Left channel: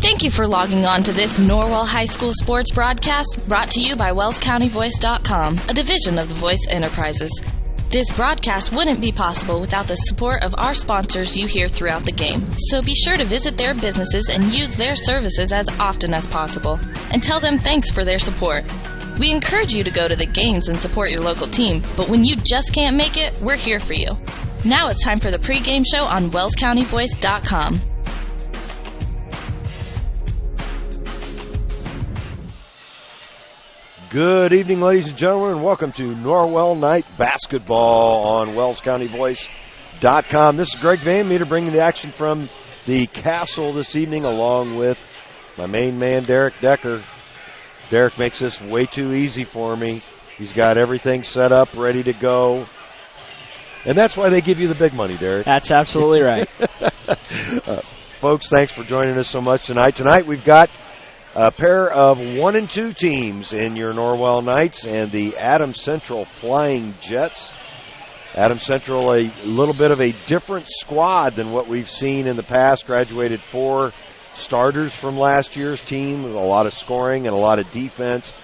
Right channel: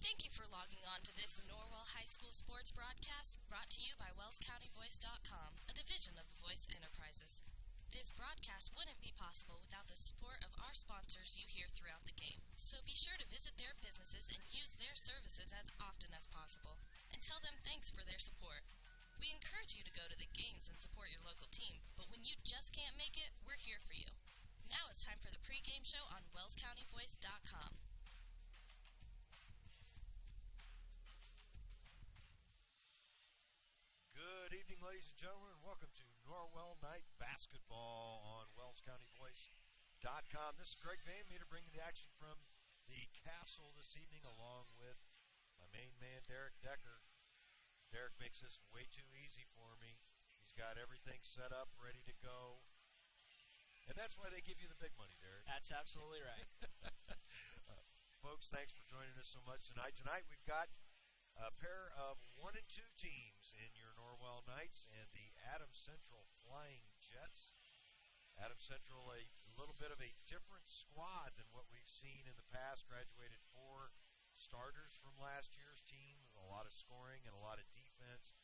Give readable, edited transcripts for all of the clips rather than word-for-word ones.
Thank you for logging on to this Norwell High School sports broadcast brought to you by WellsCountyVoice.com, a division of the Voice Enterprises. This broadcast wouldn't be possible without the support of our sponsors you hear throughout the game. So be sure to visit their businesses and use their services as often as possible, and tell them thanks for their support. We encourage you to go to the games and support your local team, but when you just can't make it, we're here for you. Now it's time for the pregame show on WellsCountyVoice.com. Good evening, ladies and gentlemen, and welcome to Norwell Night Basketball on WellsCountyVoice.com. This is Greg Van Meter bringing the action from the Castle this evening, along with my main man, Derek Decker. Derek makes this way too easy for me. He's got everything set up, ready to go. And that's why they give you the big money, Derek. That's absolutely right. Folks, thanks for joining us so much tonight. Tonight we've got a pair of 1 and 2 teams in your Norwell Knights and the Adams Central Flying Jets. Adams Central, a little bit of a different squad than what we've seen in the past. Graduated 4 starters from last year's team with a lot of scoring and a lot of defense.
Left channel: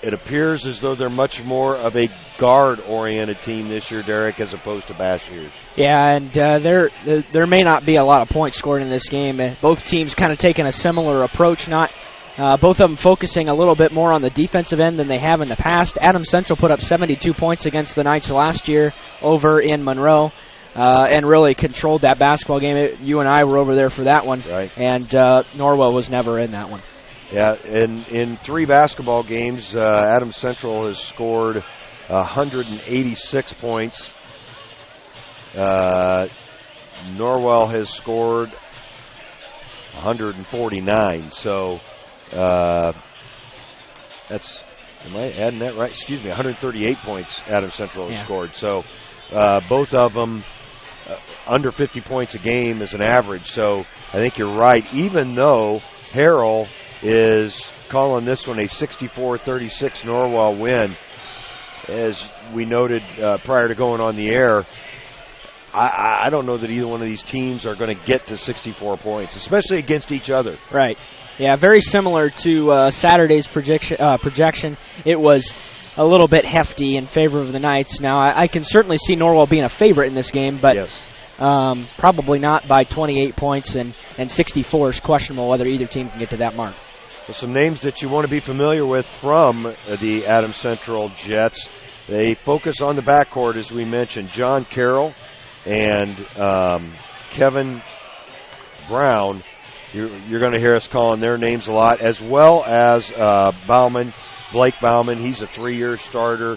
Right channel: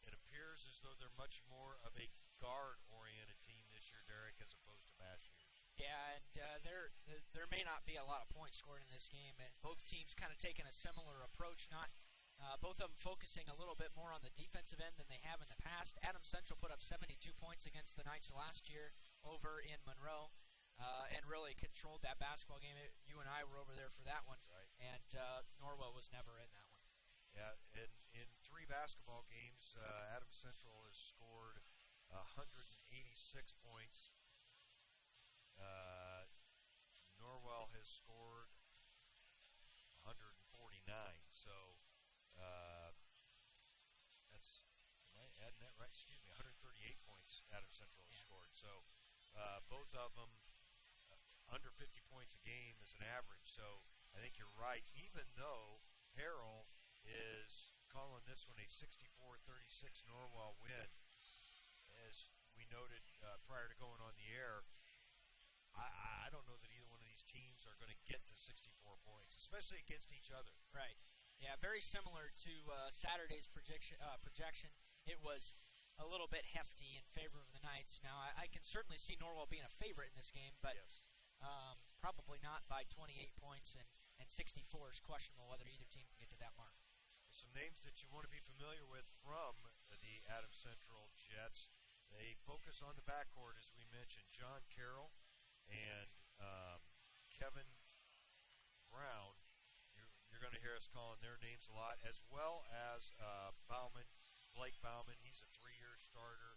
It appears as though they're much more of a guard-oriented team this year, Derek, as opposed to past years. Yeah, and there may not be a lot of points scored in this game. Both teams kind of taking a similar approach, not both of them focusing a little bit more on the defensive end than they have in the past. Adams Central put up 72 points against the Knights last year over in Monroe and really controlled that basketball game. You and I were over there for that one, right. And Norwell was never in that one. Yeah, in 3 basketball games, Adams Central has scored 186 points. Norwell has scored 149. So that's, am I adding that right? Excuse me, 138 points Adams Central has scored. So both of them under 50 points a game is an average. So I think you're right, even though Harrell is calling this one a 64-36 Norwell win. As we noted prior to going on the air, I don't know that either one of these teams are going to get to 64 points, especially against each other. Right. Yeah, very similar to Saturday's projection. It was a little bit hefty in favor of the Knights. Now, I can certainly see Norwell being a favorite in this game, but yes. Probably not by 28 points, and 64 is questionable whether either team can get to that mark. Well, some names that you want to be familiar with from the Adams Central Jets. They focus on the backcourt, as we mentioned. John Carroll and Kevin Brown. You're going to hear us calling their names a lot, as well as Bauman, Blake Bauman. He's a 3-year starter.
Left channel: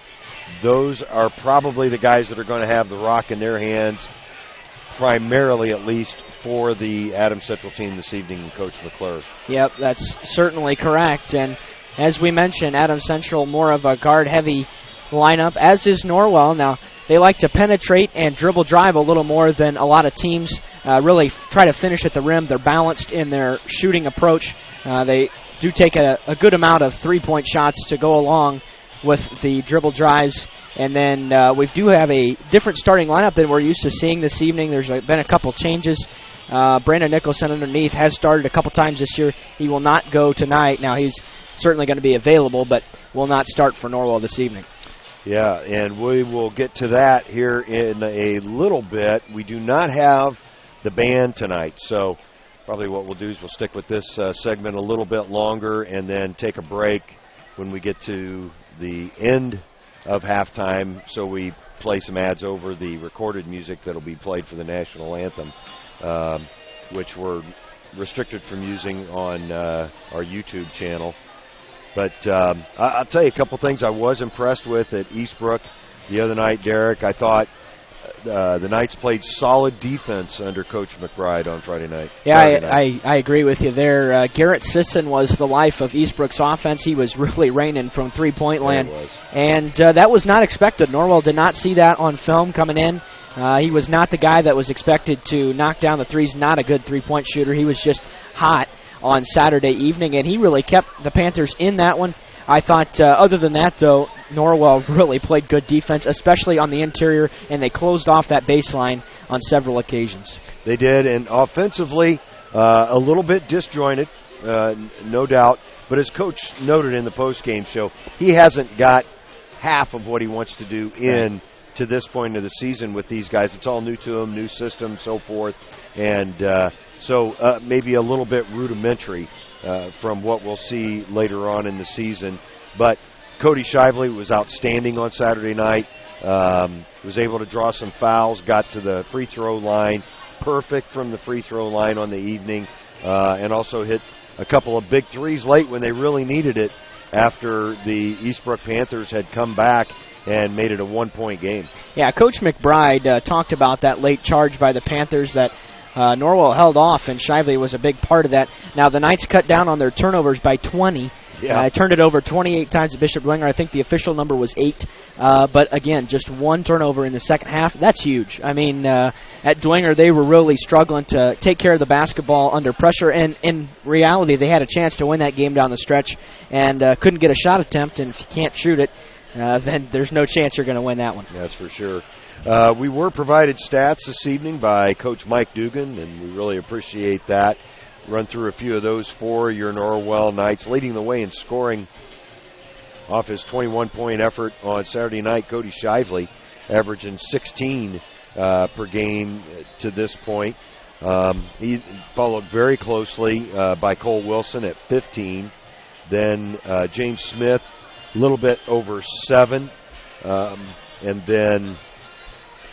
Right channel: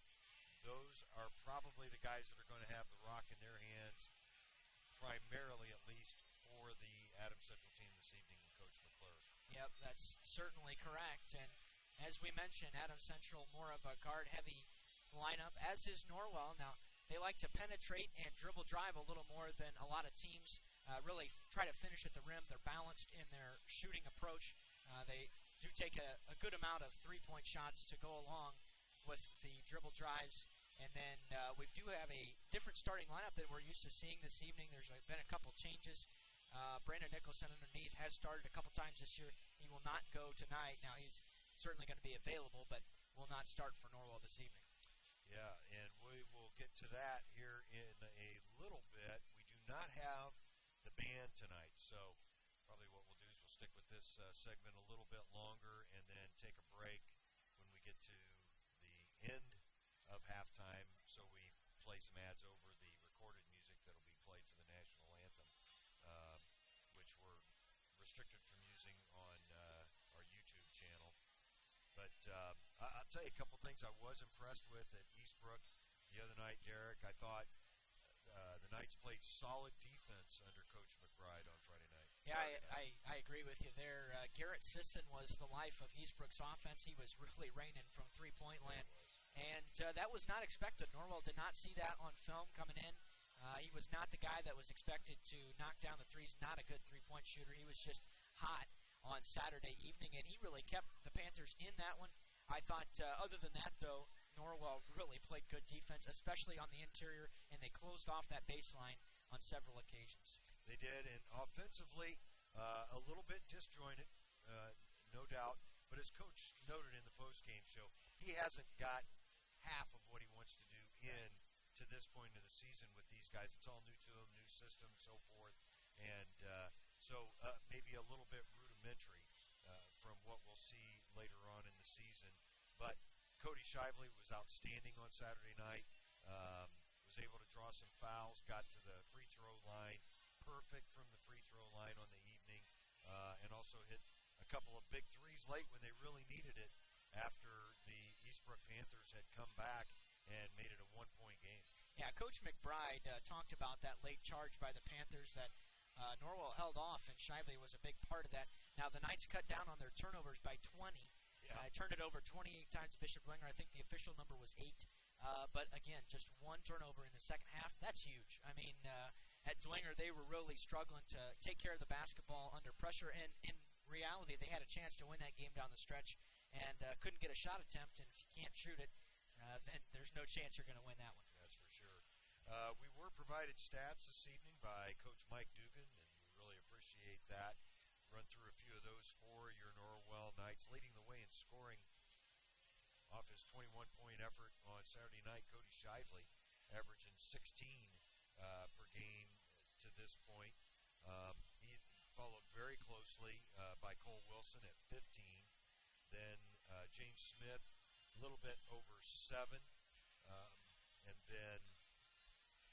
Those are probably the guys that are going to have the rock in their hands, primarily at least for the Adams Central team this evening, Coach McClure. Yep, that's certainly correct. And as we mentioned, Adams Central more of a guard-heavy lineup, as is Norwell. Now, they like to penetrate and dribble drive a little more than a lot of teams really try to finish at the rim. They're balanced in their shooting approach. They do take a good amount of three-point shots to go along with the dribble drives. And then we do have a different starting lineup than we're used to seeing this evening. There's been a couple changes. Brandon Nicholson underneath has started a couple times this year. He will not go tonight. Now, he's certainly going to be available, but will not start for Norwell this evening. Yeah, and we will get to that here in a little bit. We do not have the band tonight, so probably what we'll do is we'll stick with this segment a little bit longer and then take a break when we get to the end of halftime, so we play some ads over the recorded music that will be played for the national anthem, which we're restricted from using on our YouTube channel. But I'll tell you a couple things I was impressed with at Eastbrook the other night, Derek. I thought the Knights played solid defense under Coach McBride on Friday night. Yeah, I agree with you there. Garrett Sisson was the life of Eastbrook's offense. He was really raining from three-point land. And that was not expected. Norwell did not see that on film coming in. He was not the guy that was expected to knock down the threes, not a good three-point shooter. He was just hot on Saturday evening, and he really kept the Panthers in that one. I thought, other than that, though, Norwell really played good defense, especially on the interior, and they closed off that baseline on several occasions. They did, and offensively, a little bit disjointed, no doubt. But as Coach noted in the postgame show, he hasn't got half of what he wants to do to this point of the season with these guys. It's all new to him, new system, so forth. And so maybe a little bit rudimentary from what we'll see later on in the season. But Cody Shively was outstanding on Saturday night. Was able to draw some fouls, got to the free throw line, perfect from the free throw line on the evening, and also hit a couple of big threes late when they really needed it after the Eastbrook Panthers had come back and made it a 1-point game. Yeah, Coach McBride talked about that late charge by the Panthers that Norwell held off, and Shively was a big part of that. Now, the Knights cut down on their turnovers by 20. Yeah. Turned it over 28 times at Bishop Dwenger. I think the official number was 8. But, again, just one turnover in the second half. That's huge. I mean, at Dwenger, they were really struggling to take care of the basketball under pressure. And in reality, they had a chance to win that game down the stretch and couldn't get a shot attempt. And if you can't shoot it, then there's no chance you're going to win that one. That's for sure. We were provided stats this evening by Coach Mike Dugan, and we really appreciate that. Run through a few of those for your Norwell Knights. Leading the way in scoring off his 21-point effort on Saturday night, Cody Shively, averaging 16 per game to this point. He followed very closely by Cole Wilson at 15. Then James Smith, a little bit over 7. And then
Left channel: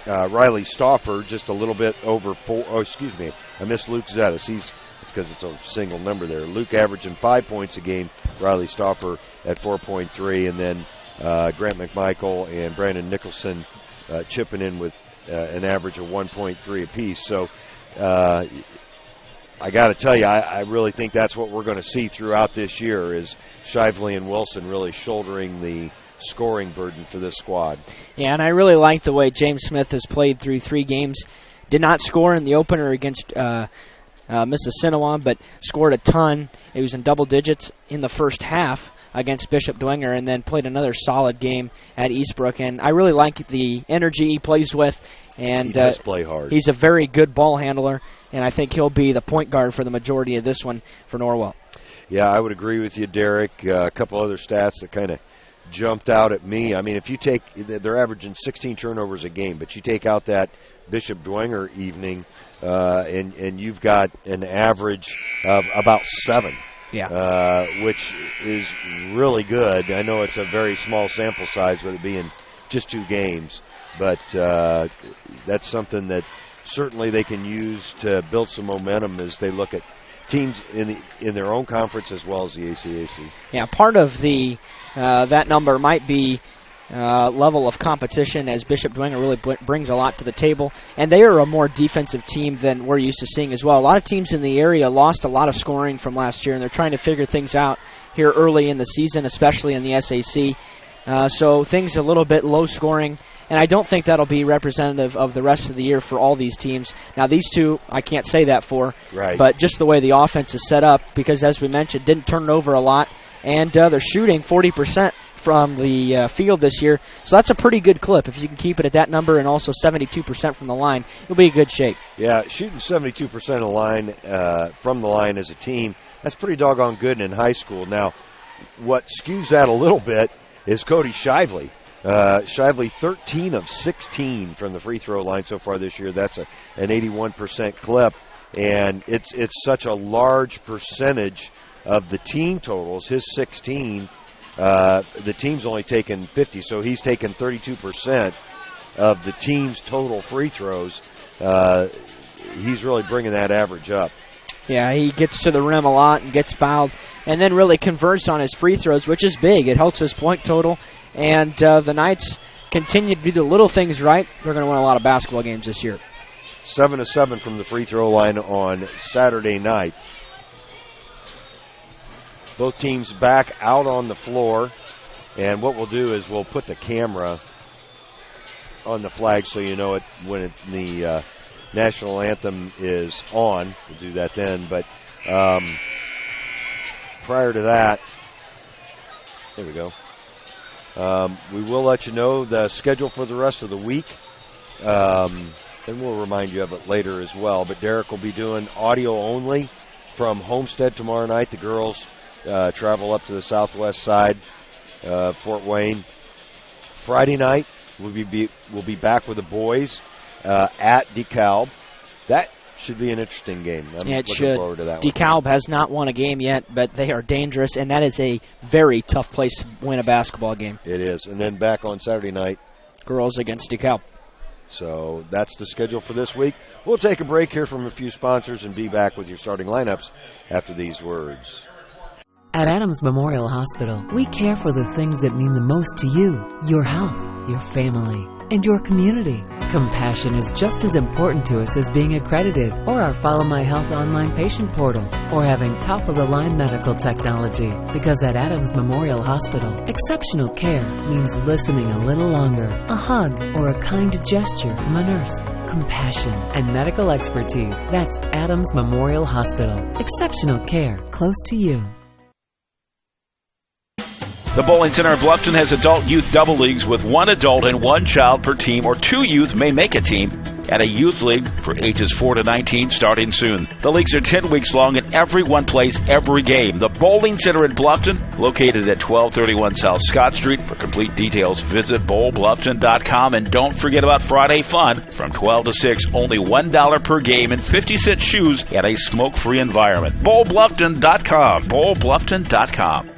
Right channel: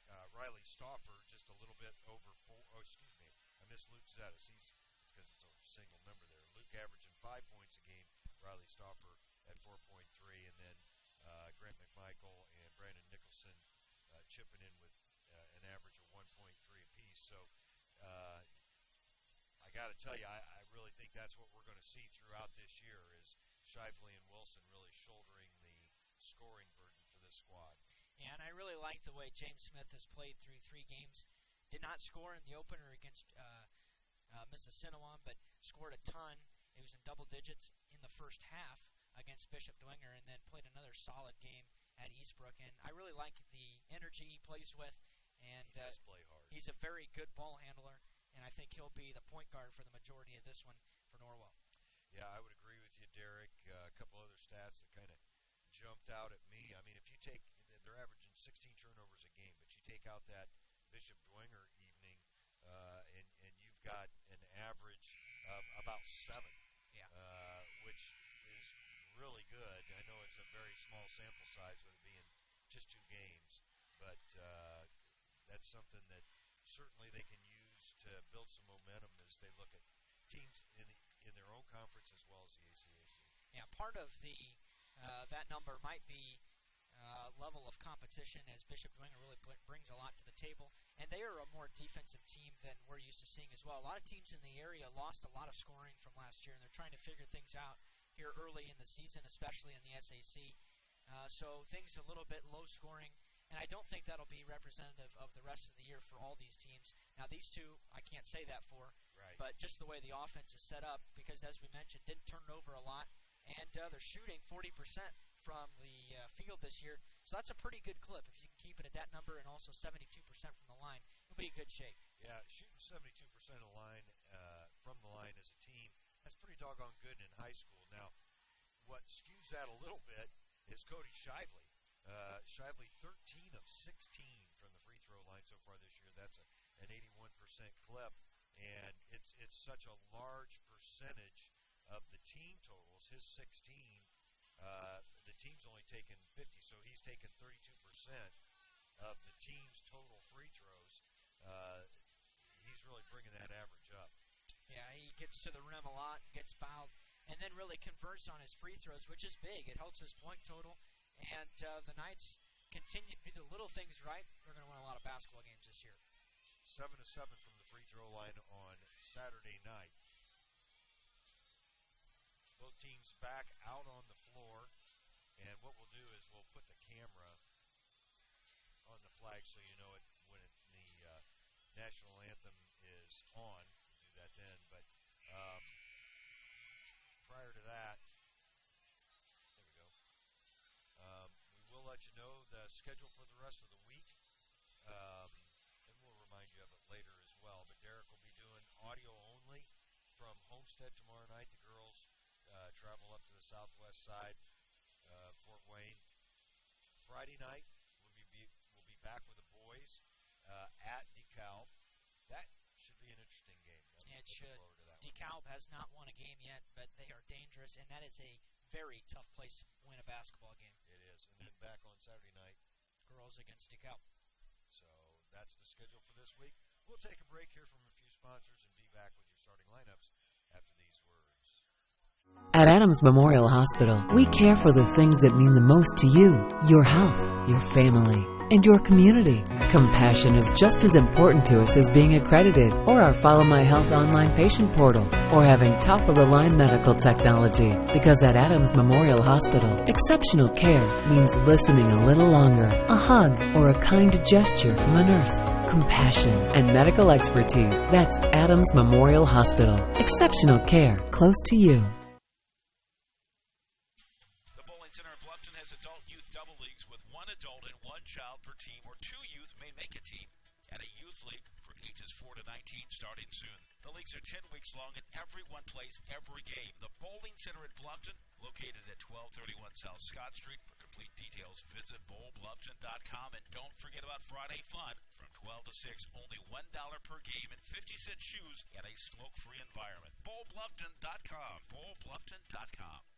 Riley Stauffer, just a little bit over 4. Oh, excuse me. I missed Luke Zettis. It's because it's a single number there. Luke averaging 5 points a game. Riley Stauffer at 4.3. And then Grant McMichael and Brandon Nicholson chipping in with an average of 1.3 apiece. So I got to tell you, I really think that's what we're going to see throughout this year is Shively and Wilson really shouldering the scoring burden for this squad. Yeah, and I really like the way James Smith has played through 3 games. Did not score in the opener against Mississinawa, but scored a ton. He was in double digits in the first half against Bishop Dwenger and then played another solid game at Eastbrook. And I really like the energy he plays with. And he does play hard. He's a very good ball handler, and I think he'll be the point guard for the majority of this one for Norwell. Yeah, I would agree with you, Derek. A couple other stats that kind of jumped out at me. I mean, if you take, they're averaging 16 turnovers a game, but you take out that Bishop Dwenger evening, and you've got an average of about 7. Yeah. Which is really good. I know it's a very small sample size with it being just 2 games, but that's something that certainly they can use to build some momentum as they look at teams in their own conference as well as the ACAC. Yeah, part of the that number might be level of competition, as Bishop Dwenger really brings a lot to the table, and they are a more defensive team than we're used to seeing as well. A lot of teams in the area lost a lot of scoring from last year, and they're trying to figure things out here early in the season, especially in the SAC. So things a little bit low scoring, and I don't think that'll be representative of the rest of the year for all these teams. Now, these two, I can't say that for, right, but just the way the offense is set up, because as we mentioned, didn't turn it over a lot, and they're shooting 40% from the field this year, so that's a pretty good clip. If you can keep it at that number and also 72% from the line, you'll be in good shape. Yeah, shooting 72% of the line from the line as a team, that's pretty doggone good in high school. Now, what skews that a little bit is Cody Shively. Shively 13 of 16 from the free throw line so far this year. That's an 81% clip, and it's such a large percentage of the team totals. His 16, the team's only taken 50, so he's taken 32% of the team's total free throws. He's really bringing that average up. Yeah, he gets to the rim a lot and gets fouled, and then really converts on his free throws, which is big. It helps his point total, and the Knights continue to do the little things right. They're going to win a lot of basketball games this year. 7 of 7 from the free throw line on Saturday night. Both teams back out on the floor, and what we'll do is we'll put the camera on the flag so you know it when the national anthem is on. We'll do that then, but prior to that, there we go. We will let you know the schedule for the rest of the week. And we'll remind you of it later as well. But Derek will be doing audio only from Homestead tomorrow night. The girls travel up to the southwest side, Fort Wayne. Friday night, we'll be back with the boys at DeKalb. That should be an interesting game. I'm looking forward to that one. DeKalb has not won a game yet, but they are dangerous, and that is a very tough place to win a basketball game. It is. And then back on Saturday night, girls against DeKalb. So that's the schedule for this week. We'll take a break here from a few sponsors and be back with your starting lineups after these words. At Adams Memorial Hospital, we care for the things that mean the most to you, your health, your family, and your community. Compassion is just as important to us as being accredited, or our Follow My Health online patient portal, or having top-of-the-line medical technology. Because at Adams Memorial Hospital, exceptional care means listening a little longer, a hug, or a kind gesture from a nurse. Compassion and medical expertise. That's Adams Memorial Hospital. Exceptional care close to you. The Bowling Center of Bluffton has adult-youth double leagues with one adult and one child per team, or two youth may make a team, and a youth league for ages 4 to 19 starting soon. The leagues are 10 weeks long, and everyone plays every game. The Bowling Center in Bluffton, located at 1231 South Scott Street. For complete details, visit bowlbluffton.com, and don't forget about Friday Fun from 12 to 6, only $1 per game and 50-cent shoes at a smoke-free environment. bowlbluffton.com, bowlbluffton.com.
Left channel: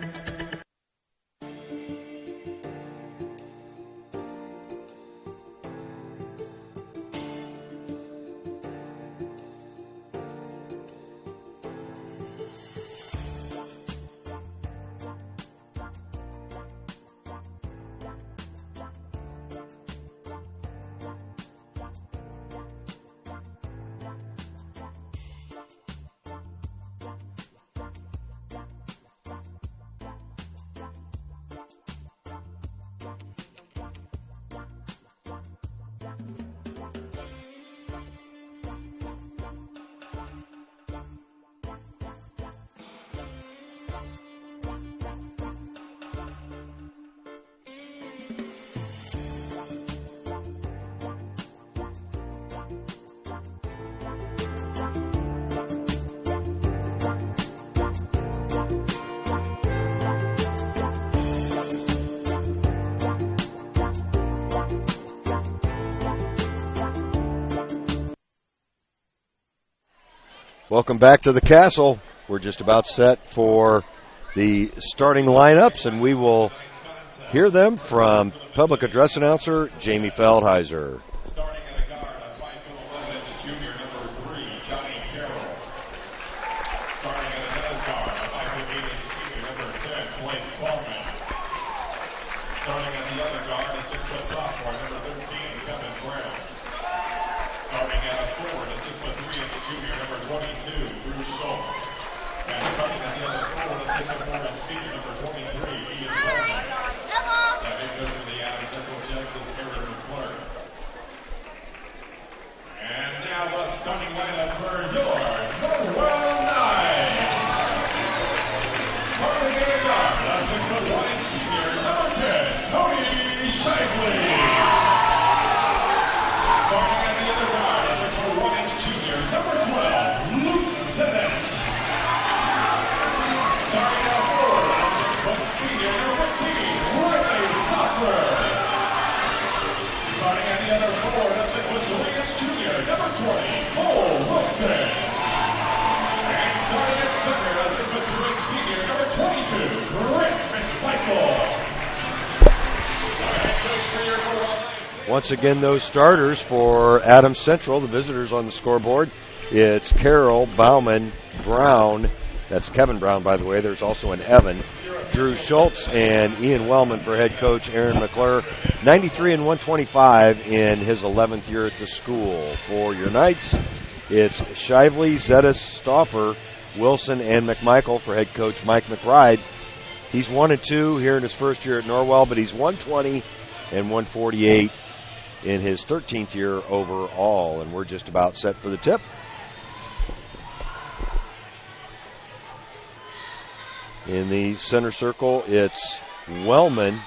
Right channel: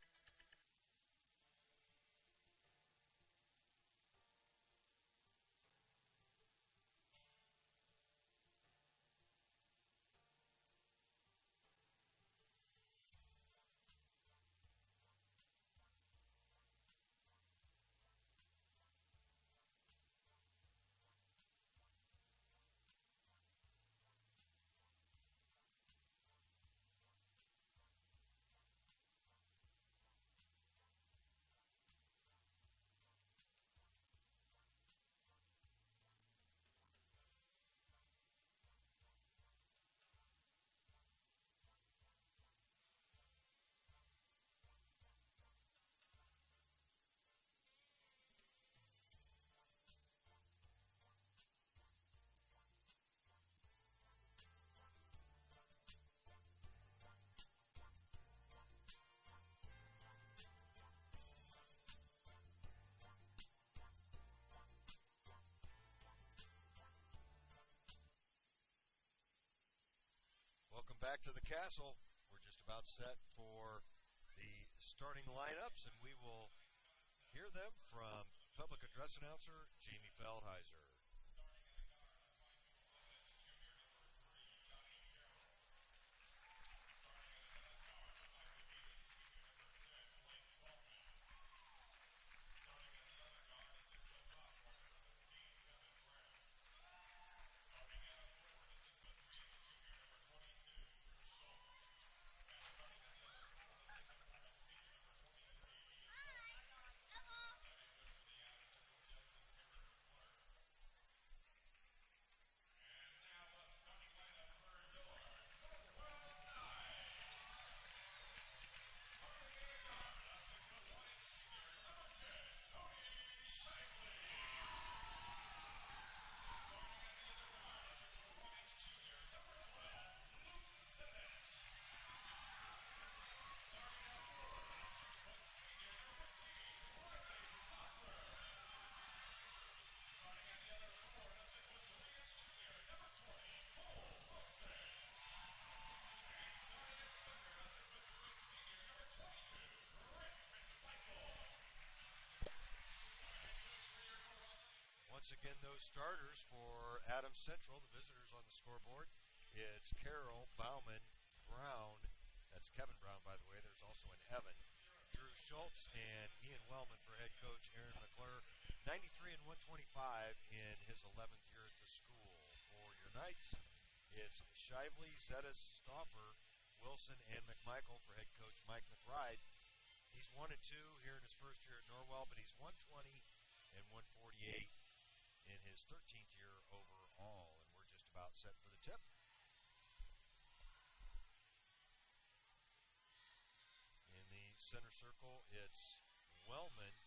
Welcome back to the Castle. We're just about set for the starting lineups, and we will hear them from public address announcer Jamie Feldheiser. Starting at a guard, a 5'11" junior, number 3, Johnny Carroll. Starting at another guard, a 5'8" senior, number 10, Blake Coleman. Starting at the other guard, a 6' sophomore, number 13, Kevin Brown. Starting at a forward, a 6'3" junior, number 22, Drew Schultz. And starting at the other forward, a 6'4" senior, number 23, Ian Coleman. That big goes to the Adams Central Genesis, Aaron McClure. And now the starting lineup for your Norwell Knights. Starting at the guard, a 6'1" senior, number 10, Cody Shively. Starting at the other guard, a 6'1" junior, number 12, Luke Zennis. Starting at forward, a 6' senior, number 15, Riley Stockler. Starting at the other forward, a 6'3" junior, number 20, Cole Wilson. And starting at center, a 6'2" senior, number 22, Rick McMichael. Our head coach for your Norwell Knights. Once again, those starters for Adams Central, the visitors on the scoreboard. It's Carroll, Bauman, Brown. That's Kevin Brown, by the way. There's also an Evan. Drew Schultz and Ian Wellman for head coach Aaron McClure. 93 and 125 in his 11th year at the school. For your Knights, it's Shively, Zettis, Stauffer, Wilson, and McMichael for head coach Mike McBride. He's 1-2 here in his first year at Norwell, but he's 120 and 148 in his 13th year overall. And we're just about set for the tip. In the center circle, it's Wellman,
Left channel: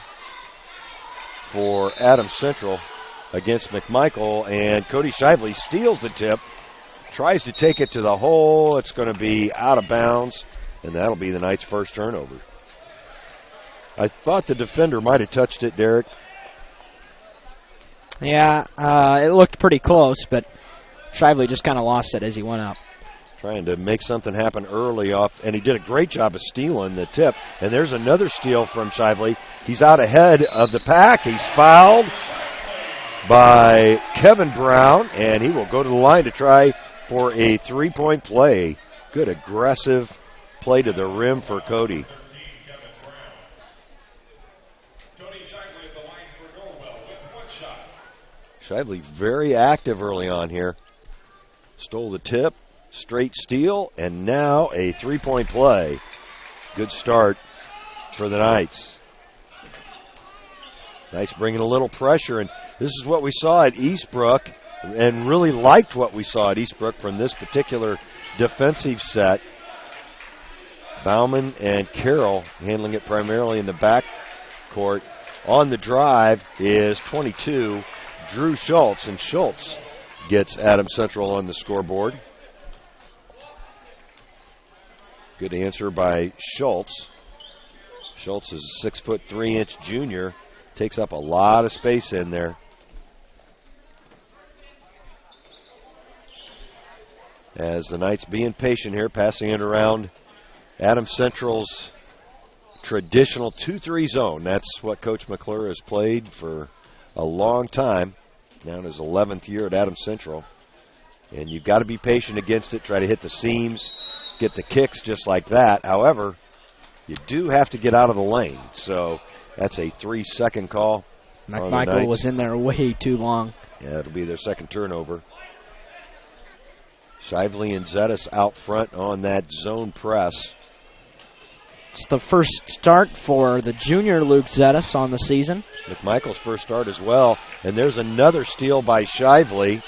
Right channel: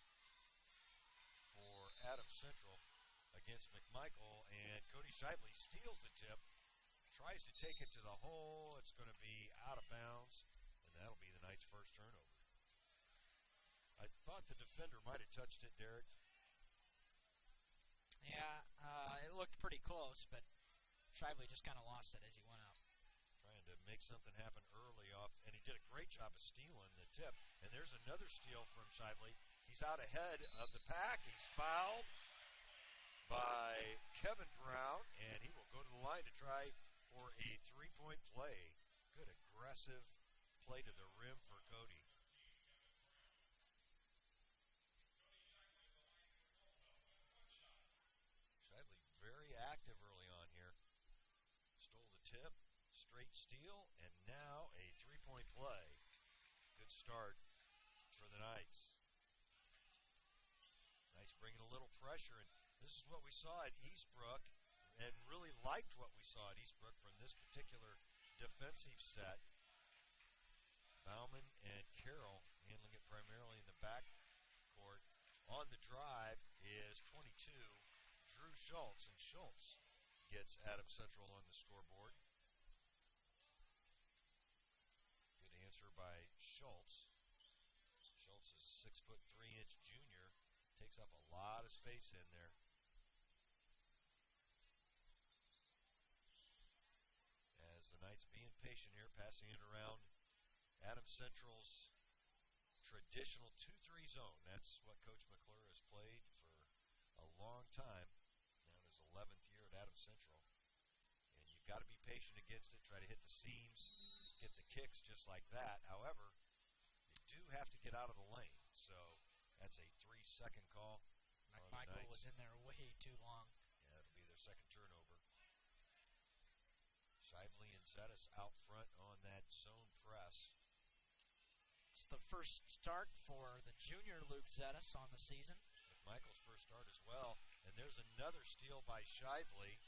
for Adams Central against McMichael, and Cody Shively steals the tip, tries to take it to the hole. It's going to be out of bounds, and that'll be the Knights' first turnover. I thought the defender might have touched it, Derek. Yeah, it looked pretty close, but Shively just kind of lost it as he went up. Trying to make something happen early off, and he did a great job of stealing the tip. And there's another steal from Shively. He's out ahead of the pack. He's fouled by Kevin Brown, and he will go to the line to try for a three-point play. Good aggressive play to the rim for Cody. Shively very active early on here. Stole the tip, straight steal, and now a three-point play. Good start for the Knights. Knights bringing a little pressure, and this is what we saw at Eastbrook, and really liked what we saw at Eastbrook from this particular defensive set. Bauman and Carroll handling it primarily in the back court. On the drive is 22, Drew Schultz, and Schultz gets Adams Central on the scoreboard. Good answer by Schultz. Schultz is a 6'3" junior. Takes up a lot of space in there. As the Knights being patient here, passing it around Adams Central's traditional 2-3 zone. That's what Coach McClure has played for a long time. Now in his 11th year at Adams Central. And you've got to be patient against it, try to hit the seams, get the kicks just like that. However, you do have to get out of the lane. So that's a 3-second call. McMichael was in there way too long. Yeah, it'll be their second turnover. Shively and Zettis out front on that zone press. It's the first start for the junior Luke Zettis on the season. McMichael's first start as well. And there's another steal by Shively.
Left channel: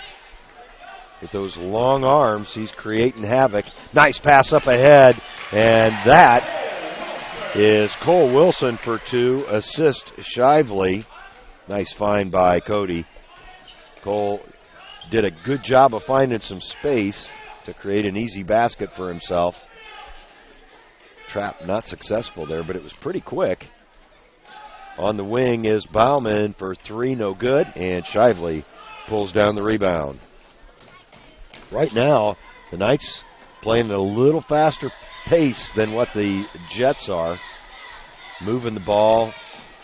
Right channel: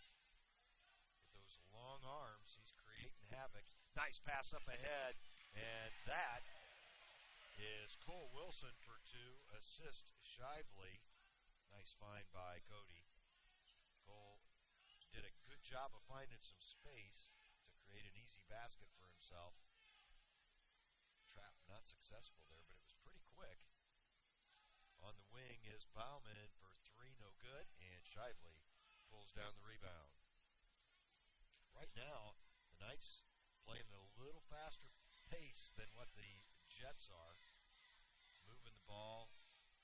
With those long arms, he's creating havoc. Nice pass up ahead. And that is Cole Wilson for two. Assist Shively. Nice find by Cody. Cole did a good job of finding some space to create an easy basket for himself. Trap not successful there, but it was pretty quick. On the wing is Bauman for three, no good, and Shively pulls down the rebound. Right now, the Knights playing at a little faster pace than what the Jets are. Moving the ball,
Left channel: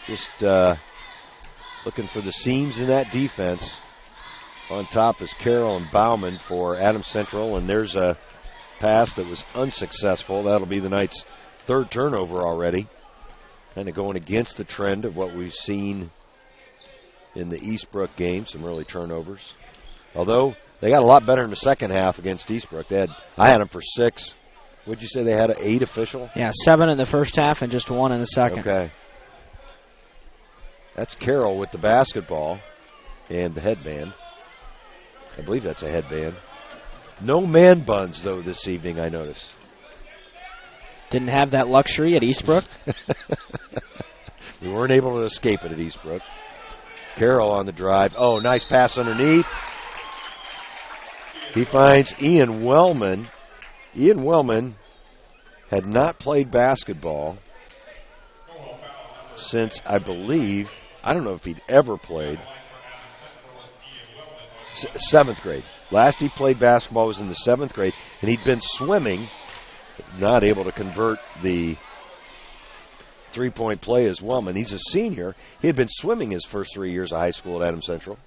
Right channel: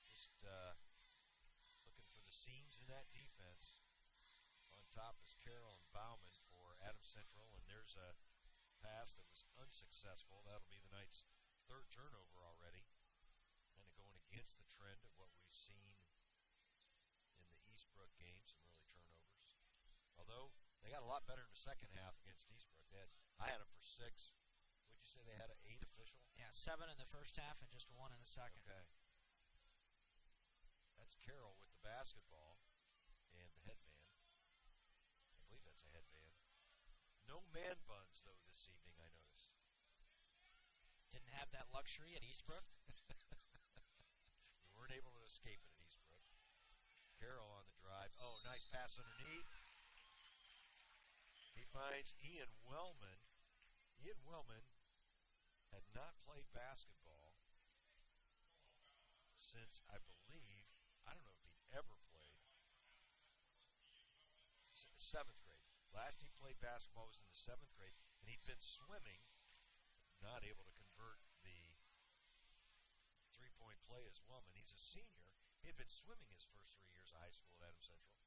just looking for the seams in that defense. On top is Carroll and Bauman for Adams Central, and there's a pass that was unsuccessful. That'll be the Knights' third turnover already. Kind of going against the trend of what we've seen in the Eastbrook game, some early turnovers. Although they got a lot better in the second half against Eastbrook. I had them for 6. Would you say they had an 8 official? Yeah, 7 in the first half and just 1 in the second. Okay. That's Carroll with the basketball and the headband. I believe that's a headband. No man buns, though, this evening, I notice. Didn't have that luxury at Eastbrook. We weren't able to escape it at Eastbrook. Carroll on the drive. Oh, nice pass underneath. He finds Ian Wellman. Ian Wellman had not played basketball since, I believe, I don't know if he'd ever played. 7th grade. Last he played basketball was in the 7th grade, and he'd been swimming, not able to convert the three-point play as Wellman. He's a senior. He had been swimming his first 3 years of high school at Adams Central.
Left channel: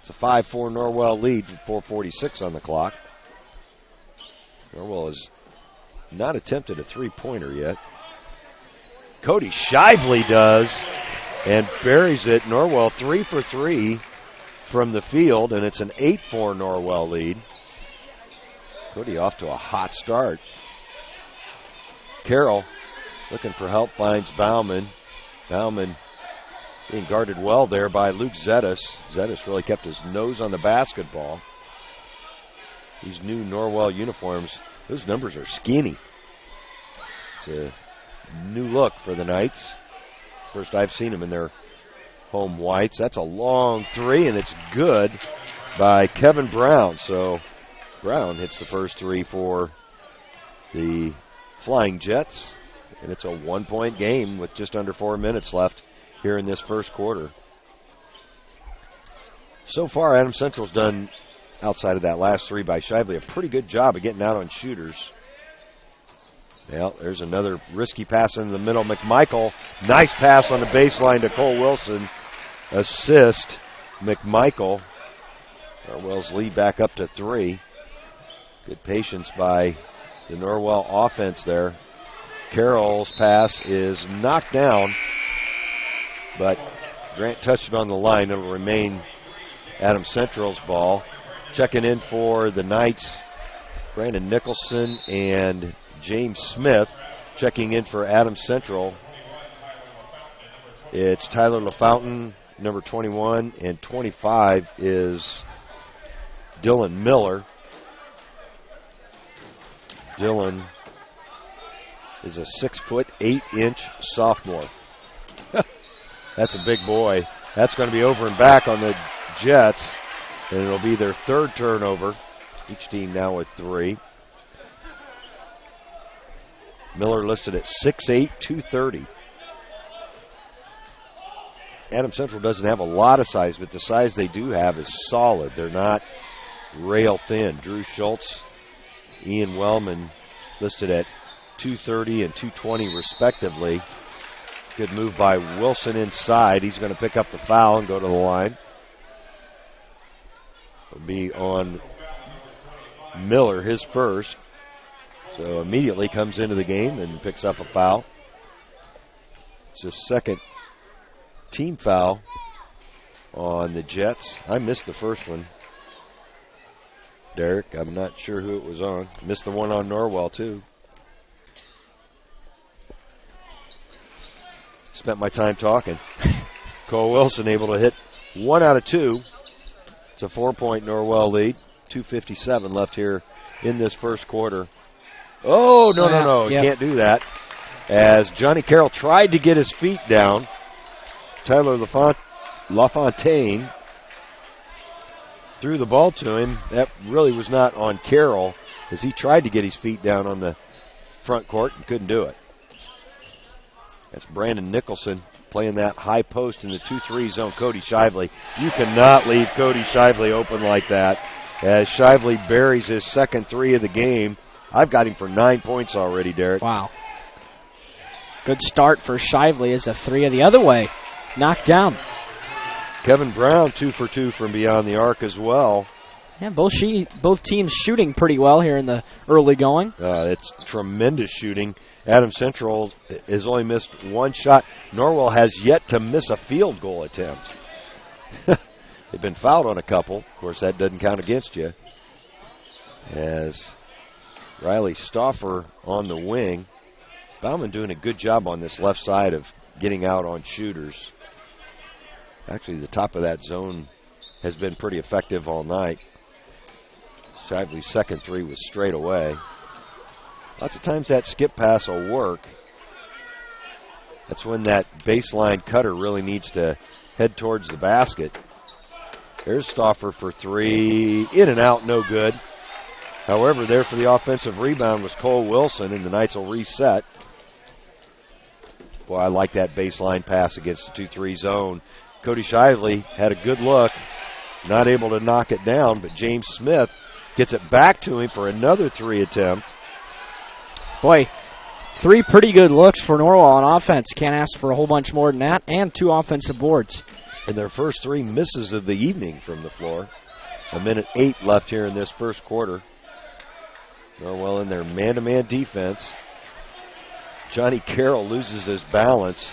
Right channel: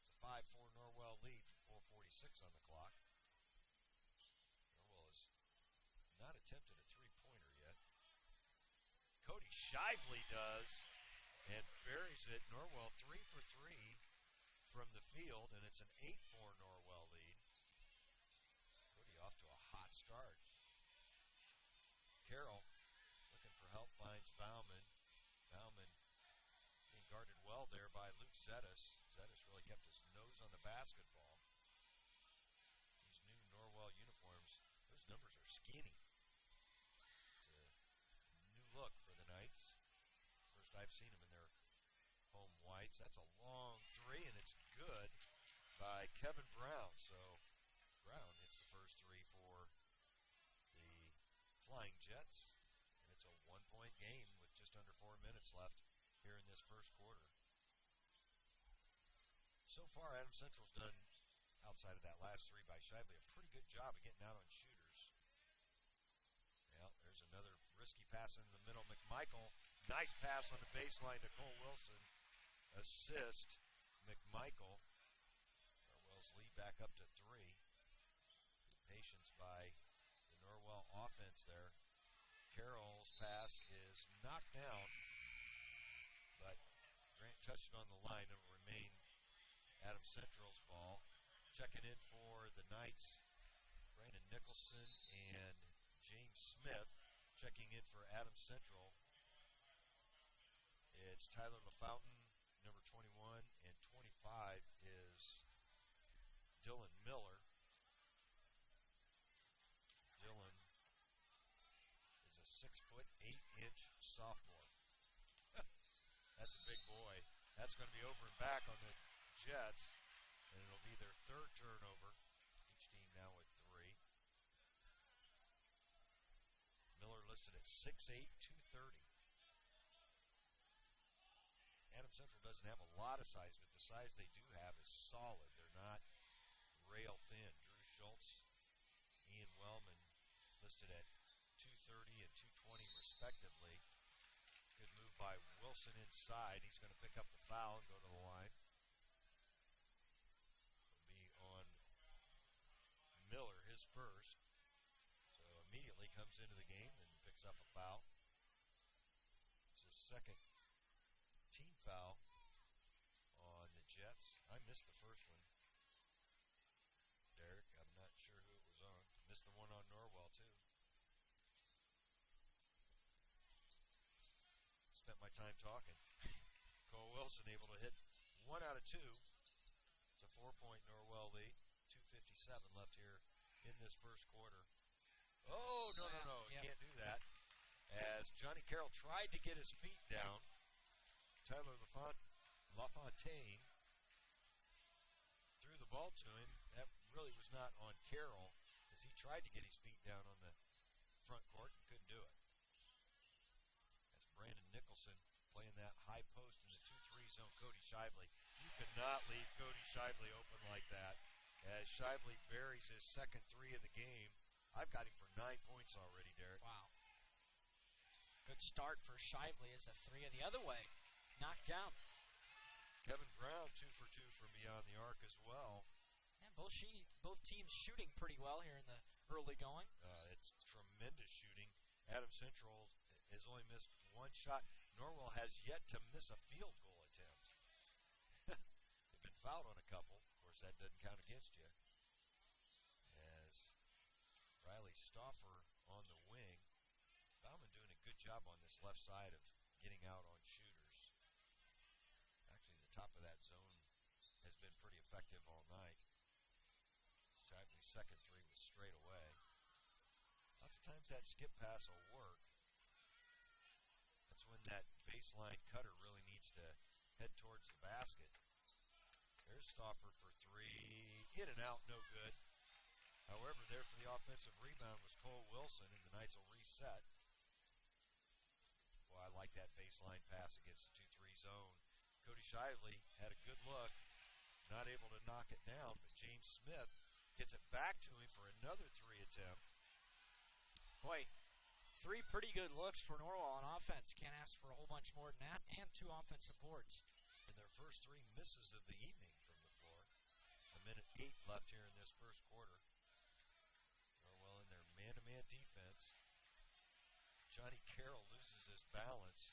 It's a 5-4 Norwell lead with 4:46 on the clock. Norwell has not attempted a three-pointer yet. Cody Shively does and buries it. Norwell 3 for 3 from the field, and it's an 8-4 Norwell lead. Cody off to a hot start. Carroll looking for help, finds Bauman. Bauman being guarded well there by Luke Zettis. Zettis really kept his nose on the basketball. These new Norwell uniforms, those numbers are skinny. It's a new look for the Knights. First I've seen them in their home whites. That's a long three, and it's good by Kevin Brown. So Brown hits the first three for the Flying Jets, and it's a 1-point game with just under 4 minutes left here in this first quarter. So far, Adams Central's done, outside of that last three by Shively, a pretty good job of getting out on shooters. Well, there's another risky pass in the middle. McMichael, nice pass on the baseline to Cole Wilson. Assist, McMichael. Norwell's lead back up to 3. Good patience by the Norwell offense there. Carroll's pass is knocked down, but Grant touched it on the line. It'll remain Adams Central's ball. Checking in for the Knights, Brandon Nicholson and James Smith. Checking in for Adams Central, it's Tyler LaFountain, number 21, and 25 is Dylan Miller. Dylan is a 6'8" sophomore. That's a big boy. That's going to be over and back on the Jets, and it'll be their third turnover. Each team now with 3. Miller listed at 6'8", 230. Adams Central doesn't have a lot of size, but the size they do have is solid. They're not rail thin. Drew Schultz, Ian Wellman listed at 230 and 220 respectively. Good move by Wilson inside. He's going to pick up the foul and go to the line. It'll be on Miller, his first. So immediately comes into the game and picks up a foul. It's his second team foul on the Jets. I missed the first one, Derek. I'm not sure who it was on. Missed the one on Norwell, too. Spent my time talking. Cole Wilson able to hit 1 out of 2. It's a 4-point Norwell lead. 2:57 left here in this first quarter. Oh, no. You can't do that. As Johnny Carroll tried to get his feet down, Tyler LaFontaine threw the ball to him. That really was not on Carroll, as he tried to get his feet down on the front court and couldn't do it. That's Brandon Nicholson playing that high post in the 2-3 zone. Cody Shively. You cannot leave Cody Shively open like that, as Shively buries his second 3 of the game. I've got him for 9 points already, Derek. Wow. Good start for Shively as a 3 of the other way. Knocked down. Kevin Brown 2 for 2 from beyond the arc as well. Yeah, both teams shooting pretty well here in the early going. It's tremendous shooting. Adams Central has only missed 1 shot. Norwell has yet to miss a field goal attempt. They've been fouled on a couple. Of course, that doesn't count against you. As Riley Stauffer on the wing. Bauman doing a good job on this left side of getting out on shooters. Actually, the top of that zone has been pretty effective all night. Shively's second 3 was straight away. Lots of times that skip pass will work. That's when that baseline cutter really needs to head towards the basket. There's Stauffer for 3. In and out, no good. However, there for the offensive rebound was Cole Wilson, and the Knights will reset. Boy, I like that baseline pass against the 2-3 zone. Cody Shively had a good look, not able to knock it down, but James Smith gets it back to him for another 3 attempt. Boy, 3 pretty good looks for Norwell on offense. Can't ask for a whole bunch more than that, and 2 offensive boards. And their first 3 misses of the evening from the floor. 1:08 left here in this first quarter. Norwell in their man-to-man defense. Johnny Carroll loses his balance.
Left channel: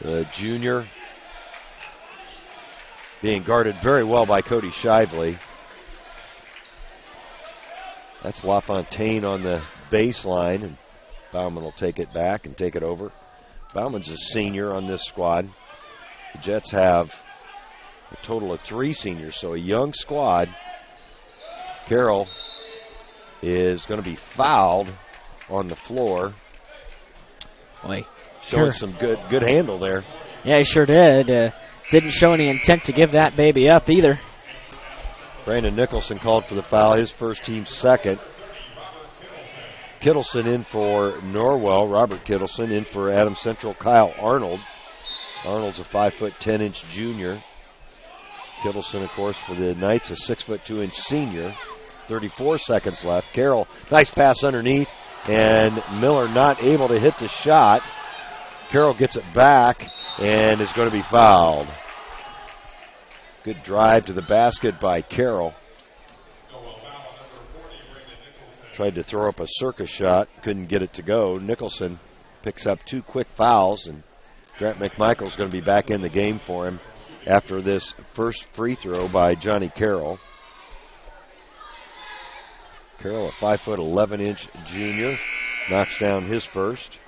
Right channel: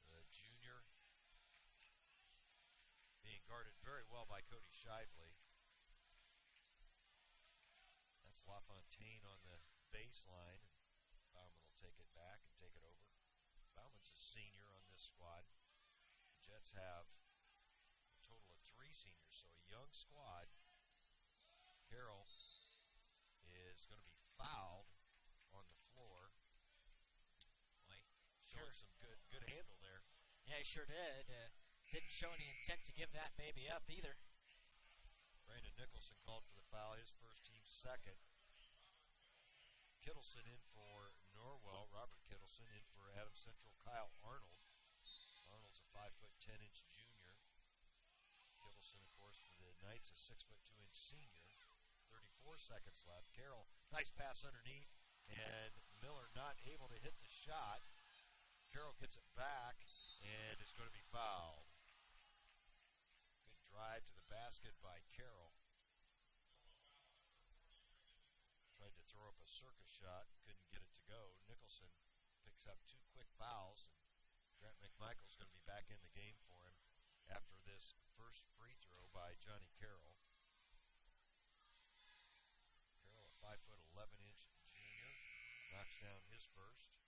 The junior being guarded very well by Cody Shively. That's LaFontaine on the baseline, and Bauman will take it back and take it over. Bauman's a senior on this squad. The Jets have a total of 3 seniors, so a young squad. Carroll is going to be fouled on the floor. Boy, showing some good handle there. Yeah, he sure did. Didn't show any intent to give that baby up either. Brandon Nicholson called for the foul, his first, team second. Kittleson in for Norwell. Robert Kittleson in for Adams Central. Kyle Arnold. Arnold's a 5'10" junior. Kittleson, of course, for the Knights, a 6'2" senior. 34 seconds left. Carroll, nice pass underneath, and Miller not able to hit the shot. Carroll gets it back and is going to be fouled. Good drive to the basket by Carroll. Tried to throw up a circus shot, couldn't get it to go. Nicholson picks up 2 quick fouls, and Grant McMichael's going to be back in the game for him after this first free throw by Johnny Carroll. Carroll, a 5'11" junior, knocks down his first.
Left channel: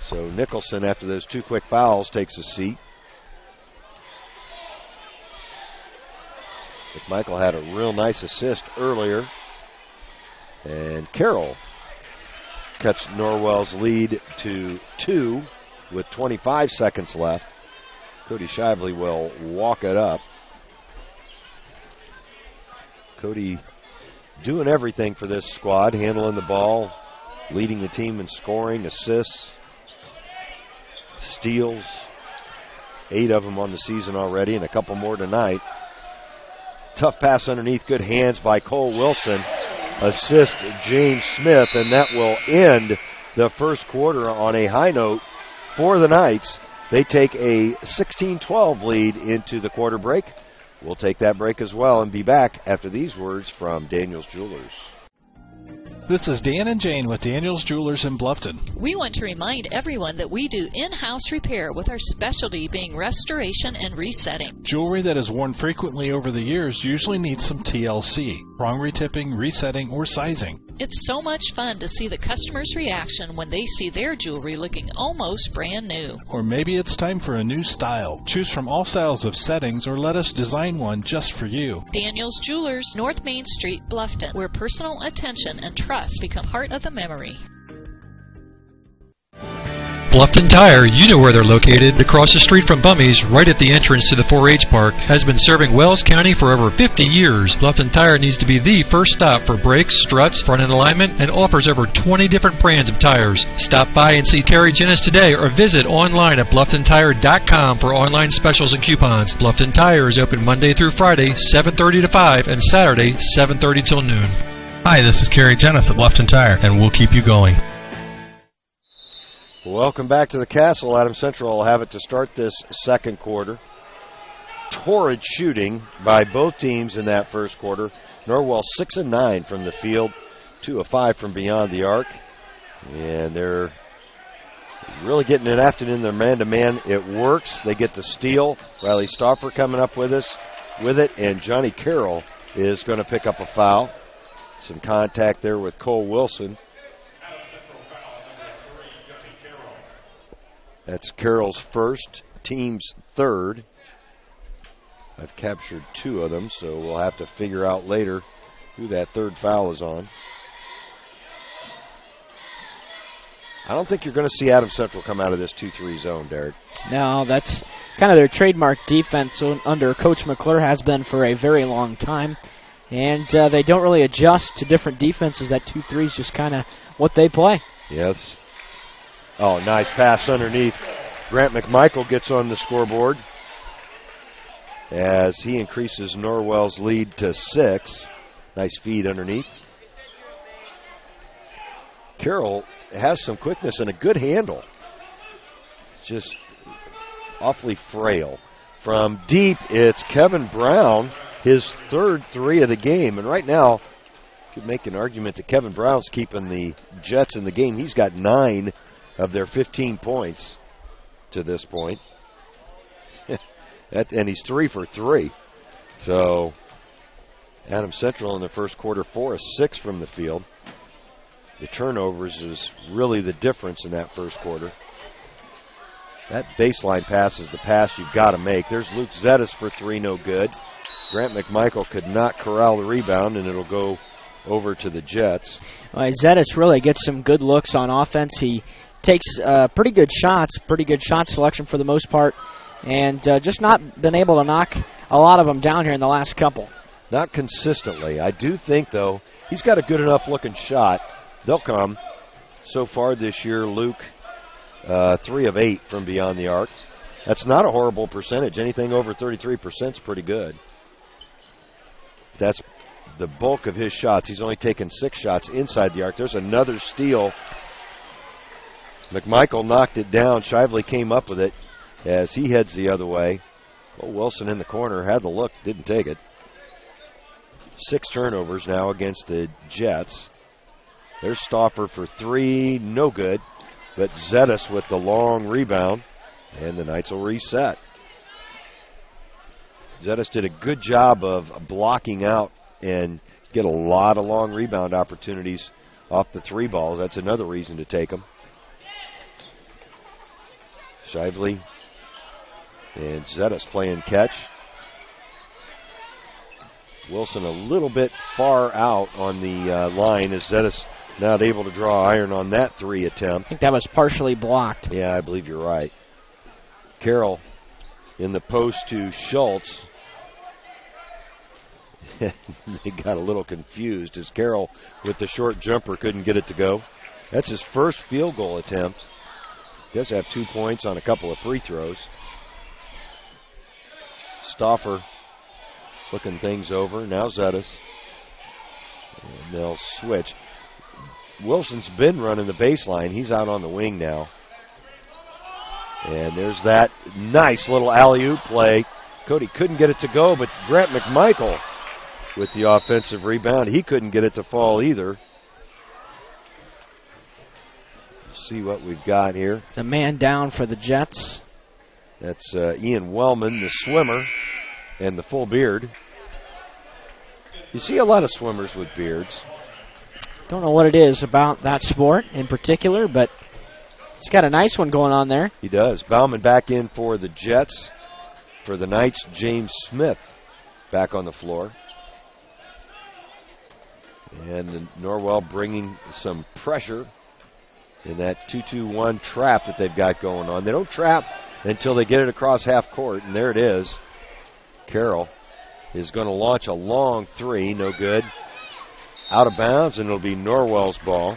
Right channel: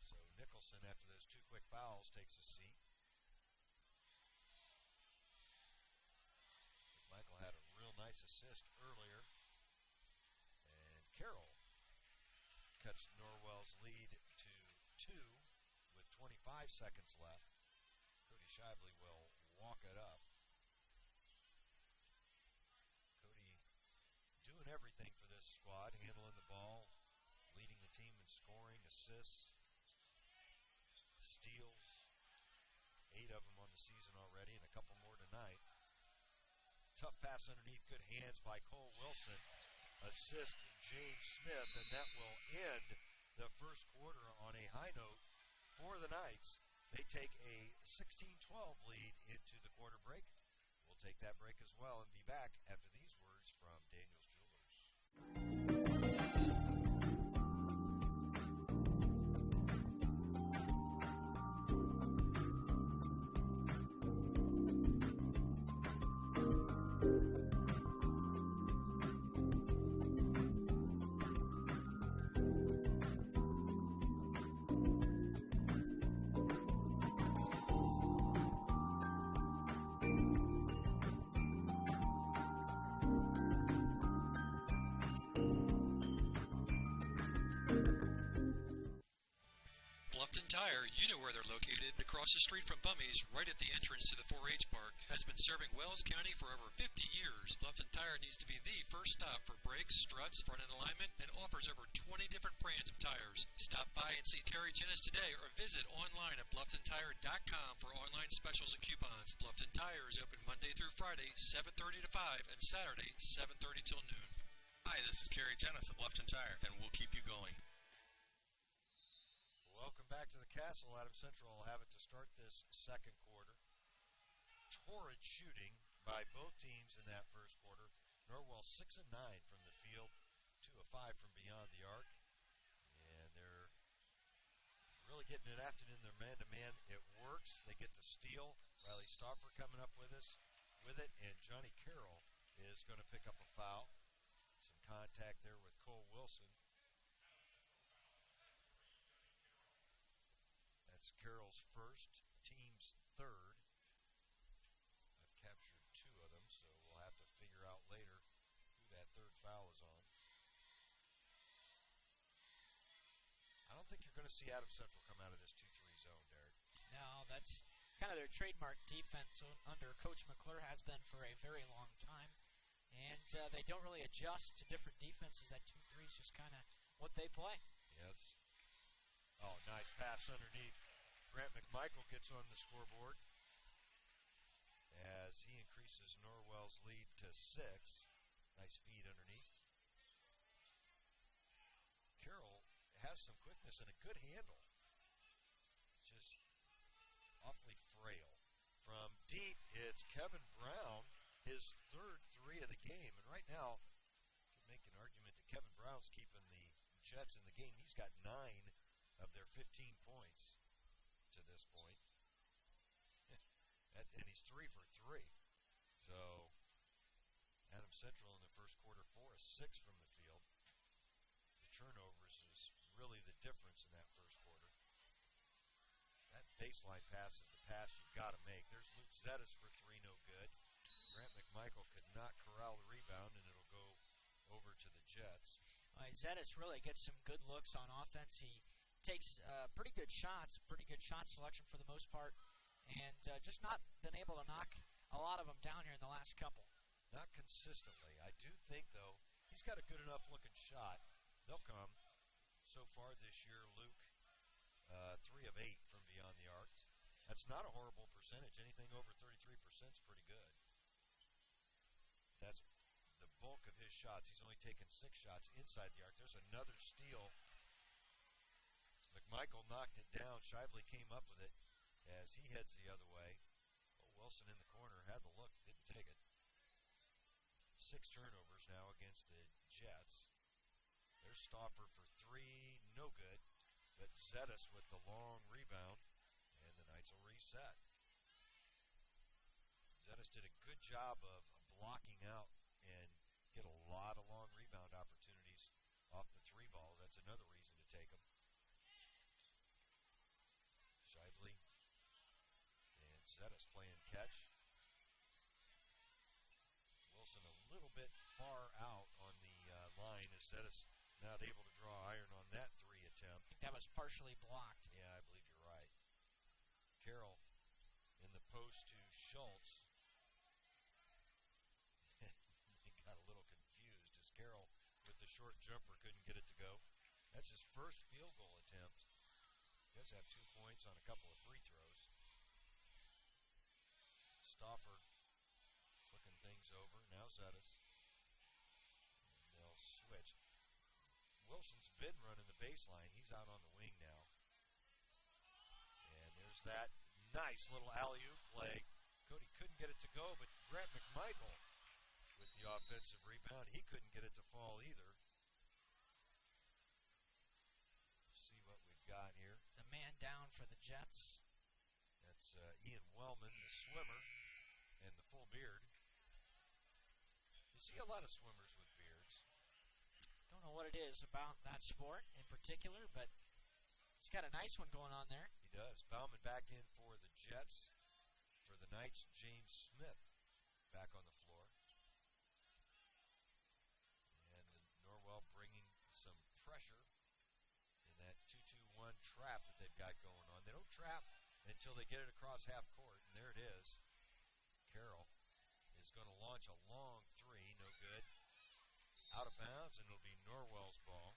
So Nicholson, after those 2 quick fouls, takes a seat. McMichael had a real nice assist earlier. And Carroll cuts Norwell's lead to 2 with 25 seconds left. Cody Shively will walk it up. Cody doing everything for this squad, handling the ball, leading the team in scoring, assists, steals. 8 of them on the season already, and a couple more tonight. Tough pass underneath, good hands by Cole Wilson. Assist James Smith, and that will end the first quarter on a high note for the Knights. They take a 16-12 lead into the quarter break. We'll take that break as well and be back after these words from Daniels Jewelers. This is Dan and Jane with Daniels Jewelers in Bluffton. We want to remind everyone that we do in-house repair with our specialty being restoration and resetting. Jewelry that is worn frequently over the years usually needs some TLC, wrong retipping, resetting, or sizing. It's so much fun to see the customer's reaction when they see their jewelry looking almost brand new. Or maybe it's time for a new style. Choose from all styles of settings or let us design one just for you. Daniels Jewelers, North Main Street, Bluffton, where personal attention and trust become part of the memory. Bluffton Tire, you know where they're located. Across the street from Bummy's, right at the entrance to the 4-H park, has been serving Wells County for over 50 years. Bluffton Tire needs to be the first stop for brakes, struts, front-end alignment, and offers over 20 different brands of tires. Stop by and see Kerry Jennis today or visit online at BlufftonTire.com for online specials and coupons. Bluffton Tire is open Monday through Friday, 7:30 to 5, and Saturday, 7:30 till noon. Hi, this is Kerry Jennis at Bluffton Tire, and we'll keep you going. Welcome back to the Castle. Adams Central will have it to start this second quarter. Torrid shooting by both teams in that first quarter. Norwell 6 of 9 from the field, 2 of 5 from beyond the arc. And they're really getting it after in their man-to-man. It works. They get the steal. Riley Stauffer coming up with it, and Johnny Carroll is going to pick up a foul. Some contact there with Cole Wilson. That's Carroll's first, team's third. I've captured 2 of them, so we'll have to figure out later who that third foul is on. I don't think you're going to see Adams Central come out of this 2-3 zone, Derek. No, that's kind of their trademark defense under Coach McClure, has been for a very long time. And they don't really adjust to different defenses. That 2-3 is just kind of what they play. Yes. Oh, nice pass underneath. Grant McMichael gets on the scoreboard as he increases Norwell's lead to 6. Nice feed underneath. Carroll has some quickness and a good handle. Just awfully frail. From deep, it's Kevin Brown, his third 3 of the game. And right now, you could make an argument that Kevin Brown's keeping the Jets in the game. He's got 9 of their 15 points to this point. And he's 3 for 3. So Adams Central in the first quarter, 4 of 6 from the field. The turnovers is really the difference in that first quarter. That baseline pass is the pass you've got to make. There's Luke Zettis for 3, no good. Grant McMichael could not corral the rebound, and it'll go over to the Jets. Well, Zettis really gets some good looks on offense. He takes pretty good shot selection for the most part, and just not been able to knock a lot of them down here in the last couple. Not consistently. I do think, though, he's got a good enough looking shot. They'll come. So far this year, Luke, 3 of 8 from beyond the arc. That's not a horrible percentage. Anything over 33% is pretty good. That's the bulk of his shots. He's only taken 6 shots inside the arc. There's another steal. McMichael knocked it down. Shively came up with it as he heads the other way. Well, Wilson in the corner had the look, didn't take it. 6 turnovers now against the Jets. There's Stauffer for 3, no good. But Zetas with the long rebound, and the Knights will reset. Zetas did a good job of blocking out and get a lot of long rebound opportunities off the 3 balls. That's another reason to take them. Shively and Zetas playing catch. Wilson a little bit far out on the line as Zetas not able to draw iron on that 3 attempt. I think that was partially blocked. Yeah, I believe you're right. Carroll in the post to Schultz. They got a little confused as Carroll with the short jumper couldn't get it to go. That's his first field goal attempt. Does have 2 points on a couple of free throws. Stauffer looking things over. Now Zetas. And they'll switch. Wilson's been running the baseline. He's out on the wing now. And there's that nice little alley-oop play. Cody couldn't get it to go, but Grant McMichael with the offensive rebound. He couldn't get it to fall either. See what we've got here. It's a man down for the Jets. That's Ian Wellman, the swimmer, and the full beard. You see a lot of swimmers with beards. Don't know what it is about that sport in particular, but he's got a nice one going on there. He does. Bauman back in for the Jets. For the Knights, James Smith back on the floor. And the Norwell bringing some pressure in that 2-2-1 trap that they've got going on. They don't trap until they get it across half court, and there it is. Carroll is going to launch a long 3, no good. Out of bounds, and it'll be Norwell's ball.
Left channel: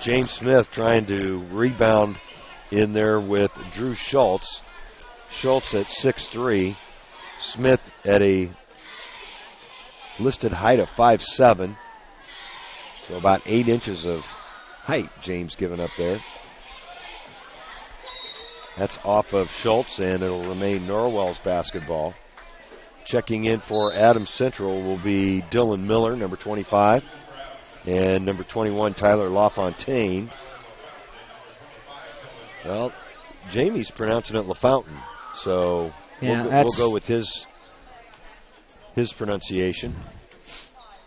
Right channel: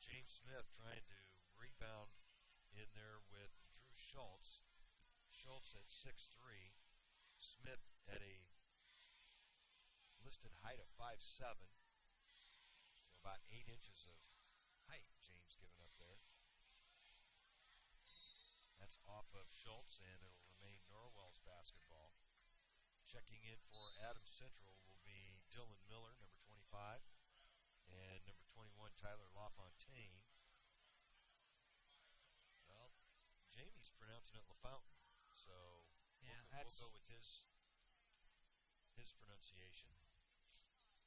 James Smith trying to rebound in there with Drew Schultz. Schultz at 6'3". Smith at a listed height of 5'7". So about 8 inches of height James giving up there. That's off of Schultz, and it'll remain Norwell's basketball. Checking in for Adams Central will be Dylan Miller, number 25, and number 21, Tyler LaFontaine. Well, Jamie's pronouncing it LaFountain, so we'll go with his pronunciation.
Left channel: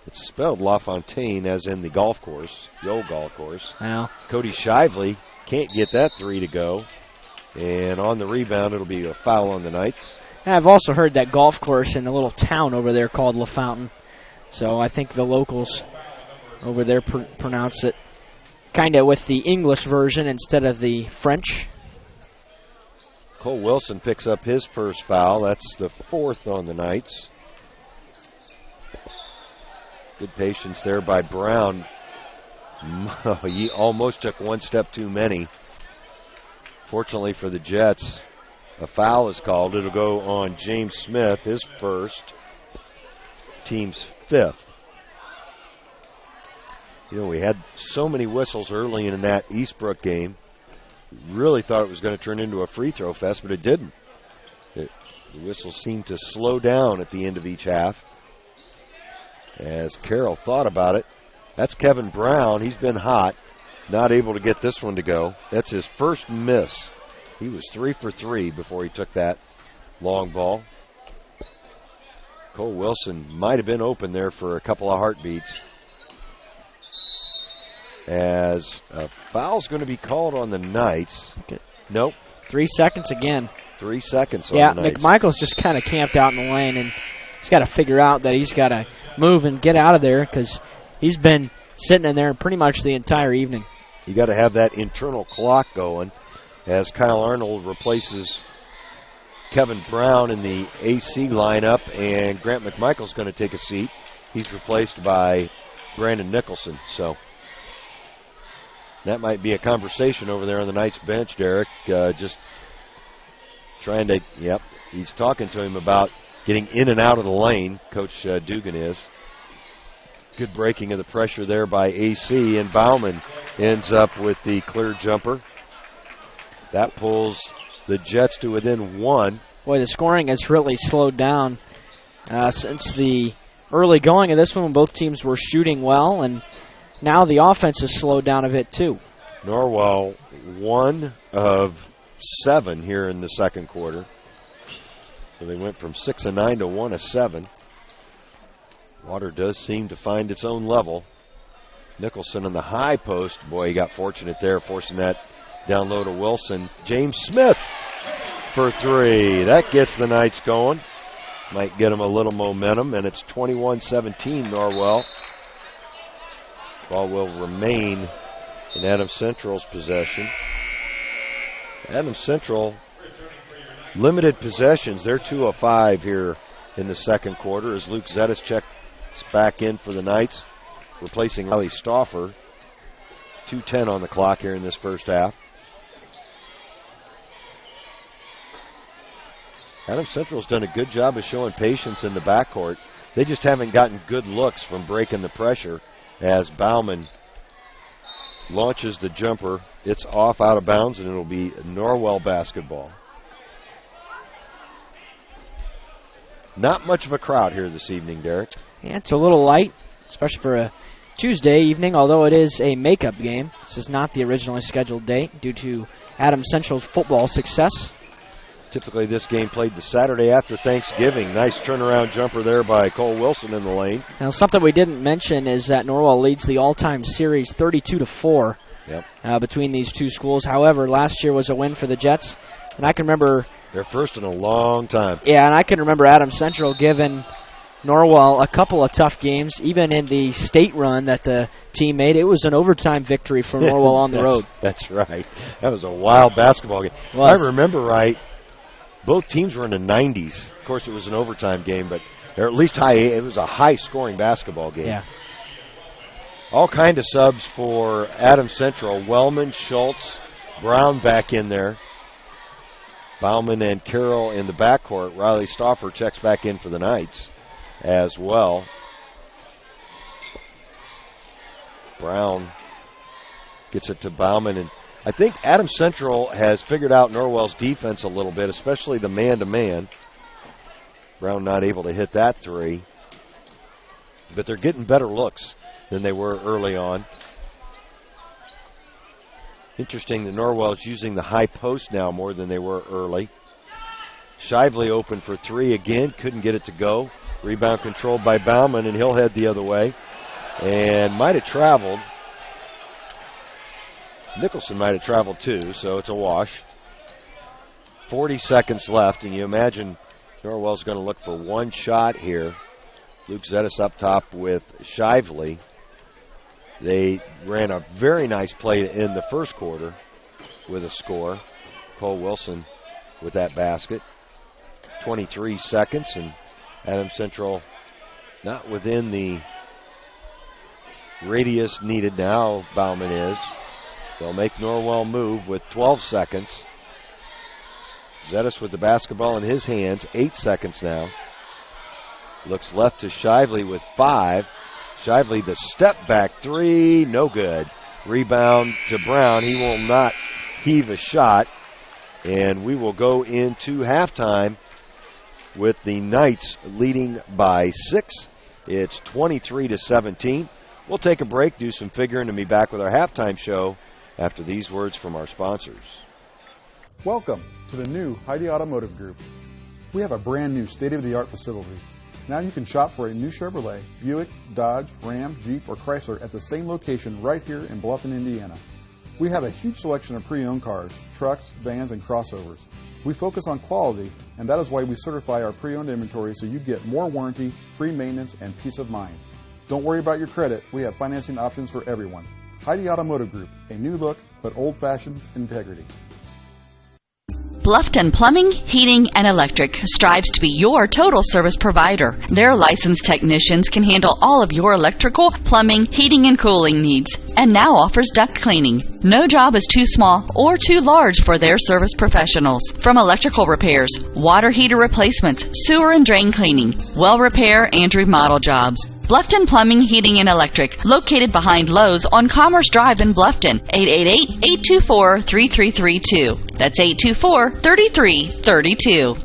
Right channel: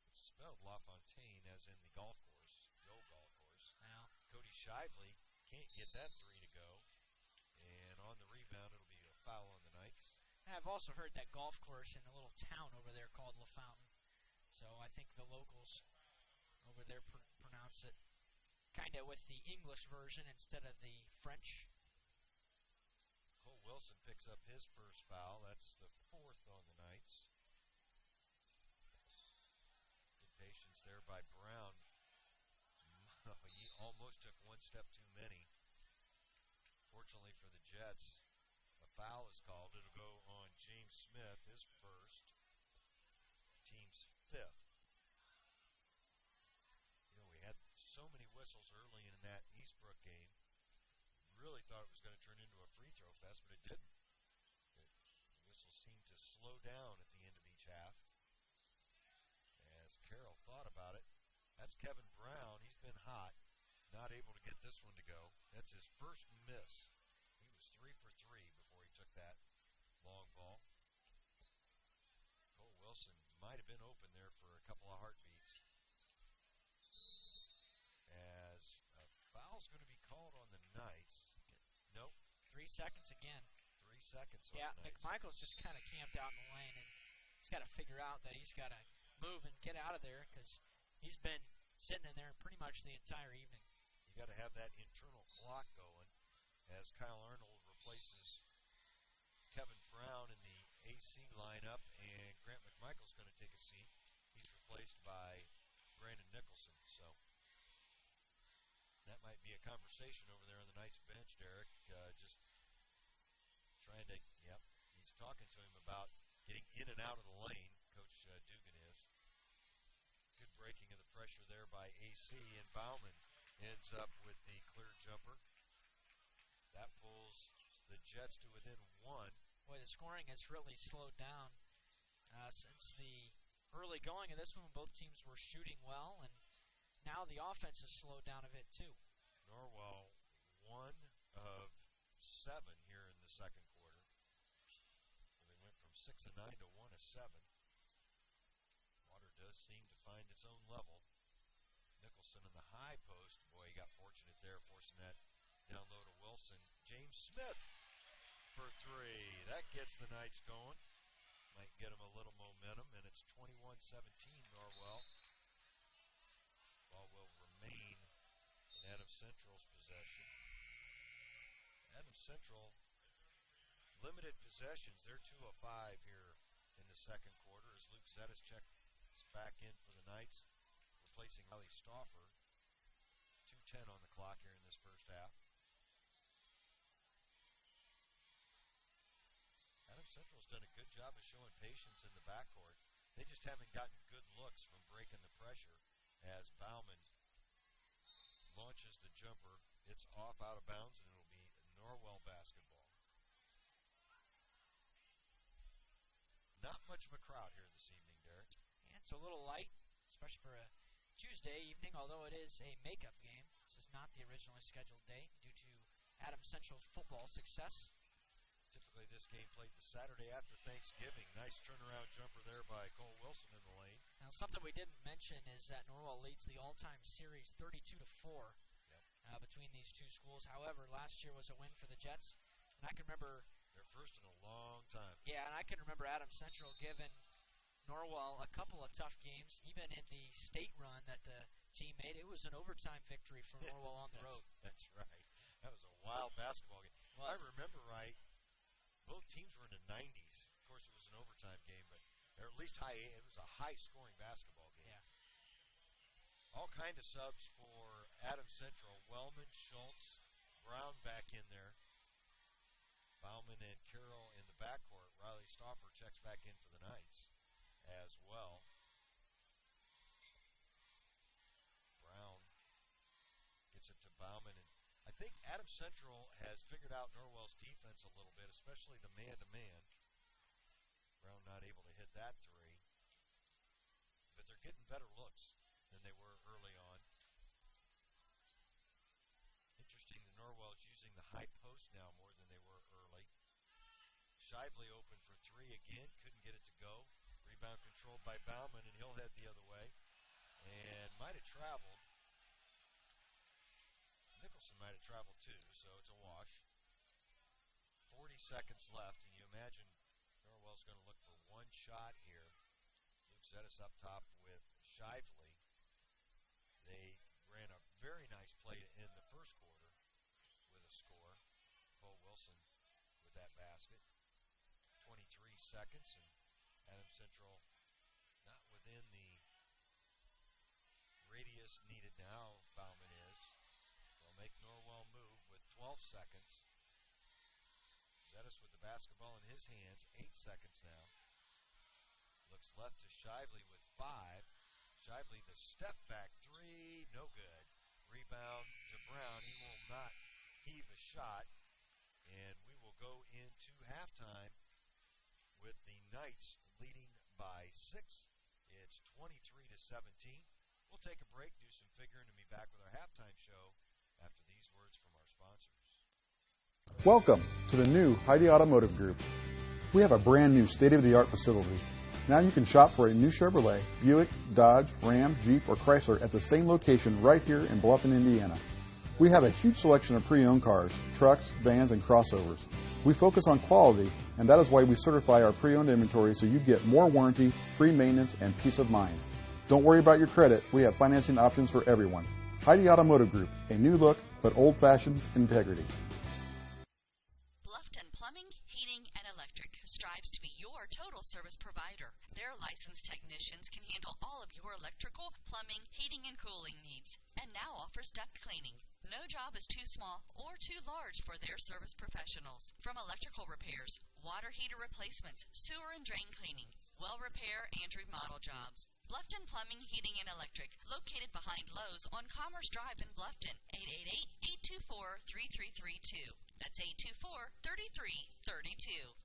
It's spelled LaFontaine as in the golf course, the old golf course. Wow. Cody Shively can't get that 3 to go, and on the rebound it'll be a foul on the Knights. I've also heard that golf course in the little town over there called LaFountain. So I think the locals over there pronounce it kind of with the English version instead of the French. Cole Wilson picks up his first foul. That's the 4th on the Knights. Good patience there by Brown. He almost took 1 step too many. Fortunately for the Jets, a foul is called. It'll go on James Smith, his first, team's 5th. You know, we had so many whistles early in that Eastbrook game. Really thought it was going to turn into a free throw fest, but it didn't. The whistles seemed to slow down at the end of each half. As Carroll thought about it. That's Kevin Brown. He's been hot. Not able to get this one to go. That's his first miss. He was 3 for 3 before he took that long ball. Cole Wilson might have been open there for a couple of heartbeats. As a foul's going to be called on the Knights. Okay. Nope. 3 seconds again. 3 seconds on the Knights. McMichael's just kind of camped out in the lane, and he's got to figure out that he's got to move and get out of there because he's been sitting in there pretty much the entire evening. You got to have that internal clock going as Kyle Arnold replaces Kevin Brown in the AC lineup, and Grant McMichael's going to take a seat. He's replaced by Brandon Nicholson. So that might be a conversation over there on the Knights bench, Derek. Just trying to, he's talking to him about getting in and out of the lane, Coach Dugan is. Good breaking of the pressure there by AC, and Bauman ends up with the clear jumper. That pulls the Jets to within one. Boy, the scoring has really slowed down since the early going of this one when both teams were shooting well, and now the offense has slowed down a bit too. Norwell 1 of 7 here in the second quarter. So they went from 6 of 9 to 1 of 7. Water does seem to find its own level. Nicholson in the high post. Boy, he got fortunate there, forcing that down low to Wilson. James Smith for 3. That gets the Knights going. Might get them a little momentum, and it's 21-17 Norwell. Ball will remain in Adams Central's possession. Adams Central, limited possessions. They're 2 of 5 here in the second quarter as Luke Zetis checks back in for the Knights, replacing Riley Stauffer. 2:10 on the clock here in this first half. Adams Central's done a good job of showing patience in the backcourt. They just haven't gotten good looks from breaking the pressure as Bauman launches the jumper. It's off out of bounds, and it'll be Norwell basketball. Not much of a crowd here this evening, Derek. Yeah, it's a little light, especially for a Tuesday evening, although it is a makeup game. This is not the originally scheduled date due to Adams Central's football success. Typically this game played the Saturday after Thanksgiving. Nice turnaround jumper there by Cole Wilson in the lane. Now, something we didn't mention is that Norwell leads the all-time series 32-4 between these two schools. However, last year was a win for the Jets, and I can remember... Their first in a long time. Yeah, and I can remember Adams Central giving Norwell a couple of tough games. Even in the state run that the team made, it was an overtime victory for Norwell on the road. That's right. That was a wild basketball game. If I remember right, both teams were in the 90s. Of course, it was an overtime game, but or at least it was a high-scoring basketball game. Yeah. All kind of subs for Adams Central. Wellman, Schultz, Brown back in there. Bauman and Carroll in the backcourt. Riley Stauffer checks back in for the Knights as well. Brown gets it to Bauman, and I think Adams Central has figured out Norwell's defense a little bit, especially the man-to-man. Brown not able to hit that 3. But they're getting better looks than they were early on. Interesting that Norwell's using the high post now more than they were early. Shively open for 3 again, couldn't get it to go. Rebound controlled by Bauman, and he'll head the other way. And might have traveled. Nicholson might have traveled too, so it's a wash. 40 seconds left, and you imagine Norwell's going to look for one shot here. Luke Zetis up top with Shively. They ran a very nice play in the first quarter with a score. Cole Wilson with that basket. 23 seconds, and Adams Central not within the radius needed now. Bauman is. They'll make Norwell move with 12 seconds. Zetis with the basketball in his hands. 8 seconds now. Looks left to Shively with 5. Shively, the step back 3, no good. Rebound to Brown. He will not heave a shot. And we will go into halftime with the Knights leading by 6. It's 23-17. We'll take a break, do some figuring, and be back with our halftime show after these words from our sponsors. Welcome to the new Heidi Automotive Group. We have a brand new state-of-the-art facility. Now you can shop for a new Chevrolet, Buick, Dodge, Ram, Jeep, or Chrysler at the same location right here in Bluffton, Indiana. We have a huge selection of pre-owned cars, trucks, vans, and crossovers. We focus on quality, and that is why we certify our pre-owned inventory so you get more warranty, free maintenance, and peace of mind. Don't worry about your credit. We have financing options for everyone. Heidi Automotive Group, a new look but old-fashioned integrity. Bluffton Plumbing, Heating, and Electric strives to be your total service provider. Their licensed technicians can handle all of your electrical, plumbing, heating, and cooling needs, and now offers duct cleaning. No job is too small or too large for their service professionals. From electrical repairs, water heater replacements, sewer and drain cleaning, well repair, and remodel jobs. Bluffton Plumbing, Heating, and Electric, located behind Lowe's on Commerce Drive in Bluffton, 888-824-3332. That's 824-3332.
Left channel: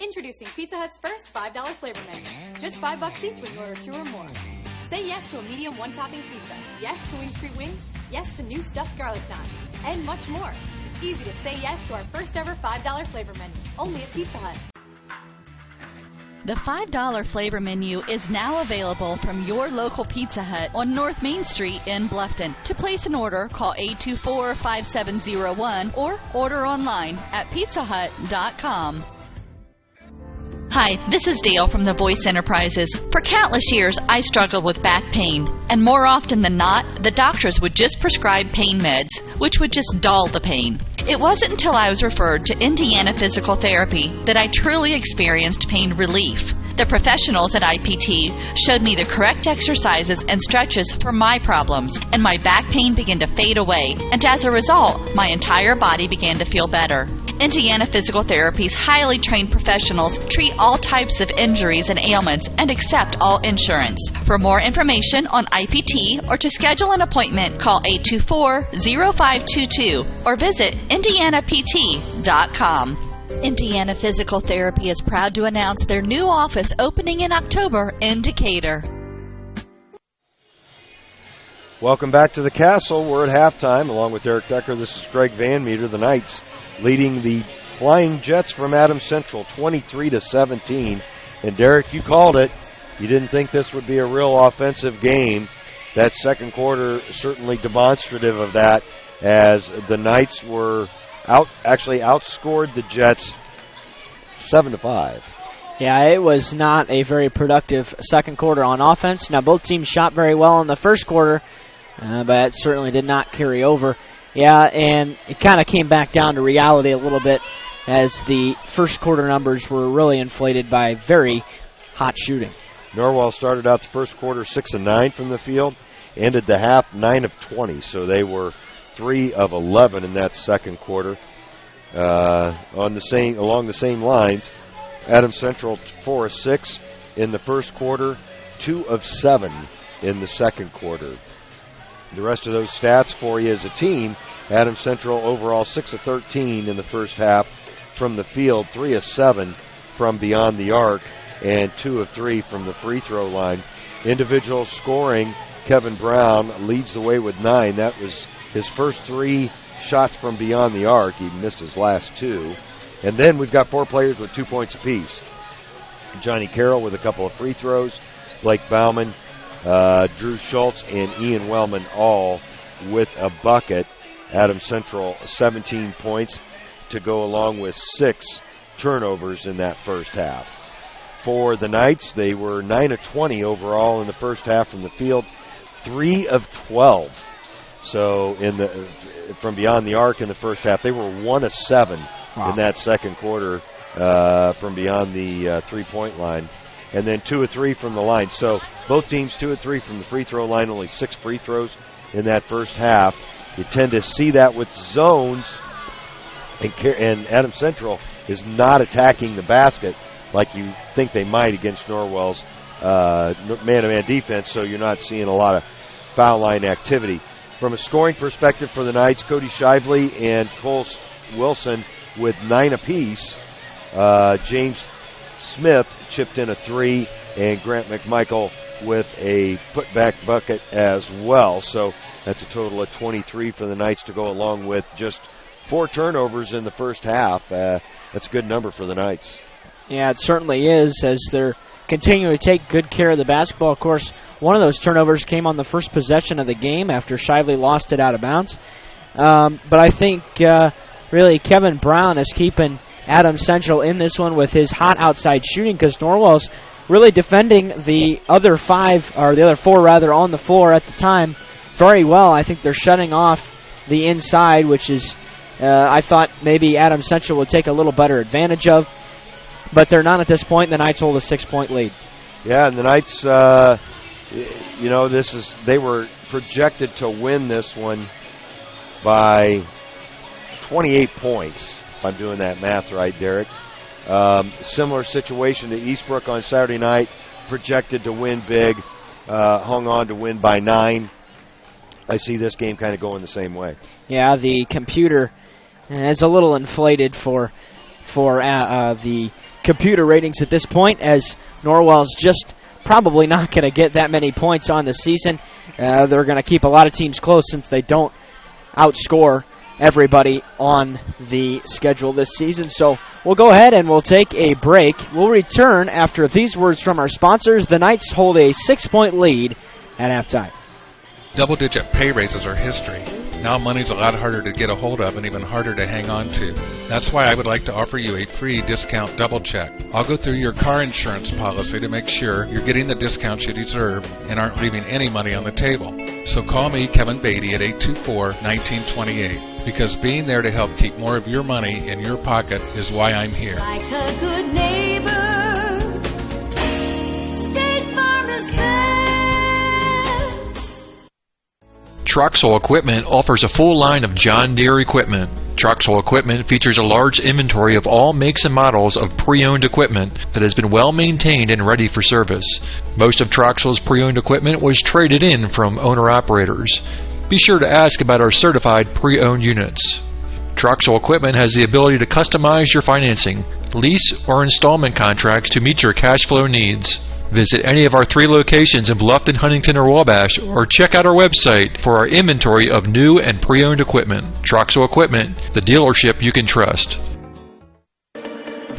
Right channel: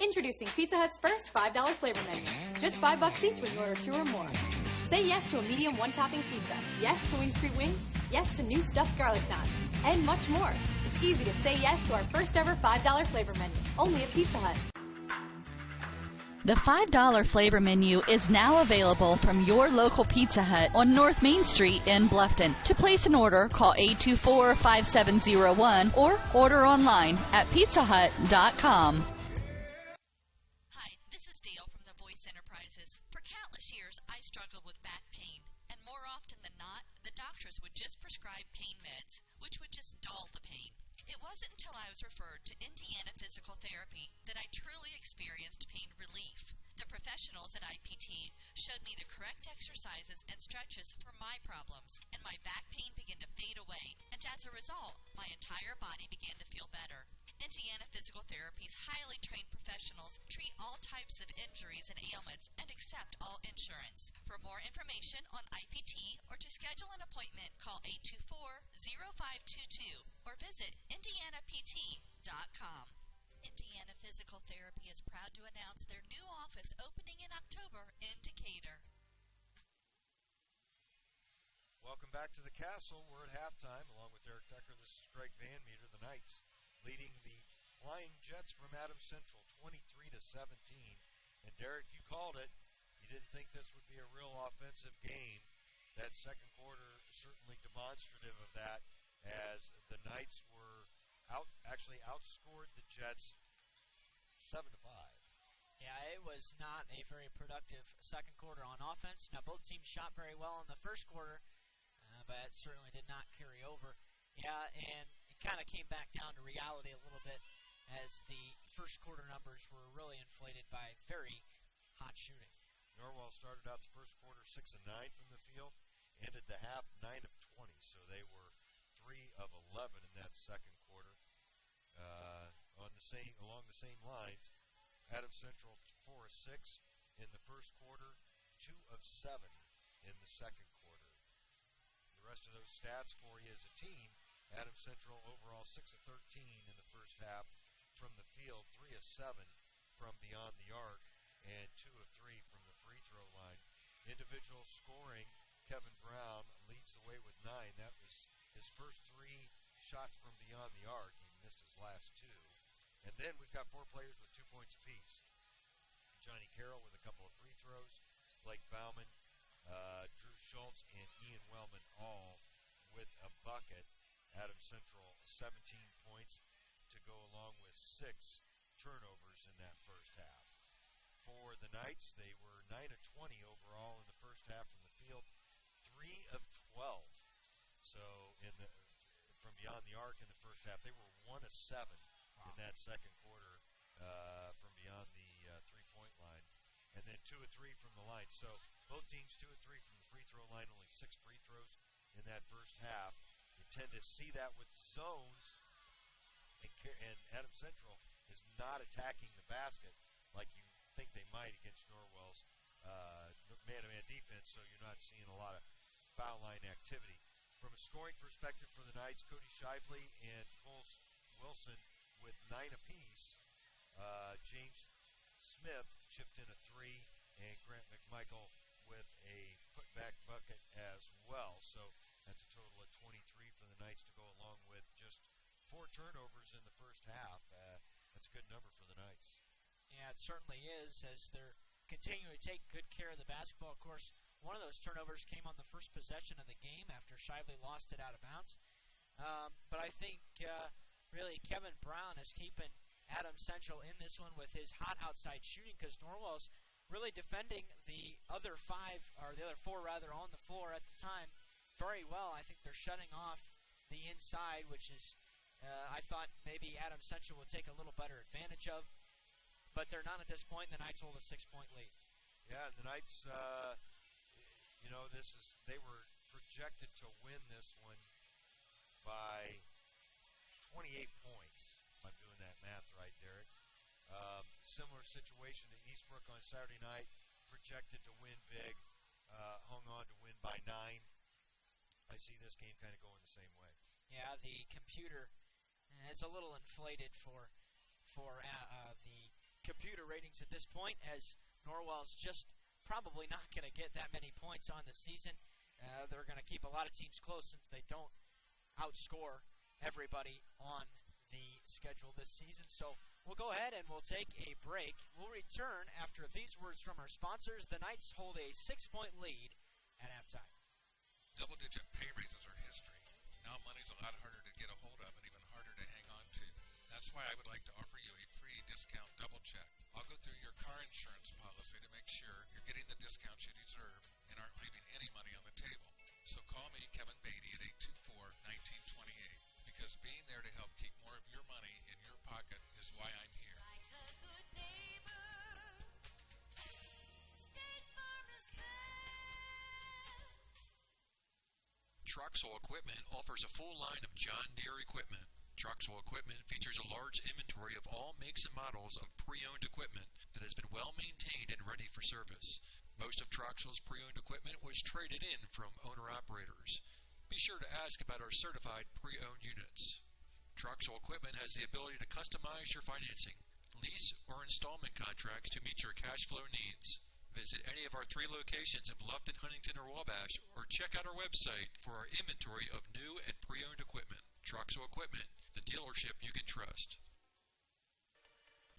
Introducing Pizza Hut's first $5 flavor menu. Just $5 each when you order 2 or more. Say yes to a medium one-topping pizza. Yes to Wing Street Wings. Yes to new stuffed garlic knots. And much more. It's easy to say yes to our first ever $5 flavor menu. Only at Pizza Hut. The $5 flavor menu is now available from your local Pizza Hut on North Main Street in Bluffton. To place an order, call 824-5701 or order online at pizzahut.com. Hi, this is Dale from the Voice Enterprises. For countless years, I struggled with back pain, and more often than not, the doctors would just prescribe pain meds, which would just dull the pain. It wasn't until I was referred to Indiana Physical Therapy that I truly experienced pain relief. The professionals at IPT showed me the correct exercises and stretches for my problems, and my back pain began to fade away, and as a result, my entire body began to feel better. Indiana Physical Therapy's highly trained professionals treat all types of injuries and ailments and accept all insurance. For more information on IPT or to schedule an appointment, call 824-0522 or visit indianapt.com. Indiana Physical Therapy is proud to announce their new office opening in October in Decatur. Welcome back to the Castle. We're at halftime along with Eric Decker. This is Greg Van Meter. The Knights leading the Flying Jets from Adams Central 23-17. And Derek, you called it. You didn't think this would be a real offensive game. That second quarter certainly demonstrative of that, as the Knights were outscored the Jets 7-5. Yeah, it was not a very productive second quarter on offense. Now, both teams shot very well in the first quarter, but it certainly did not carry over. Yeah, and it kind of came back down to reality a little bit, as the first quarter numbers were really inflated by very hot shooting. Norwell started out the first quarter 6 of 9 from the field, ended the half 9 of 20, so they were 3 of 11 in that second quarter. Along the same lines, Adams Central 4 of 6 in the first quarter, 2 of 7 in the second quarter. The rest of those stats for you as a team: Adams Central overall 6 of 13 in the first half from the field, 3 of 7 from beyond the arc, and 2 of 3 from the free throw line. Individual scoring, Kevin Brown leads the way with 9. That was his first 3 shots from beyond the arc. He missed his last 2. And then we've got 4 players with 2 points apiece. Johnny Carroll with a couple of free throws, Blake Bauman, Drew Schultz, and Ian Wellman all with a bucket. Adams Central 17 points to go along with 6 turnovers in that first half. For the Knights, they were 9 of 20 overall in the first half from the field, 3 of 12. So from beyond the arc in the first half, they were 1 of 7 in that second quarter from beyond the three-point line. And then 2 of 3 from the line. So both teams 2 of 3 from the free throw line, only 6 free throws in that first half. You tend to see that with zones, and Adams Central is not attacking the basket like you think they might against Norwell's man-to-man defense, so you're not seeing a lot of foul line activity. From a scoring perspective for the Knights, Cody Shively and Cole Wilson with 9 apiece. James Smith chipped in a 3, and Grant McMichael with a putback bucket as well. So that's a total of 23 for the Knights to go along with just 4 turnovers in the first half. That's a good number for the Knights. Yeah, it certainly is, as they're continuing to take good care of the basketball. Of course, one of those turnovers came on the first possession of the game after Shively lost it out of bounds. But I think really Kevin Brown is keeping Adams Central in this one with his hot outside shooting, because Norwell's really defending the other 4 on the floor at the time. very well. I think they're shutting off the inside, which is I thought maybe Adams Central would take a little better advantage of. But they're not at this point. The Knights hold a 6-point lead. Yeah, and the Knights, they were projected to win this one by 28 points, if I'm doing that math right, Derek. Similar situation to Eastbrook on Saturday night, projected to win big, hung on to win by 9. I see this game kind of going the same way. Yeah, the computer is a little inflated for the computer ratings at this point, as Norwell's just probably not going to get that many points on the season. They're going to keep a lot of teams close since they don't outscore everybody on the schedule this season. So we'll go ahead and we'll take a break. We'll return after these words from our sponsors. The Knights hold a 6-point lead at halftime. Double-digit pay raises are history. Now money's a lot harder to get a hold of and even harder to hang on to. That's why I would like to offer you a free discount double check. I'll go through your car insurance policy to make sure you're getting the discounts you deserve and aren't leaving any money on the table. So call me, Kevin Beatty, at 824-1928, because being there to help keep more of your money in your pocket is why I'm here. Like a good neighbor, State Farm is there. Troxel Equipment offers a full line of John Deere equipment. Troxel Equipment features a large inventory of all makes and models of pre-owned equipment that has been well maintained and ready for service. Most of Troxel's pre-owned equipment was traded in from owner-operators. Be sure to ask about our certified pre-owned units. Troxel Equipment has the ability to customize your financing, lease, or installment contracts to meet your cash flow needs. Visit any of our 3 locations in Bluffton, Huntington, or Wabash, or check out our website for our inventory of new and pre-owned equipment. Troxel Equipment, the dealership you can trust.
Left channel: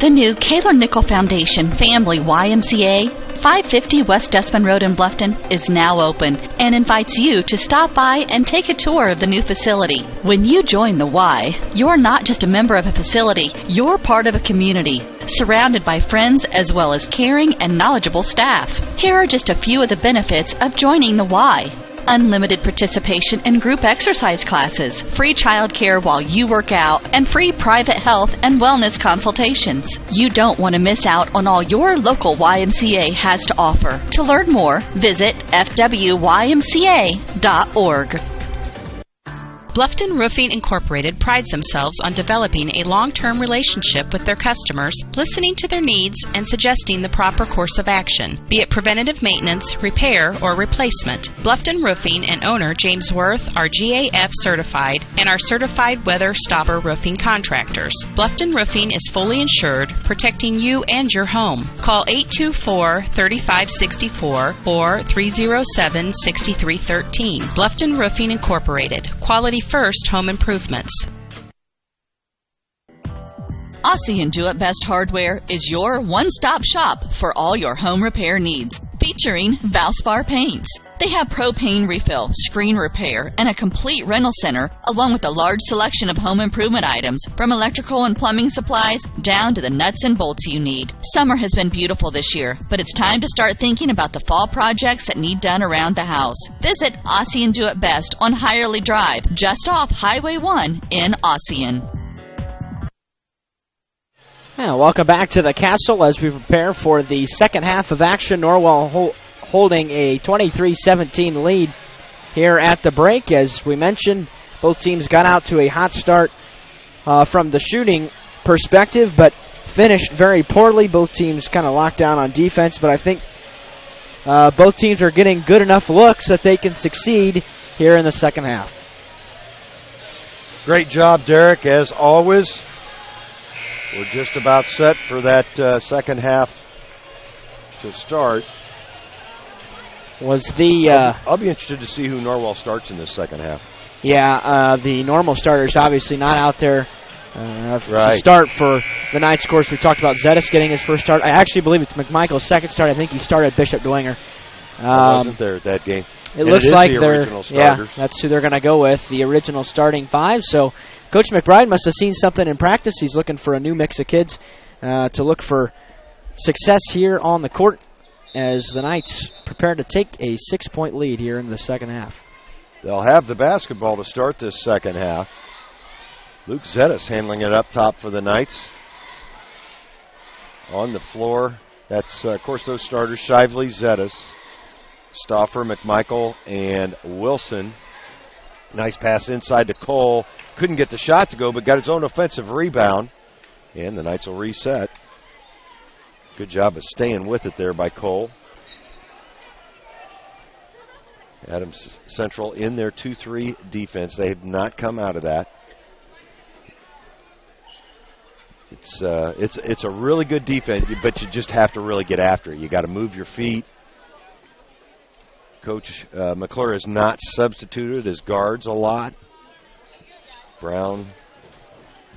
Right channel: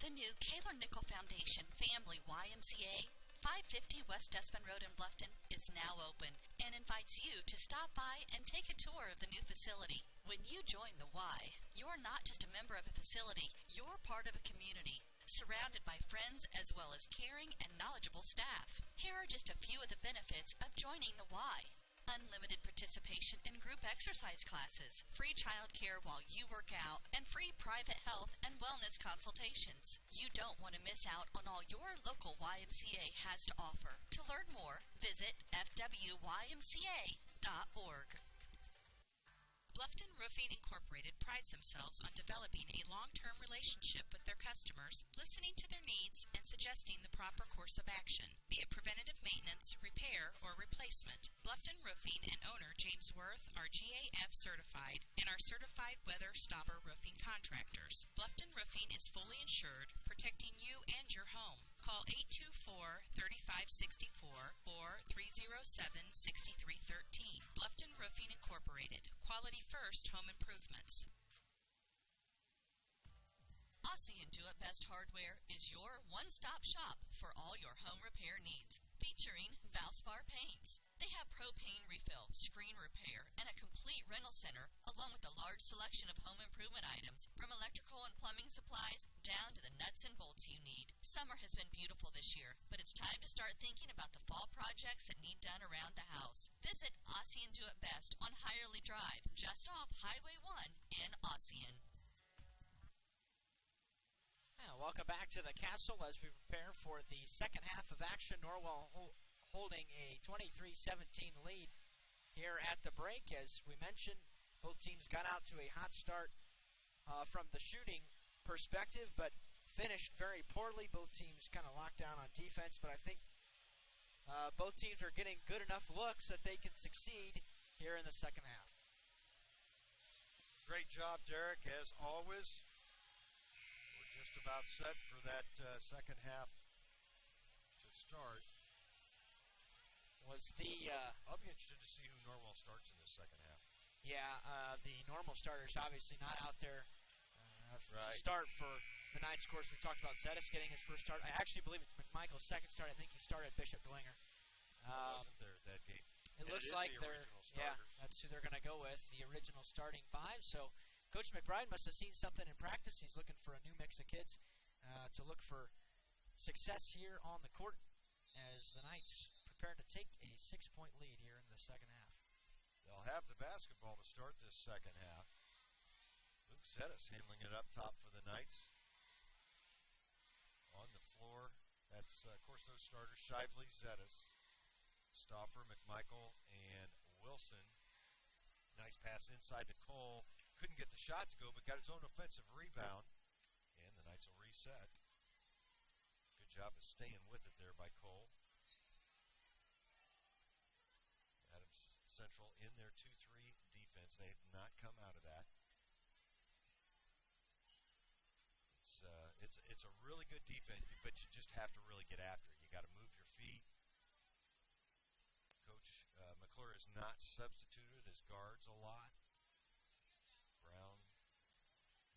The new Kaler Nickel Foundation Family YMCA, 550 West Desmond Road in Bluffton, is now open and invites you to stop by and take a tour of the new facility. When you join the Y, you're not just a member of a facility, you're part of a community, surrounded by friends as well as caring and knowledgeable staff. Here are just a few of the benefits of joining the Y. Unlimited participation in group exercise classes, free child care while you work out, and free private health and wellness consultations. You don't want to miss out on all your local YMCA has to offer. To learn more, visit fwymca.org. Bluffton Roofing Incorporated prides themselves on developing a long-term relationship with their customers, listening to their needs, and suggesting the proper course of action, be it preventative maintenance, repair, or replacement. Bluffton Roofing and owner James Worth are GAF certified and are certified weather stopper roofing contractors. Bluffton Roofing is fully insured, protecting you and your home. Call 824-3564 or 307-6313. Bluffton Roofing Incorporated. Quality first home improvements. Aussie and Do It Best Hardware is your one-stop shop for all your home repair needs, featuring Valspar paints. They have propane refill, screen repair, and a complete rental center, along with a large selection of home improvement items, from electrical and plumbing supplies down to the nuts and bolts you need. Summer has been beautiful this year, but it's time to start thinking about the fall projects that need done around the house. Visit Aussie and Do It Best on Hirely Drive, just off Highway 1 in Ossian. Welcome back to the Castle as we prepare for the second half of action. Norwell holding a 23-17 lead here at the break. As we mentioned, both teams got out to a hot start from the shooting perspective, but finished very poorly. Both teams kind of locked down on defense, but I think both teams are getting good enough looks that they can succeed here in the second half. Great job, Derek, as always. We're just about set for that second half to start. I'll be interested to see who Norwell starts in this second half. Yeah, the normal starters obviously not out there to Right. start for the Knights. Of course, we talked about Zetas getting his first start. I actually believe it's McMichael's second start. I think he started Bishop Dwenger. I wasn't there at that game. It looks like the they're original starters. that's who they're going to go with, the original starting 5. So Coach McBride must have seen something in practice. He's looking for a new mix of kids to look for success here on the court as the Knights prepare to take a 6-point lead here in the second half. They'll have the basketball to start this second half. Luke Zettis handling it up top for the Knights. On the floor, that's, of course, those starters, Shively, Zettis, Stauffer, McMichael, and Wilson. Nice pass inside to Cole. Couldn't get the shot to go, but got his own offensive rebound. And the Knights will reset. Good job of staying with it there by Cole. Adams Central in their 2-3 defense. They have not come out of that. It's a really good defense, but you just have to really get after it. You got to move your feet. Coach McClure has not substituted as guards a lot. Brown,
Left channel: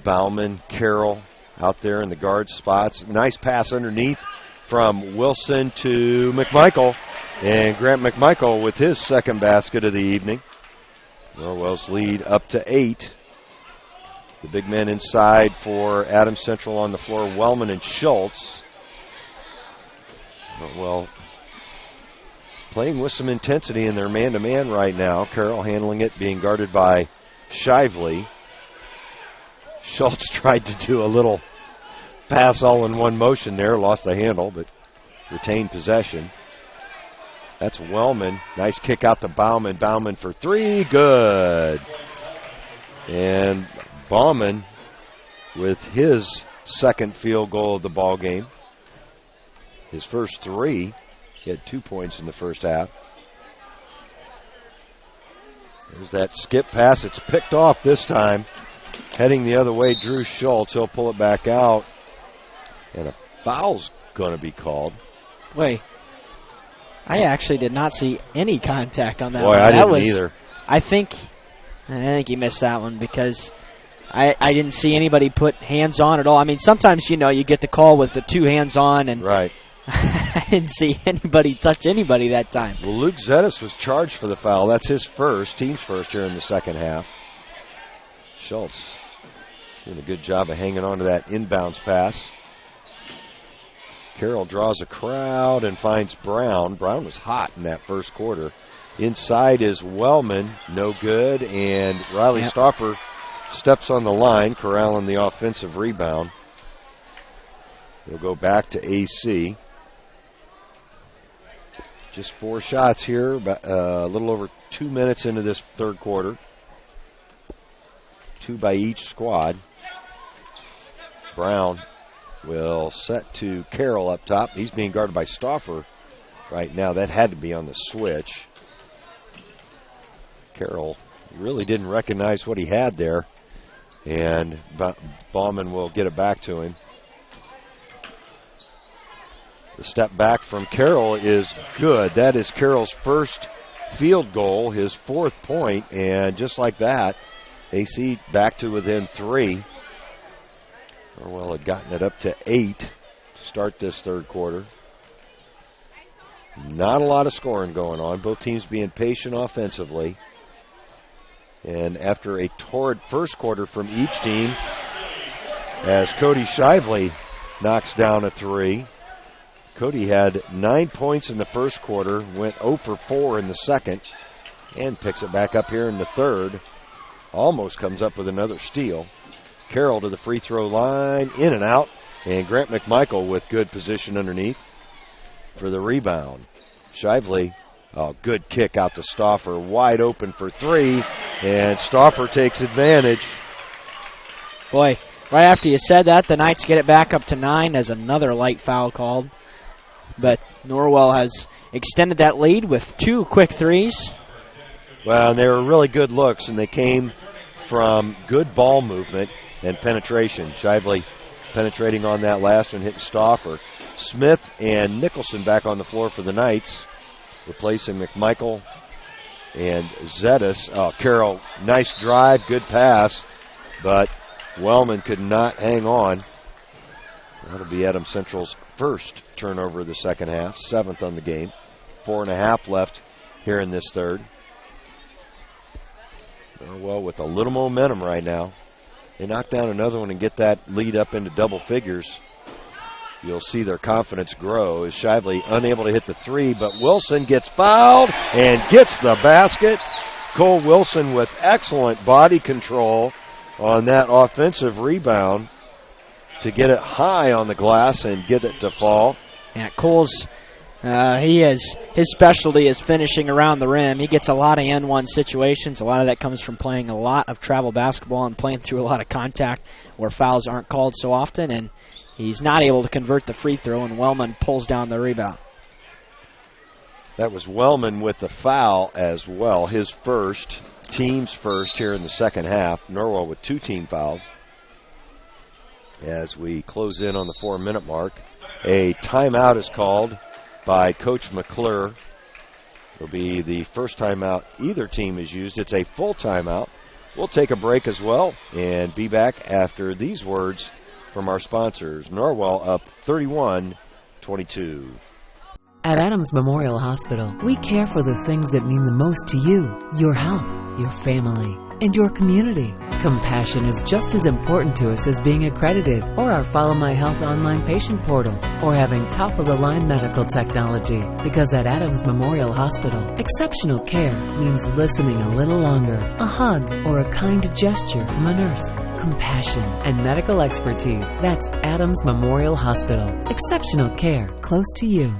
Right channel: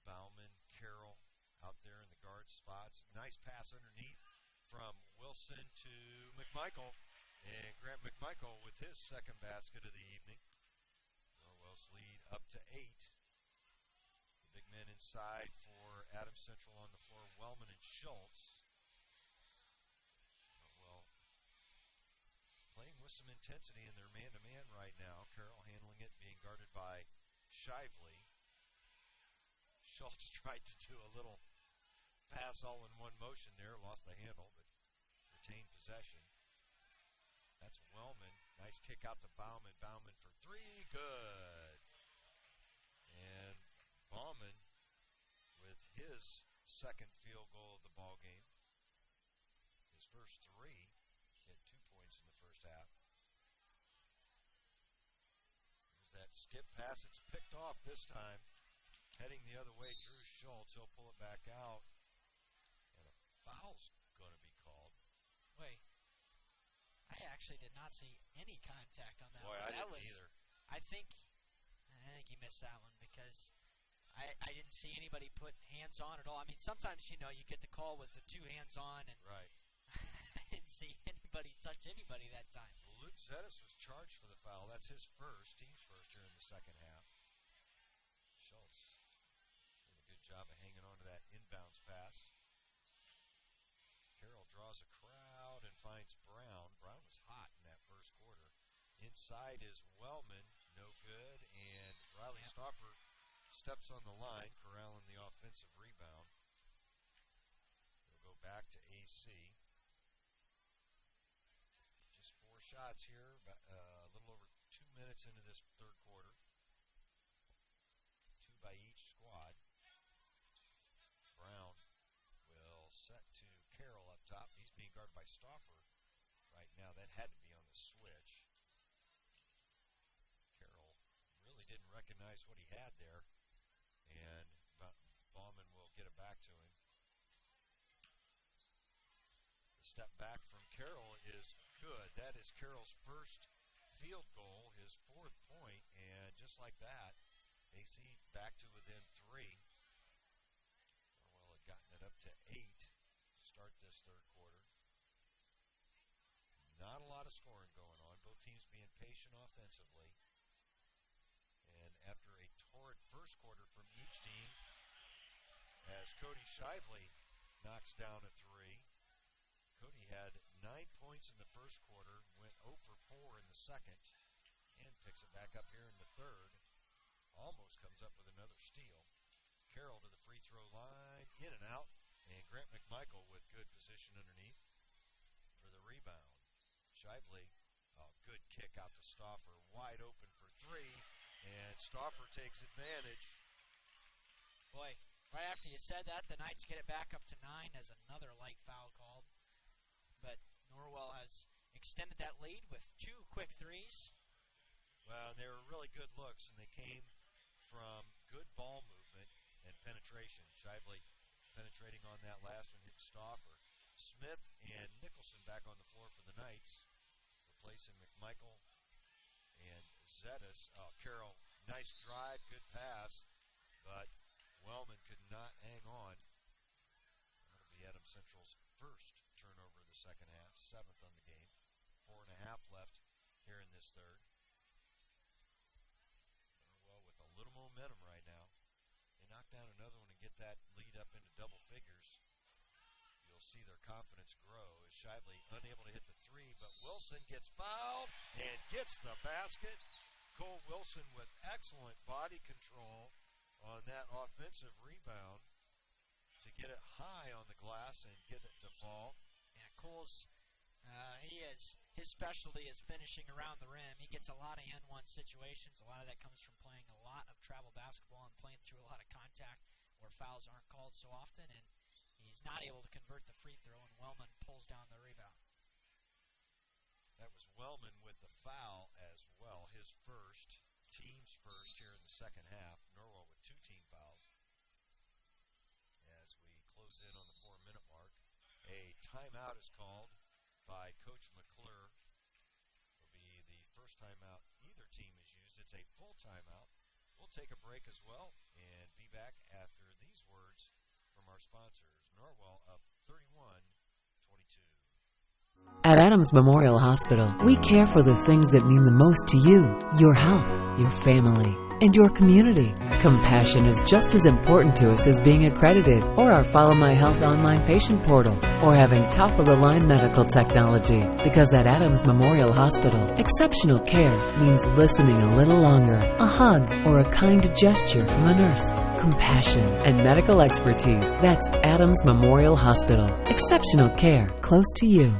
Bauman, Carroll out there in the guard spots. Nice pass underneath from Wilson to McMichael. And Grant McMichael with his second basket of the evening. Norwell's lead up to 8. The big men inside for Adams Central on the floor, Wellman and Schultz. Norwell playing with some intensity in their man-to-man right now. Carroll handling it, being guarded by Shively. Schultz tried to do a little pass all in one motion there, lost the handle, but retained possession. That's Wellman. Nice kick out to Bauman. Bauman for 3, good. And Bauman with his second field goal of the ball game. His first 3. He had 2 points in the first half. There's that skip pass. It's picked off this time. Heading the other way, Drew Schultz. He'll pull it back out. And a foul's going to be called. Wait. I actually did not see any contact on that Boy, one. I didn't either. I think he missed that one because I didn't see anybody put hands on at all. I mean, sometimes, you get the call with the 2 hands on, and right. I didn't see anybody touch anybody that time. Well, Luke Zettis was charged for the foul. That's his team's first here in the second half. Schultz doing a good job of hanging on to that inbounds pass. Carroll draws a crowd and finds Brown. Brown was hot in that first quarter. Inside is Wellman, no good, and Riley Stauffer steps on the line, corralling the offensive rebound. We'll go back to AC. Just 4 shots here, a little over 2 minutes into this third quarter. 2 by each squad. Brown will set to Carroll up top. He's being guarded by Stauffer right now. That had to be on the switch. Carroll really didn't recognize what he had there, and Bauman will get it back to him. The step back from Carroll is good. That is Carroll's first field goal, his 4th point, and just like that, AC back to within 3. Norwell had gotten it up to 8 to start this third quarter. Not a lot of scoring going on. Both teams being patient offensively. And after a torrid first quarter from each team, as Cody Shively knocks down a 3. Cody had 9 points in the first quarter, went 0 for 4 in the second, and picks it back up here in the third. Almost comes up with another steal. Carroll to the free throw line, in and out, and Grant McMichael with good position underneath for the rebound. Shively, good kick out to Stauffer, wide open for 3, and Stauffer takes advantage. Boy, right after you said that, the Knights get it back up to 9 as another light foul called. But Norwell has extended that lead with 2 quick threes. Well, and they were really good looks, and they came from good ball movement and penetration. Shively penetrating on that last one, hitting Stauffer. Smith and Nicholson back on the floor for the Knights, replacing McMichael and Zettis. Oh, Carroll, nice drive, good pass, but Wellman could not hang on. That'll be Adams Central's first turnover of the second half, 7th on the game. 4.5 left here in this third. Well, with a little momentum right now. They knock down another one and get that lead up into double figures. You'll see their confidence grow as Shively unable to hit the 3, but Wilson gets fouled and gets the basket. Cole Wilson with excellent body control on that offensive rebound to get it high on the glass and get it to fall. Yeah, Cole's, his specialty is finishing around the rim. He gets a lot of N1 situations. A lot of that comes from playing a lot of travel basketball and playing through a lot of contact where fouls aren't called so often, and he's not able to convert the free throw, and Wellman pulls down the rebound. That was Wellman with the foul as well, his first, team's first here in the second half. Norwell with 2 team fouls. As we close in on the 4-minute mark, a timeout is called by Coach McClure. It'll be the first timeout either team has used. It's a full timeout. We'll take a break as well and be back after these words from our sponsors. Norwell up 31-22. At Adams Memorial Hospital, we care for the things that mean the most to you, your health, your family, and your community. Compassion is just as important to us as being accredited, or our Follow My Health online patient portal, or having top-of-the-line medical technology. Because at Adams Memorial Hospital, exceptional care means listening a little longer, a hug, or a kind gesture from a nurse. Compassion and medical expertise. That's Adams Memorial Hospital. Exceptional care close to you.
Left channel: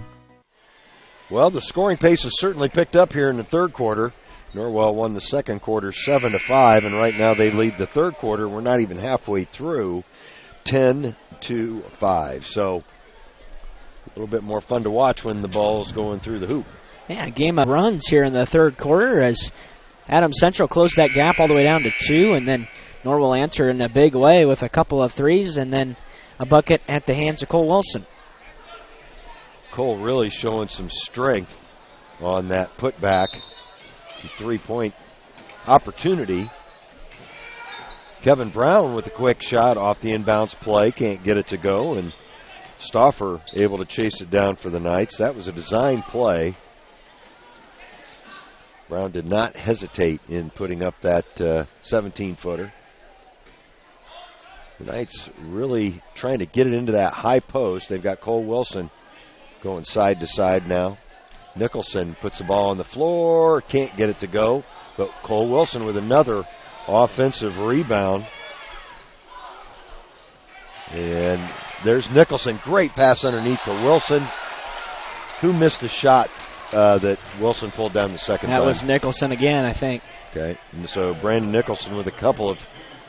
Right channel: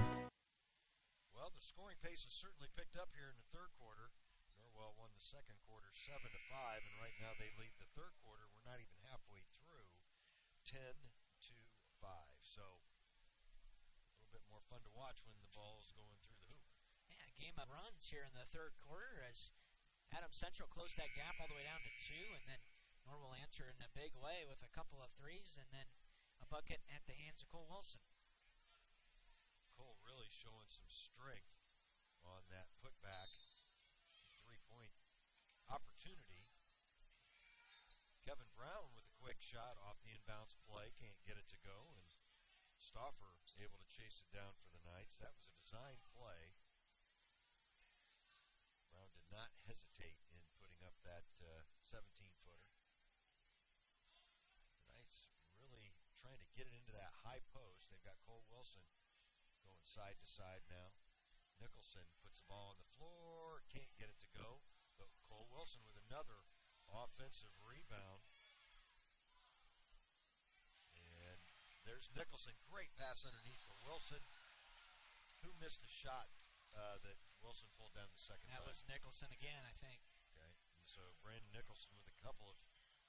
Well, the scoring pace has certainly picked up here in the third quarter. Norwell won the second quarter 7-5, and right now they lead the third quarter. We're not even halfway through, 10-5. So a little bit more fun to watch when the ball's going through the hoop. Yeah, game of runs here in the third quarter as Adams Central closed that gap all the way down to 2, and then Norwell answered in a big way with a couple of threes and then a bucket at the hands of Cole Wilson. Cole really showing some strength on that putback. 3-point opportunity. Kevin Brown with a quick shot off the inbounds play. Can't get it to go, and Stauffer able to chase it down for the Knights. That was a design play. Brown did not hesitate in putting up that 17-footer. The Knights really trying to get it into that high post. They've got Cole Wilson going side to side now. Nicholson puts the ball on the floor, can't get it to go, but Cole Wilson with another offensive rebound. And there's Nicholson. Great pass underneath to Wilson. Who missed the shot that Wilson pulled down the second time? That was Nicholson again, I think. Okay, and so Brandon Nicholson with a couple of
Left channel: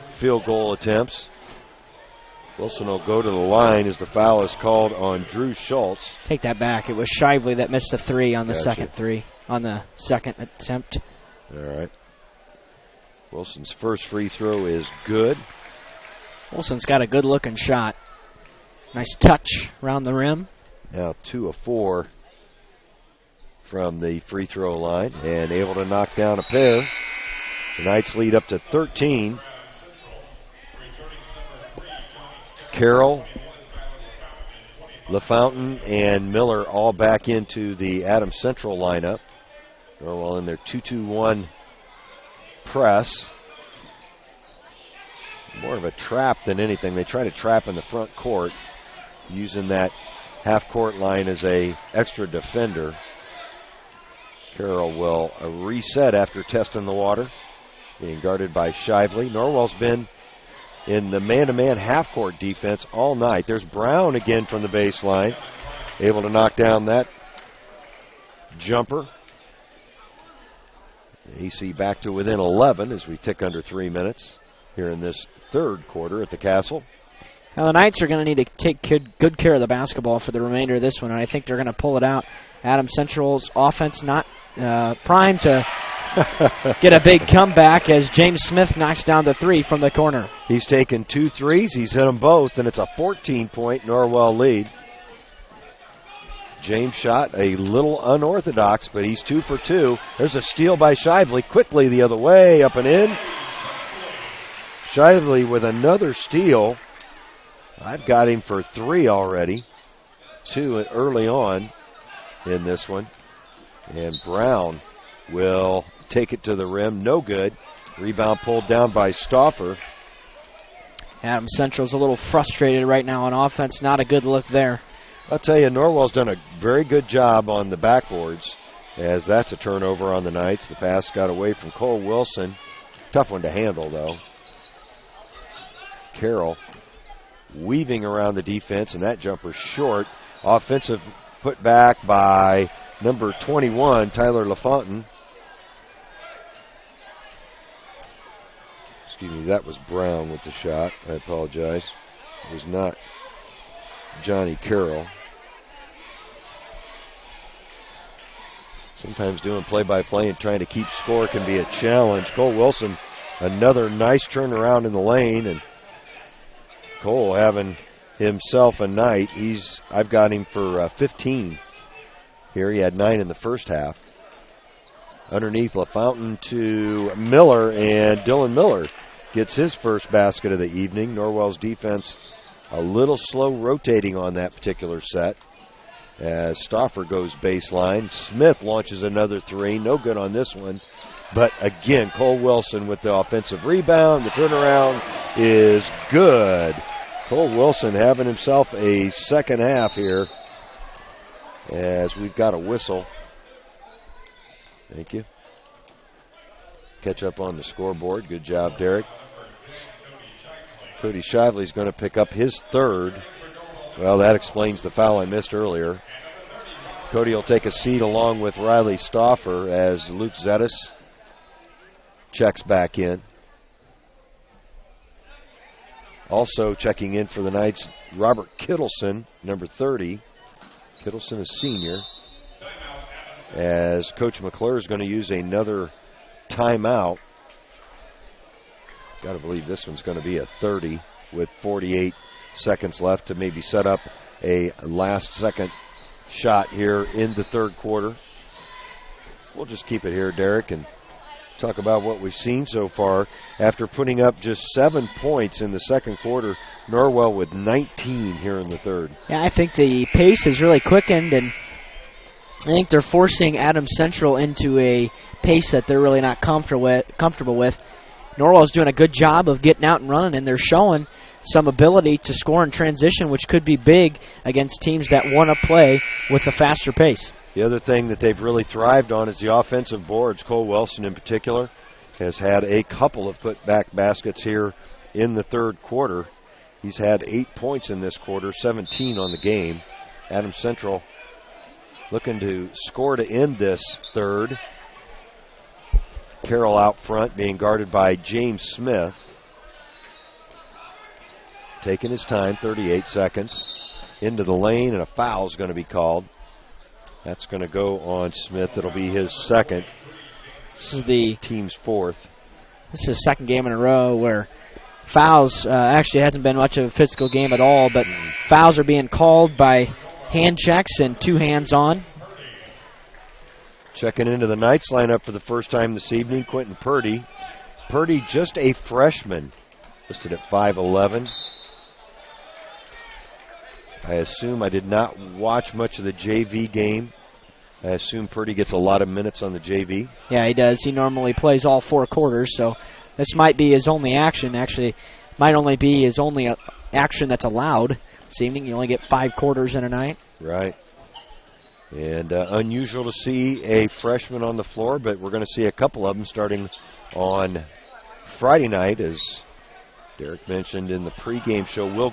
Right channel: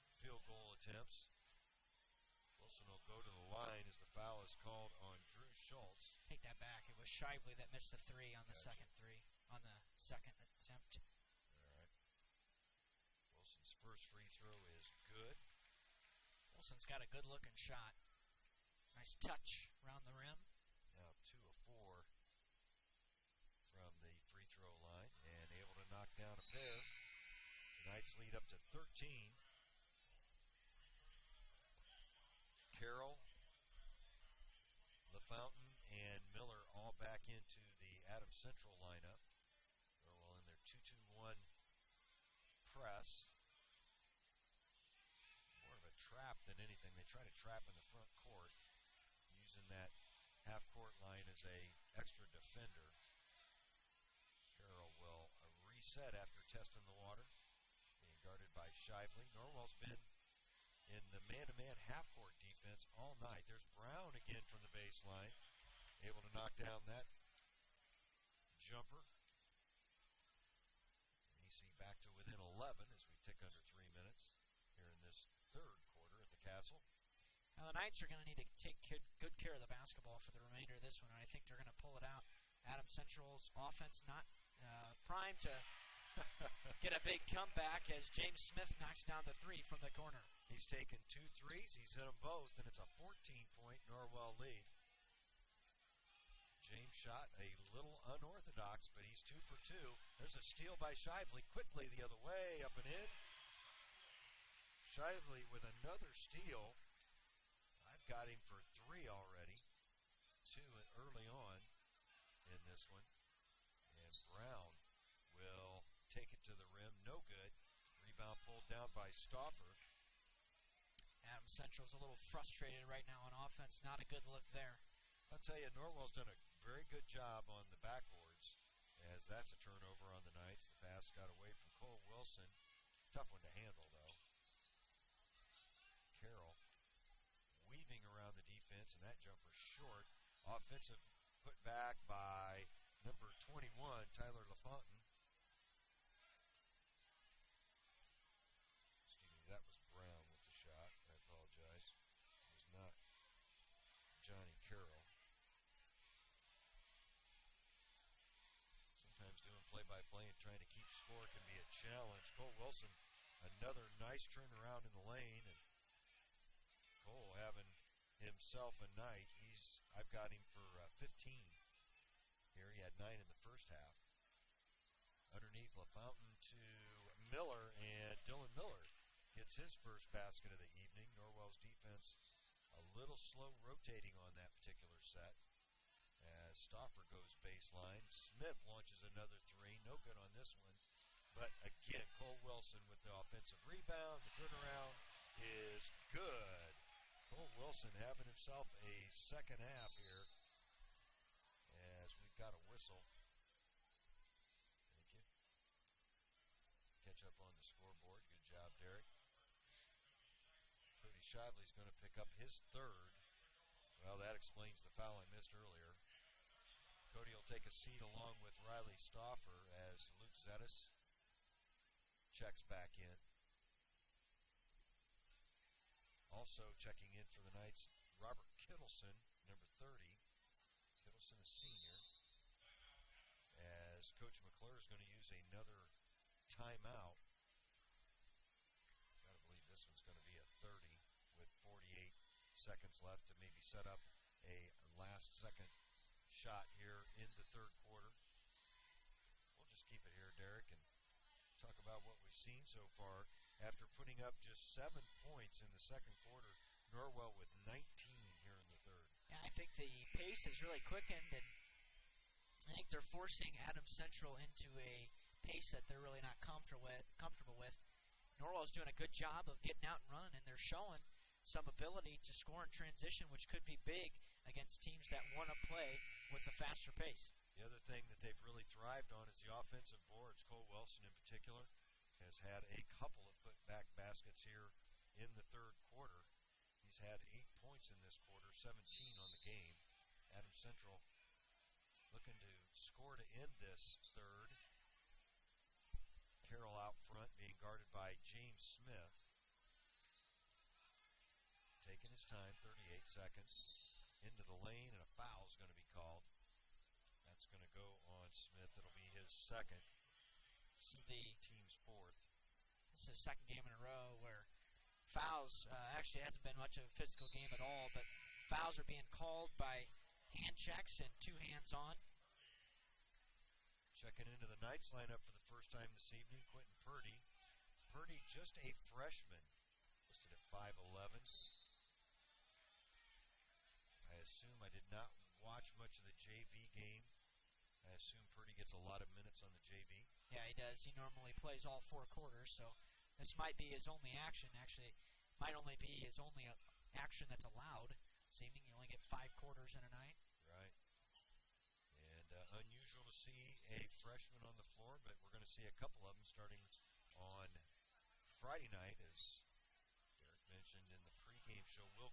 field goal attempts. Wilson will go to the line as the foul is called on Drew Schultz. Take that back. It was Shively that missed the 3 on the second attempt. All right. Wilson's first free throw is good. Wilson's got a good-looking shot. Nice touch around the rim. Now 2 of 4 from the free throw line and able to knock down a pair. The Knights lead up to 13. Carroll, LaFountain, and Miller all back into the Adams Central lineup. Norwell in their 2-2-1 press. More of a trap than anything. They try to trap in the front court, using that half-court line as a extra defender. Carroll will reset after testing the water, being guarded by Shively. Norwell's been in the man-to-man half-court defense all night. There's Brown again from the baseline, able to knock down that jumper. AC back to within 11 as we tick under 3 minutes here in this third quarter at the Castle. Now the Knights are going to need to take good care of the basketball for the remainder of this one, and I think they're going to pull it out. Adams Central's offense not primed to get a big comeback as James Smith knocks down the 3 from the corner. He's taken 2 threes. He's hit them both, and it's a 14-point Norwell lead. James shot a little unorthodox, but he's 2 for 2. There's a steal by Shively. Quickly the other way, up and in. Shively with another steal. I've got him for 3 already. 2 early on in this one. And Brown will take it to the rim. No good. Rebound pulled down by Stauffer. Adams Central's a little frustrated right now on offense. Not a good look there. I'll tell you, Norwell's done a very good job on the backboards. as that's a turnover on the Knights. The pass got away from Cole Wilson. Tough one to handle, though. Carroll weaving around the defense, and that jumper short. Offensive put back by number 21, Tyler LaFontaine. Excuse me, that was Brown with the shot. I apologize. It was not Johnny Carroll. Sometimes doing play-by-play and trying to keep score can be a challenge. Cole Wilson, another nice turnaround in the lane, and Cole having himself a night. I've got him for 15 here. He had 9 in the first half. Underneath LaFontaine to Miller, and Dylan Miller gets his first basket of the evening. Norwell's defense a little slow rotating on that particular set as Stauffer goes baseline. Smith launches another three. No good on this one. But again, Cole Wilson with the offensive rebound. The turnaround is good. Cole Wilson having himself a second half here as we've got a whistle. Thank you. Catch up on the scoreboard. Good job, Derek. Cody Shively's going to pick up his third. Well, that explains the foul I missed earlier. Cody will take a seat along with Riley Stauffer as Luke Zettis checks back in. Also checking in for the Knights, Robert Kittleson, number 30. Kittleson is senior. As Coach McClure is going to use another timeout. Got to believe this one's going to be a 30 with 48 seconds left to maybe set up a last-second shot here in the third quarter. We'll just keep it here, Derek, and talk about what we've seen so far. After putting up just 7 points in the second quarter, Norwell with 19 here in the third. Yeah, I think the pace has really quickened, and I think they're forcing Adams Central into a pace that they're really not comfortable with. Norwell's doing a good job of getting out and running, and they're showing some ability to score in transition, which could be big against teams that want to play with a faster pace. The other thing that they've really thrived on is the offensive boards. Cole Wilson in particular has had a couple of put-back baskets here in the third quarter. He's had 8 points in this quarter, 17 on the game. Adams Central looking to score to end this third. Carroll out front being guarded by James Smith. Taking his time, 38 seconds. Into the lane, and a foul is going to be called. That's going to go on Smith. It'll be his second. This is the team's fourth. This is the second game in a row where fouls, actually hasn't been much of a physical game at all, but fouls are being called by hand checks and 2 hands on. Checking into the Knights lineup for the first time this evening, Quentin Purdy. Purdy, just a freshman, listed at 5'11". I assume I did not watch much of the JV game. I assume Purdy gets a lot of minutes on the JV. Yeah, he does. He normally plays all 4 quarters, so this might be his only action. Actually, might only be his only action that's allowed this evening. You only get 5 quarters in a night. Right. And unusual to see a freshman on the floor, but we're going to see a couple of them starting on Friday night, as Derek mentioned in the pregame show. Will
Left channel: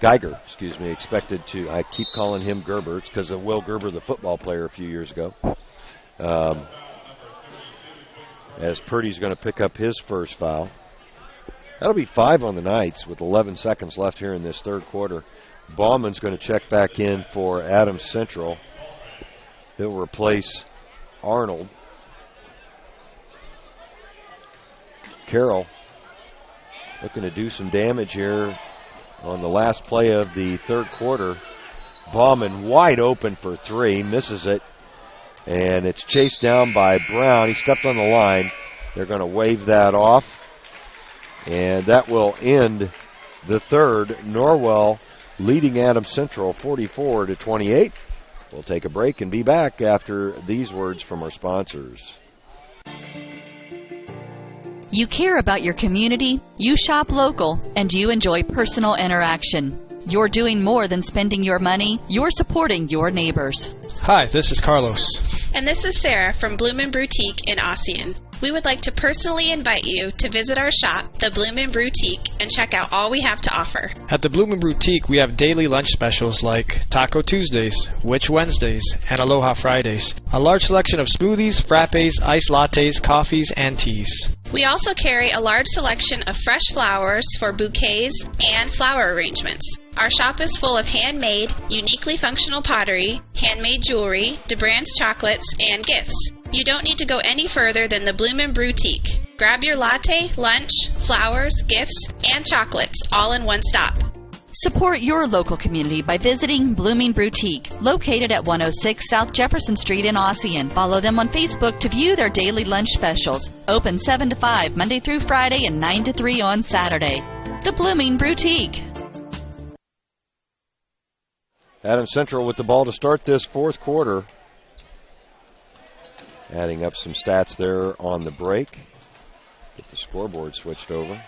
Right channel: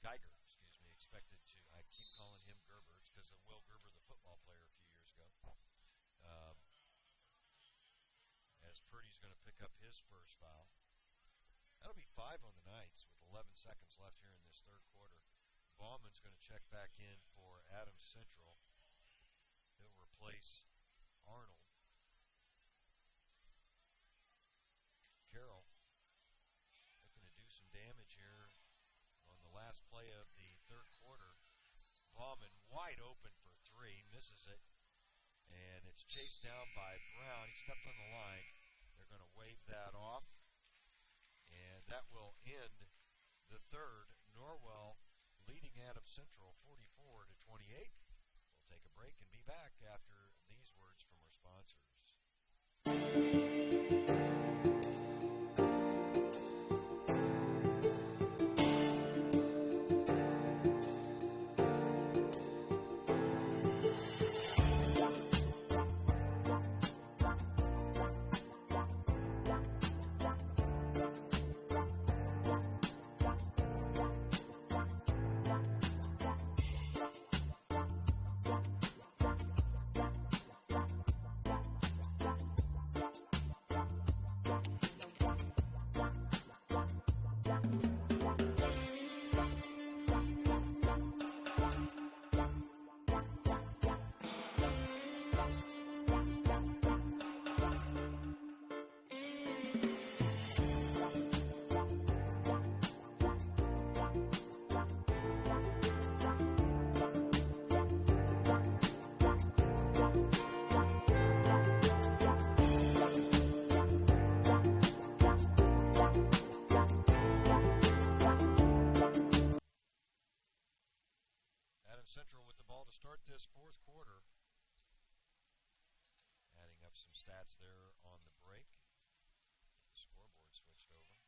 Geiger, expected to, I keep calling him Gerber. It's because of Will Gerber, the football player a few years ago. As Purdy's going to pick up his first foul. That'll be 5 on the Knights with 11 seconds left here in this third quarter. Bauman's going to check back in for Adams Central. He'll replace Arnold. Carroll looking to do some damage here on the last play of the third quarter. Bauman wide open for 3, misses it, and it's chased down by Brown. He stepped on the line. They're going to wave that off, and that will end the third. Norwell leading Adams Central 44-28. We'll take a break and be back after these words from our sponsors. You care about your community, you shop local, and you enjoy personal interaction. You're doing more than spending your money, you're supporting your neighbors. Hi, this is Carlos. And this is Sarah from Bloomin' Boutique in Ossian. We would like to personally invite you to visit our shop, the Bloomin' Boutique, and check out all we have to offer. At the Bloomin' Boutique, we have daily lunch specials like Taco Tuesdays, Witch Wednesdays, and Aloha Fridays. A large selection of smoothies, frappes, iced lattes, coffees, and teas. We also carry a large selection of fresh flowers for bouquets and flower arrangements. Our shop is full of handmade, uniquely functional pottery, handmade jewelry, DeBrand's chocolates, and gifts. You don't need to go any further than the Bloomin' Boutique. Grab your latte, lunch, flowers, gifts, and chocolates all in one stop. Support your local community by visiting Blooming Boutique, located at 106 South Jefferson Street in Ossian. Follow them on Facebook to view their daily lunch specials. Open 7 to 5 Monday through Friday and 9 to 3 on Saturday. The Blooming Boutique. Adams Central with the ball to start this fourth quarter. Adding up some stats there on the break. Get the scoreboard switched over.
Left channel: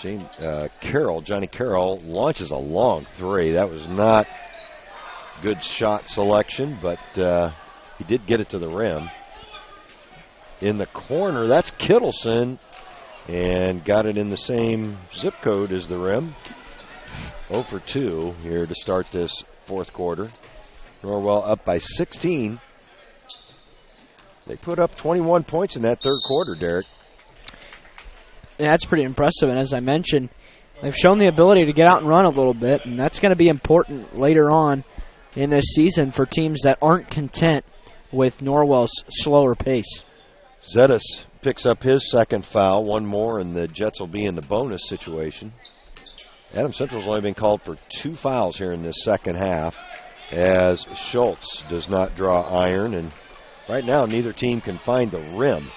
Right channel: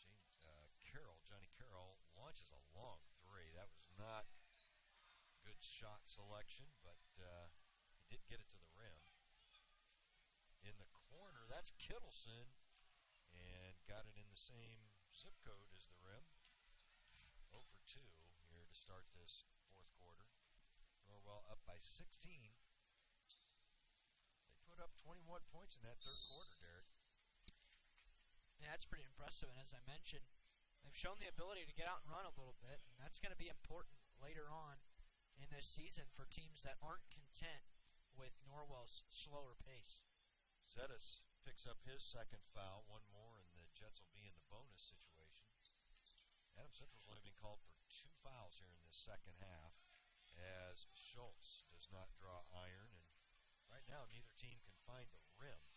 Johnny Carroll launches a long three. That was not good shot selection, but he did get it to the rim. In the corner, that's Kittleson, and got it in the same zip code as the rim. 0 for 2 here to start this fourth quarter. Norwell up by 16. They put up 21 points in that third quarter, Derek. Yeah, that's pretty impressive, and as I mentioned, they've shown the ability to get out and run a little bit, and that's going to be important later on in this season for teams that aren't content with Norwell's slower pace. Zettis picks up his second foul, one more, and the Jets will be in the bonus situation. Adams Central's only been called for 2 fouls here in this second half, as Schultz does not draw iron, and right now neither team can find the rim.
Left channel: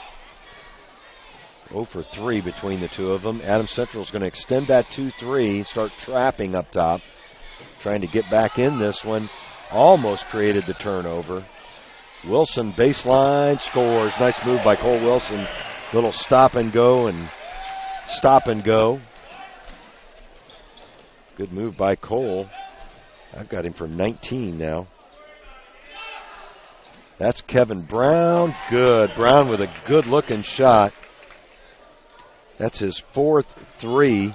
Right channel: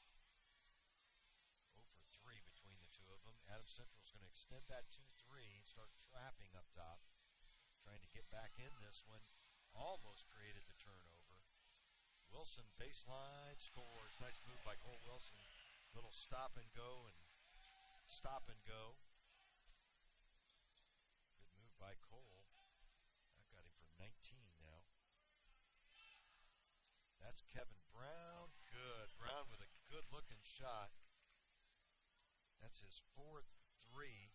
0 for 3 between the two of them. Adams Central is going to extend that 2-3, start trapping up top, trying to get back in this one. Almost created the turnover. Wilson baseline scores. Nice move by Cole Wilson. Little stop and go and stop and go. Good move by Cole. I've got him for 19 now. That's Kevin Brown. Good. Brown with a good looking shot. That's his fourth 3.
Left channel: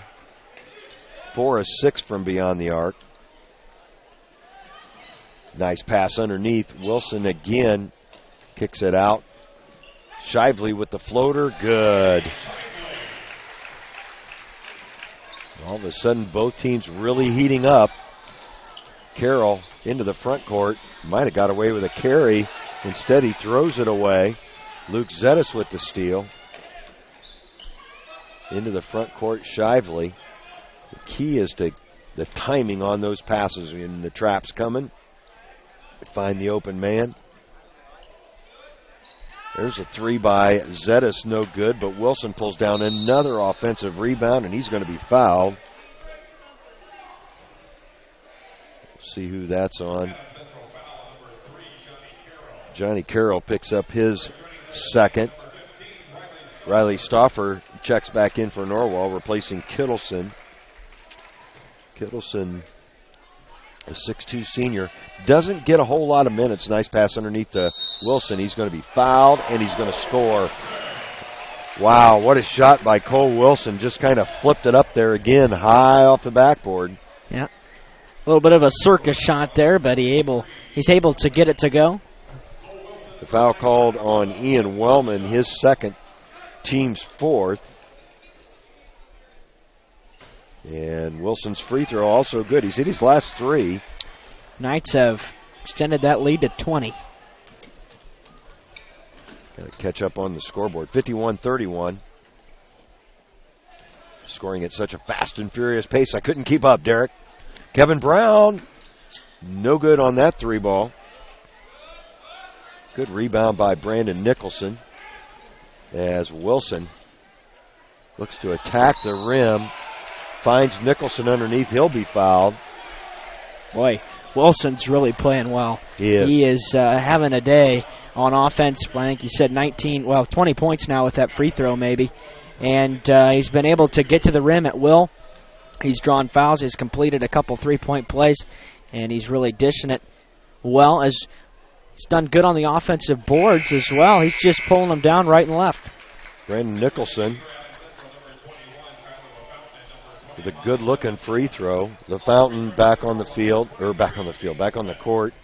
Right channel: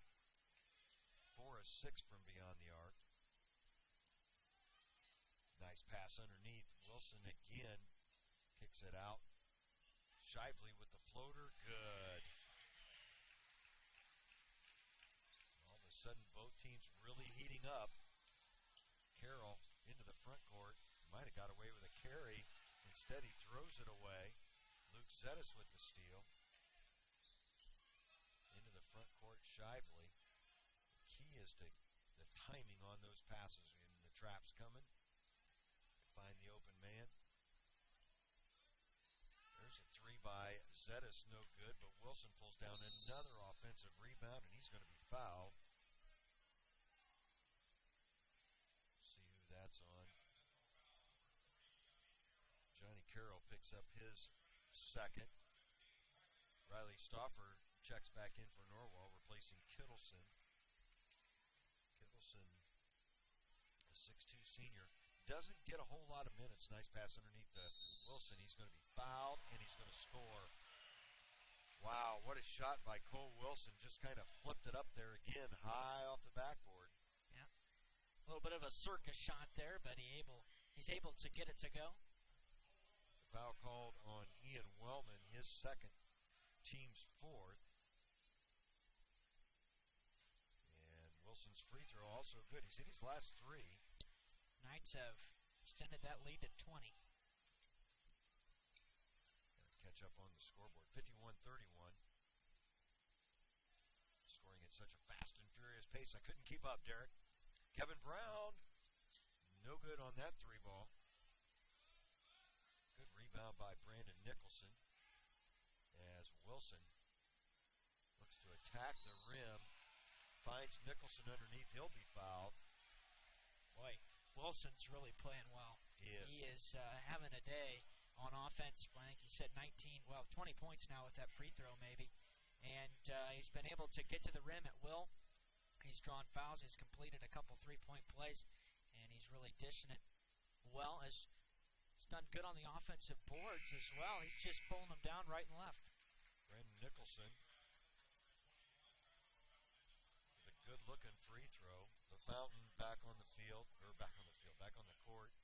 4 of 6 from beyond the arc. Nice pass underneath. Wilson again kicks it out. Shively with the floater. Good. All of a sudden, both teams really heating up. Carroll into the front court. Might have got away with a carry. Instead, he throws it away. Luke Zettis with the steal. Into the front court, Shively. The key is to the timing on those passes when the trap's coming. Find the open man. There's a 3 by Zettis, no good, but Wilson pulls down another offensive rebound, and he's going to be fouled. See who that's on. Johnny Carroll picks up his second. Riley Stauffer checks back in for Norwell, replacing Kittleson. Kittleson, a 6'2 senior, doesn't get a whole lot of minutes. Nice pass underneath to Wilson. He's going to be fouled, and he's going to score. Wow, what a shot by Cole Wilson. Just kind of flipped it up there again, high off the backboard. Yeah, a little bit of a circus shot there, but he's able to get it to go. The foul called on Ian Wellman, his second, team's fourth. And Wilson's free throw also good. He's hit his last 3. Knights have extended that lead to 20. Got to catch up on the scoreboard. 51-31. Scoring at such a fast and furious pace, I couldn't keep up, Derek. Kevin Brown, no good on that 3 ball. Good rebound by Brandon Nicholson as Wilson looks to attack the rim. Finds Nicholson underneath. He'll be fouled. Boy, Wilson's really playing well. He is having a day on offense. I think you said 20 points now with that free throw maybe. And he's been able to get to the rim at will. He's drawn fouls. He's completed a couple 3-point plays. And he's really dishing it well. As He's done good on the offensive boards as well. He's just pulling them down right and left. Brandon Nicholson with a good-looking free throw. The Fountain back on the court,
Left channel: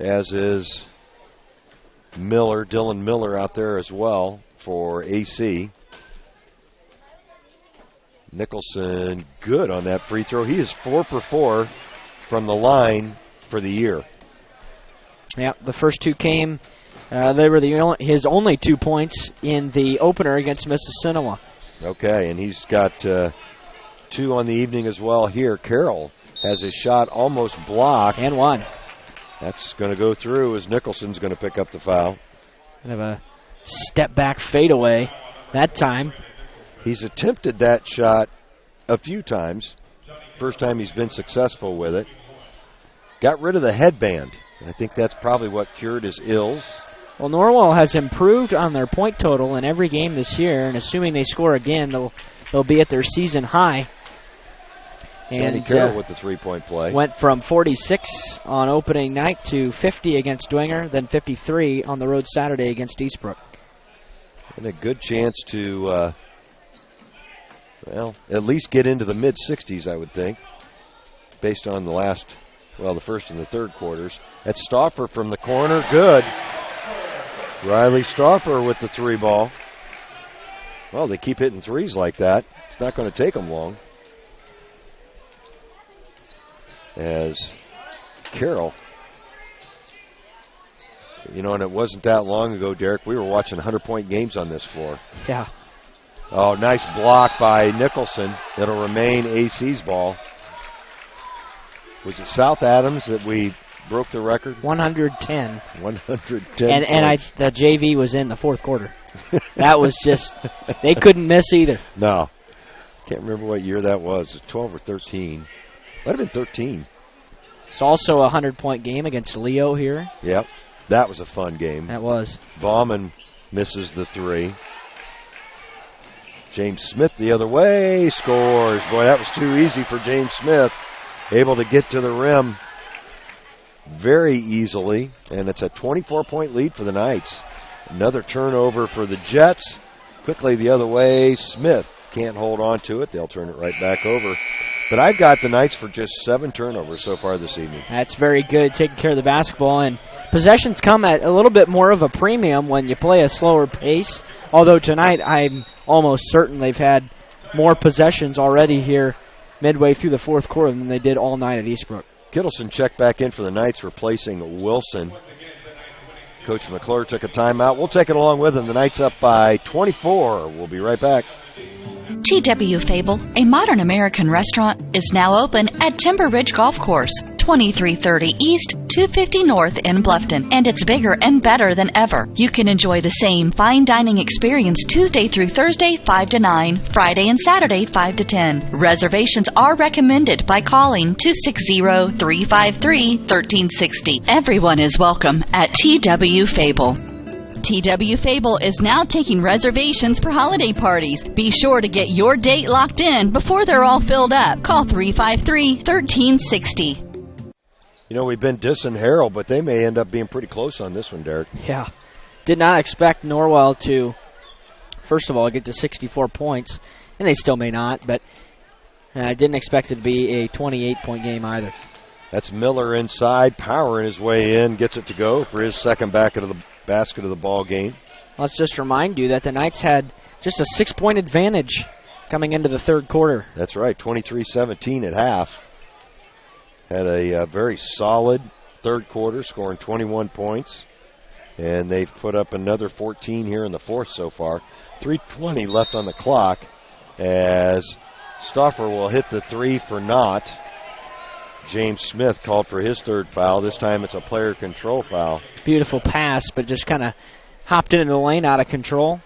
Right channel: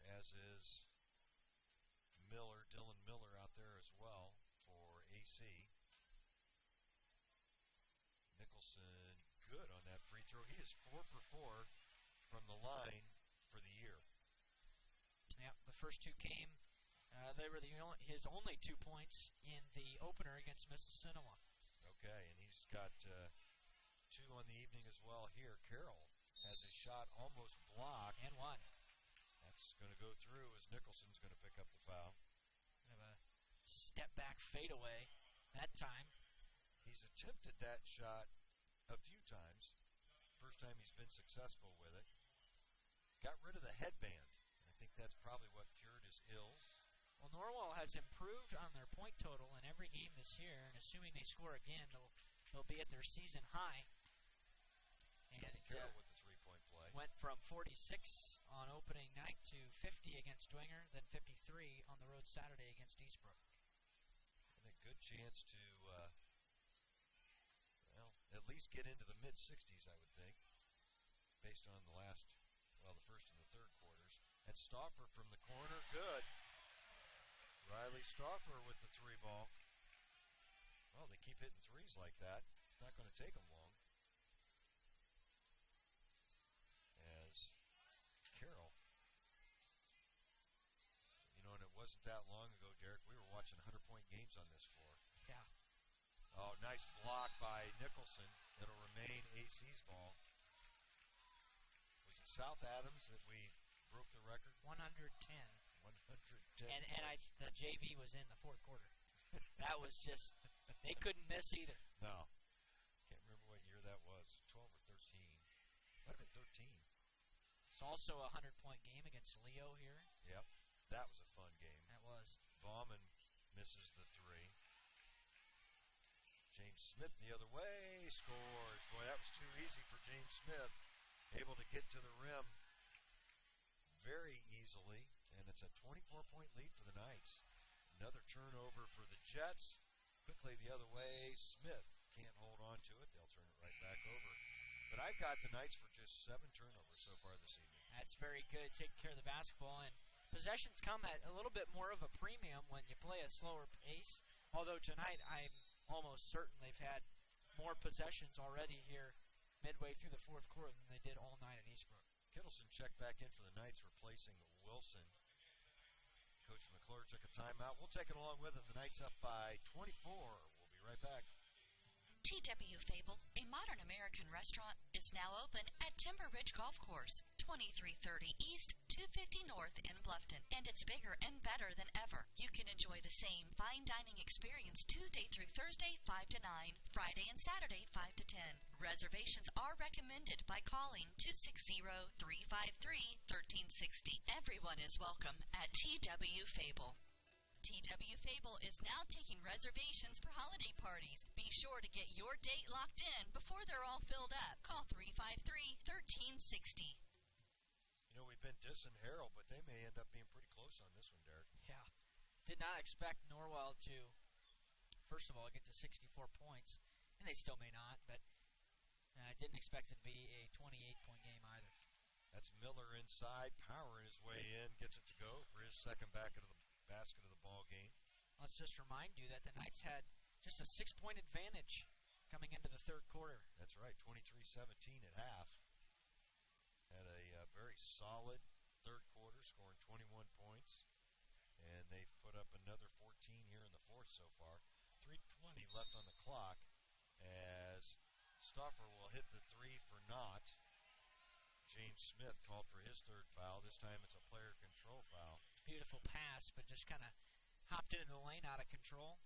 as is Dylan Miller out there as well for AC. Nicholson good on that free throw. He is 4 for 4 from the line for the year. Yeah, the first two came. They were his only 2 points in the opener against Mississinewa. Okay, and he's got 2 on the evening as well here. Carroll has his shot almost blocked. And one. That's going to go through as Nicholson's going to pick up the foul. Kind of a step-back fadeaway that time. He's attempted that shot a few times. First time he's been successful with it. Got rid of the headband. I think that's probably what cured his ills. Well, Norwell has improved on their point total in every game this year, and assuming they score again, they'll be at their season high. And Carroll with the three-point play. Went from 46 on opening night to 50 against Dwenger, then 53 on the road Saturday against Eastbrook. And a good chance to, at least get into the mid-60s, I would think, based on the first and the third quarters. That's Stauffer from the corner. Good. Riley Stauffer with the 3 ball. Well, they keep hitting threes like that. It's not going to take them long. As Carroll, and it wasn't that long ago, Derek, we were watching 100-point games on this floor. Yeah. Oh, nice block by Nicholson. It'll remain AC's ball. Was it South Adams that we broke the record? 110. 110 And the JV was in the fourth quarter. That was just, they couldn't miss either. No. Can't remember what year that was. 12 or 13. Might have been 13. It's also a 100-point game against Leo here. Yep. That was a fun game. That was. Bauman misses the 3. James Smith the other way scores. Boy, that was too easy for James Smith. Able to get to the rim very easily, and it's a 24-point lead for the Knights. Another turnover for the Jets. Quickly the other way. Smith can't hold on to it. They'll turn it right back over. But I've got the Knights for just 7 turnovers so far this evening. That's very good, taking care of the basketball. And possessions come at a little bit more of a premium when you play a slower pace. Although tonight I'm almost certain they've had more possessions already here midway through the fourth quarter than they did all night at Eastbrook. Kittleson checked back in for the Knights, replacing Wilson. Coach McClure took a timeout. We'll take it along with him. The Knights up by 24. We'll be right back. T.W. Fable, a modern American restaurant, is now open at Timber Ridge Golf Course, 2330 East, 250 North in Bluffton, and it's bigger and better than ever. You can enjoy the same fine dining experience Tuesday through Thursday, 5 to 9, Friday and Saturday, 5 to 10. Reservations are recommended by calling 260-353-1360. Everyone is welcome at T.W. Fable. T.W. Fable is now taking reservations for holiday parties. Be sure to get your date locked in before they're all filled up. Call 353-1360. We've been dissing Harrell, but they may end up being pretty close on this one, Derek. Yeah. Did not expect Norwell to, first of all, get to 64 points, and they still may not, but I didn't expect it to be a 28-point game either. That's Miller inside, powering his way in, gets it to go for his second basket of the ball game. Let's just remind you that the Knights had just a 6-point advantage coming into the third quarter. That's right, 23-17 at half. Had a very solid third quarter, scoring 21 points. And they've put up another 14 here in the fourth so far. 3:20 left on the clock as Stauffer will hit the 3 for naught. James Smith called for his third foul. This time it's a player control foul. Beautiful pass, but just kind of hopped into the lane out of control.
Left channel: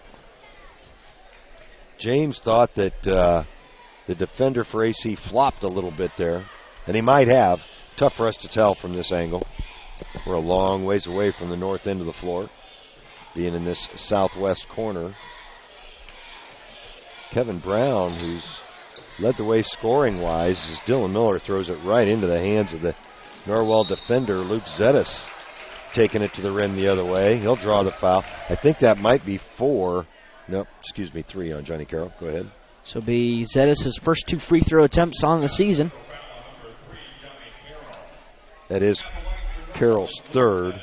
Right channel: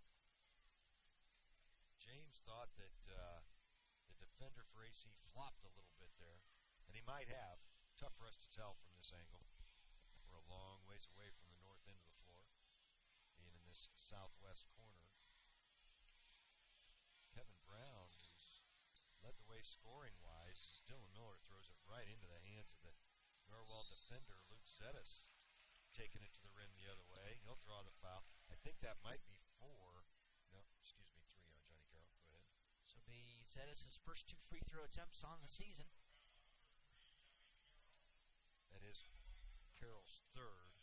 James thought that the defender for AC flopped a little bit there, and he might have. Tough for us to tell from this angle. We're a long ways away from the north end of the floor, being in this southwest corner. Kevin Brown, who's led the way scoring-wise, as Dylan Miller throws it right into the hands of the Norwell defender, Luke Zettis. taking it to the rim the other way. He'll draw the foul. I think that might be 4. Nope, excuse me, 3 on Johnny Carroll. Go ahead. So be Zettis' first 2 free throw attempts on the season. That is Carroll's third.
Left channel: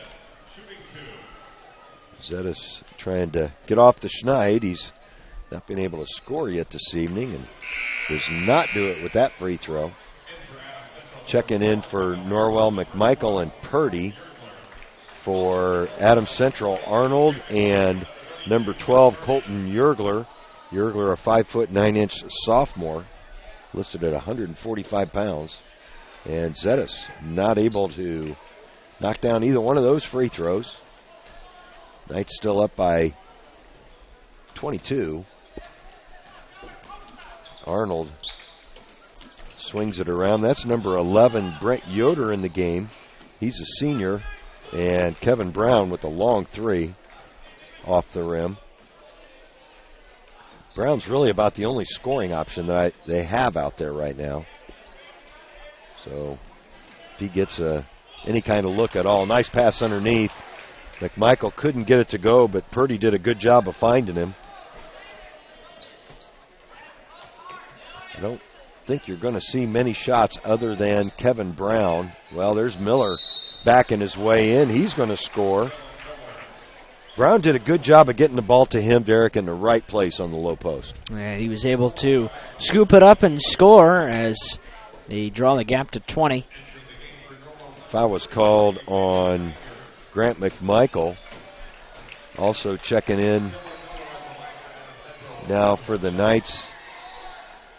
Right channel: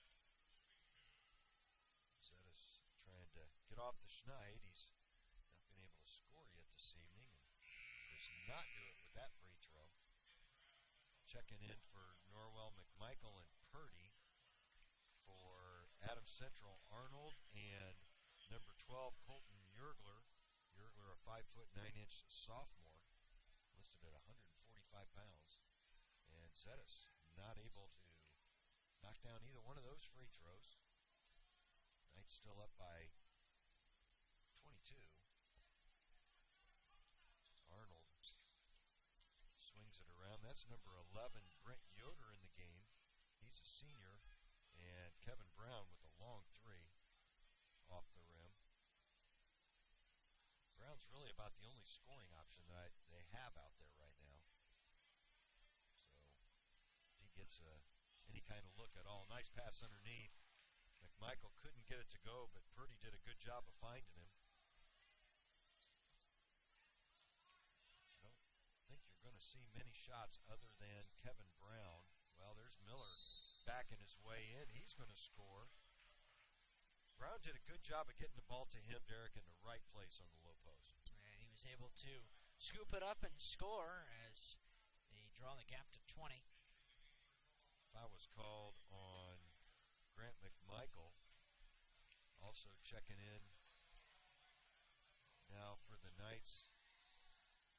Zettis trying to get off the schneid. He's not been able to score yet this evening and does not do it with that free throw. Checking in for Norwell, McMichael, and Purdy. For Adams Central, Arnold and number 12, Colton Yergler. Yergler, a 5'9" sophomore, listed at 145 pounds. And Zettis not able to knock down either one of those free throws. Knights still up by 22. Arnold swings it around. That's number 11, Brent Yoder, in the game. He's a senior. And Kevin Brown with a long 3 off the rim. Brown's really about the only scoring option that they have out there right now. So if he gets any kind of look at all. Nice pass underneath. McMichael couldn't get it to go, but Purdy did a good job of finding him. I don't think you're going to see many shots other than Kevin Brown. Well, there's Miller backing his way in. He's going to score. Brown did a good job of getting the ball to him, Derek, in the right place on the low post. Yeah, he was able to scoop it up and score as they draw the gap to 20. Foul was called on Grant McMichael. Also checking in now for the Knights.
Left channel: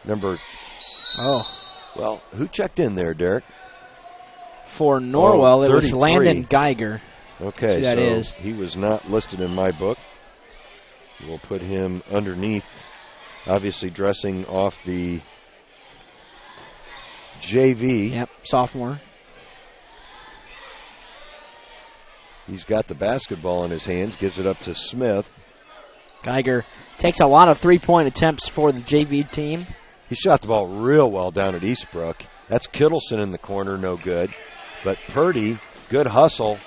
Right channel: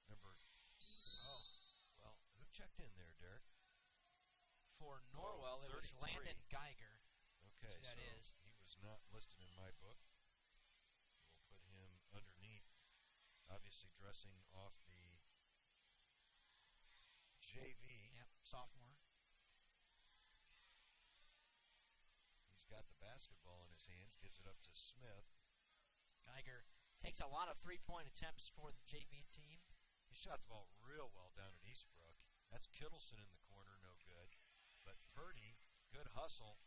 Well, who checked in there, Derek? For Norwell, it was 33. Landon Geiger. Okay, that so is. He was not listed in my book. We'll put him underneath, obviously dressing off the JV. Yep, sophomore. He's got the basketball in his hands, gives it up to Smith. Geiger takes a lot of three-point attempts for the JV team. He shot the ball real well down at Eastbrook. That's Kittleson in the corner, no good. But Purdy, good hustle,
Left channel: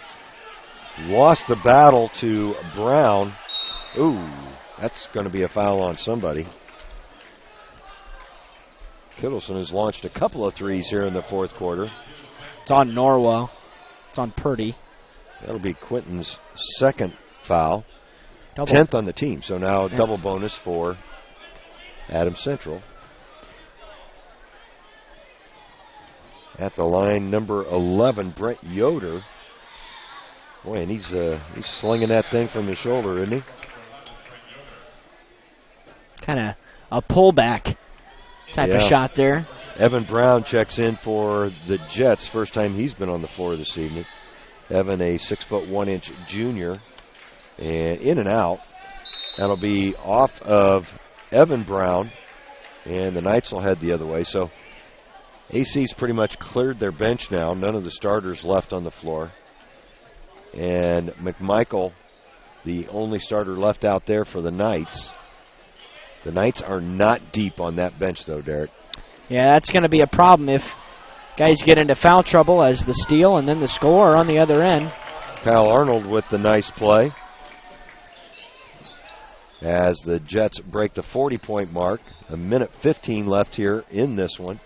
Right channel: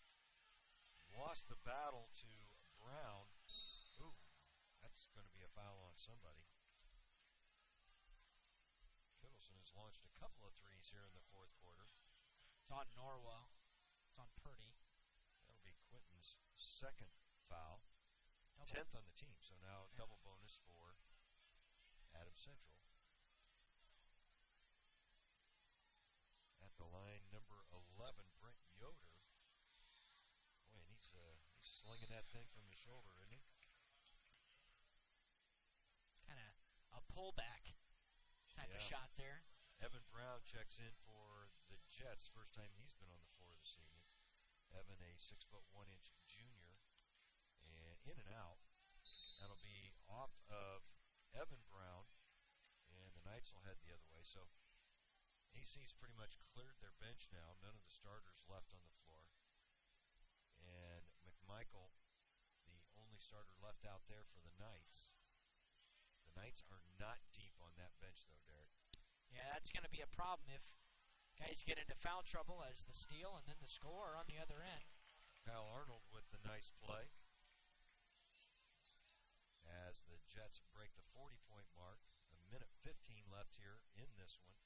lost the battle to Brown. Ooh, that's going to be a foul on somebody. Kittleson has launched a couple of threes here in the fourth quarter. It's on Norwell. It's on Purdy. That'll be Quinton's second foul. Double. 10th on the team, so now double bonus for Adams Central. At the line, number 11, Brent Yoder. Boy, and he's slinging that thing from his shoulder, isn't he? Kind of a pullback type of shot there. Evan Brown checks in for the Jets. First time he's been on the floor this evening. Evan, a 6'1" junior, and in and out. That'll be off of Evan Brown, and the Knights will head the other way. So AC's pretty much cleared their bench now. None of the starters left on the floor. And McMichael, the only starter left out there for the Knights. The Knights are not deep on that bench, though, Derek. Yeah, that's going to be a problem if guys get into foul trouble as the steal and then the score on the other end. Kyle Arnold with the nice play as the Jets break the 40-point mark. A minute 15 left here in this one.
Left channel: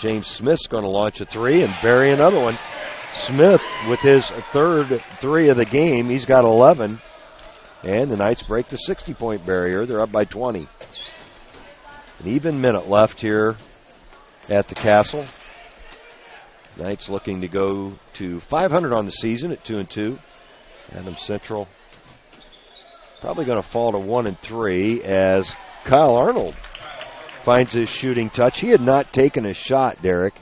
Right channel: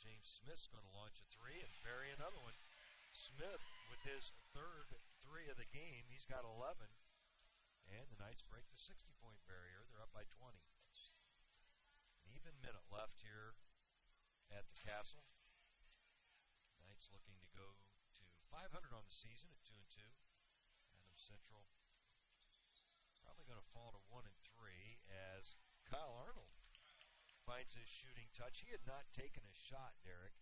James Smith's going to launch a three and bury another one. Smith with his third three of the game. He's got 11. And the Knights break the 60-point barrier. They're up by 20. An even minute left here at the Castle. Knights looking to go to 500 on the season at 2-2. Adams Central probably going to fall to 1-3 as Kyle Arnold finds his shooting touch. He had not taken a shot, Derek,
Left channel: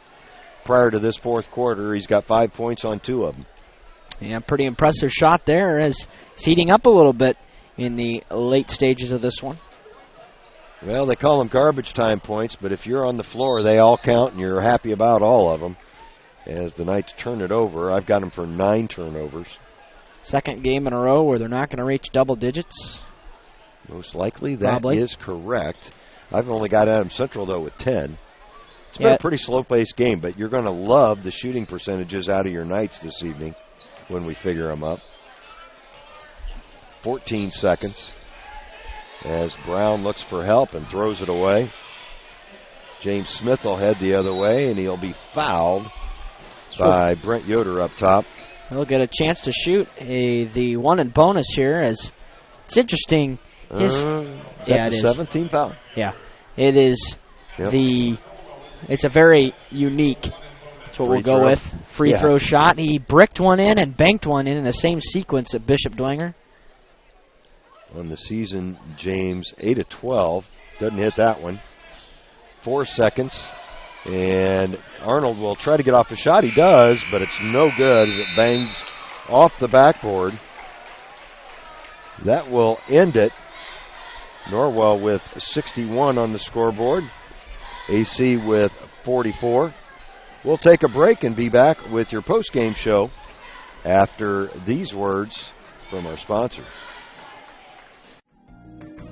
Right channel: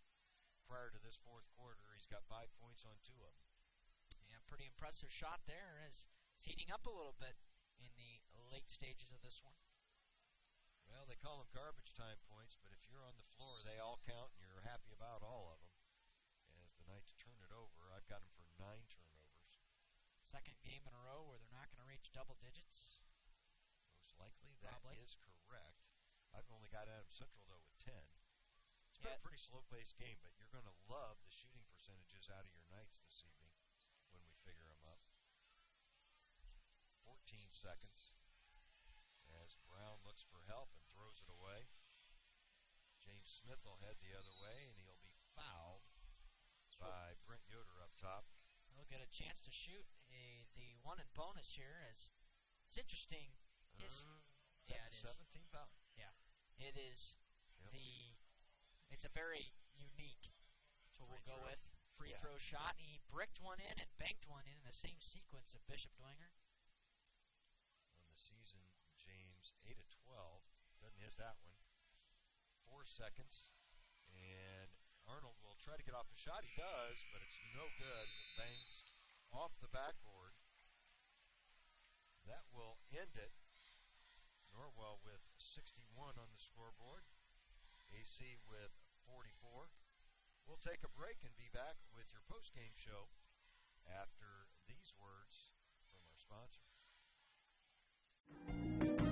prior to this fourth quarter. He's got 5 points on 2 of them. Yeah, pretty impressive shot there as it's heating up a little bit in the late stages of this one. Well, they call them garbage time points, but if you're on the floor, they all count, and you're happy about all of them. As the Knights turn it over, I've got them for 9 turnovers. Second game in a row where they're not going to reach double digits. Most likely that is correct. I've only got Adams Central, though, with 10. It's been a pretty slow-paced game, but you're going to love the shooting percentages out of your Knights this evening. when we figure them up. 14 seconds as Brown looks for help and throws it away. James Smith will head the other way, and he'll be fouled by Brent Yoder up top. He'll get a chance to shoot the one and bonus here. As it's interesting. Is that the 17th foul? Yeah, it is. Yep. It's a very unique. That's what we'll go with. Free throw shot. He bricked one in and banked one in the same sequence at Bishop Dwenger. On the season, James 8 of 12. Doesn't hit that one. 4 seconds. And Arnold will try to get off the shot. He does, but it's no good as it bangs off the backboard. That will end it. Norwell with 61 on the scoreboard. AC with 44. We'll take a break and be back with your post-game show after these words from our sponsors.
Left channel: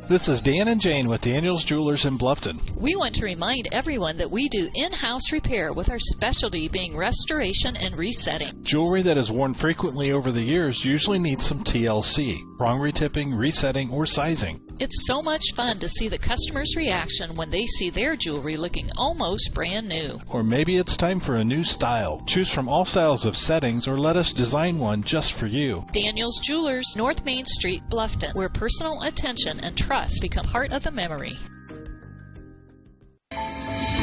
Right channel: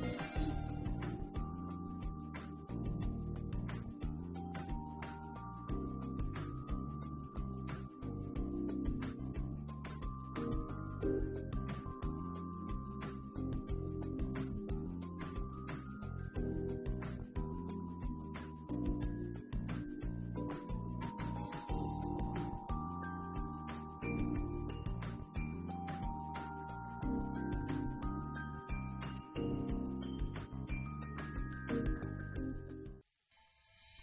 This is Dan and Jane with Daniel's Jewelers in Bluffton. We want to remind everyone that we do in-house repair with our specialty being restoration and resetting. Jewelry that is worn frequently over the years usually needs some TLC, prong retipping, resetting, or sizing. It's so much fun to see the customer's reaction when they see their jewelry looking almost brand new. Or maybe it's time for a new style. Choose from all styles of settings or let us design one just for you. Daniel's Jewelers, North Main Street, Bluffton, where personal attention and trust become part of the memory.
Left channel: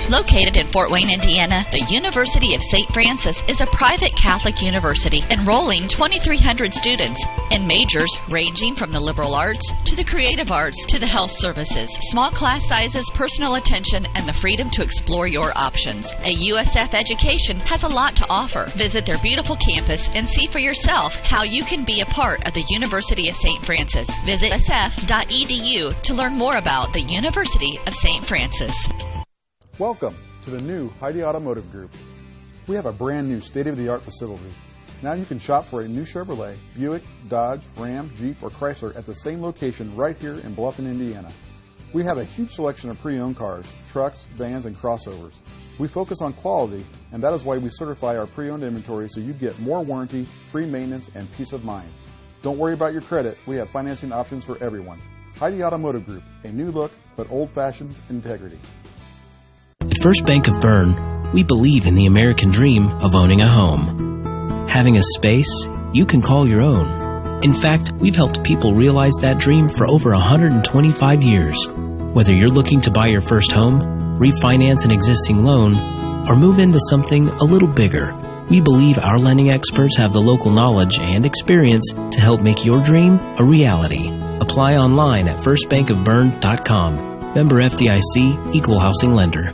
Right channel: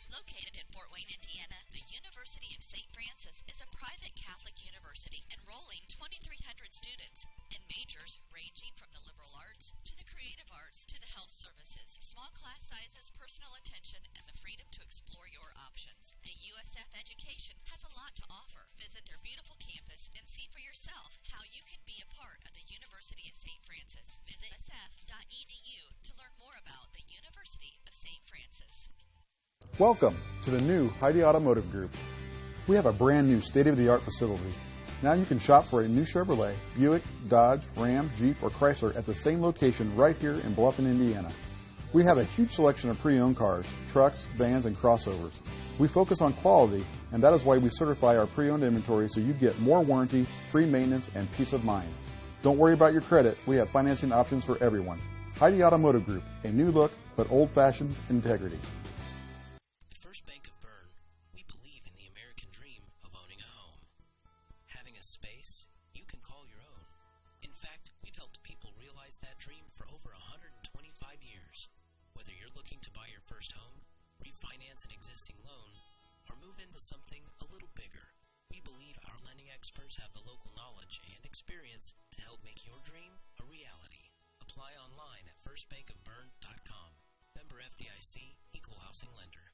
Located in Fort Wayne, Indiana, the University of St. Francis is a private Catholic university enrolling 2,300 students in majors ranging from the liberal arts to the creative arts to the health services. Small class sizes, personal attention, and the freedom to explore your options. A USF education has a lot to offer. Visit their beautiful campus and see for yourself how you can be a part of the University of St. Francis. Visit usf.edu to learn more about the University of St. Francis. Welcome to the new Heidi Automotive Group. We have a brand new state-of-the-art facility. Now you can shop for a new Chevrolet, Buick, Dodge, Ram, Jeep, or Chrysler at the same location right here in Bluffton, Indiana. We have a huge selection of pre-owned cars, trucks, vans, and crossovers. We focus on quality, and that is why we certify our pre-owned inventory so you get more warranty, free maintenance, and peace of mind. Don't worry about your credit. We have financing options for everyone. Heidi Automotive Group, a new look but old-fashioned integrity. At First Bank of Bern, we believe in the American dream of owning a home. Having a space you can call your own. In fact, we've helped people realize that dream for over 125 years. Whether you're looking to buy your first home, refinance an existing loan, or move into something a little bigger, we believe our lending experts have the local knowledge and experience to help make your dream a reality. Apply online at firstbankofbern.com. Member FDIC, Equal Housing Lender.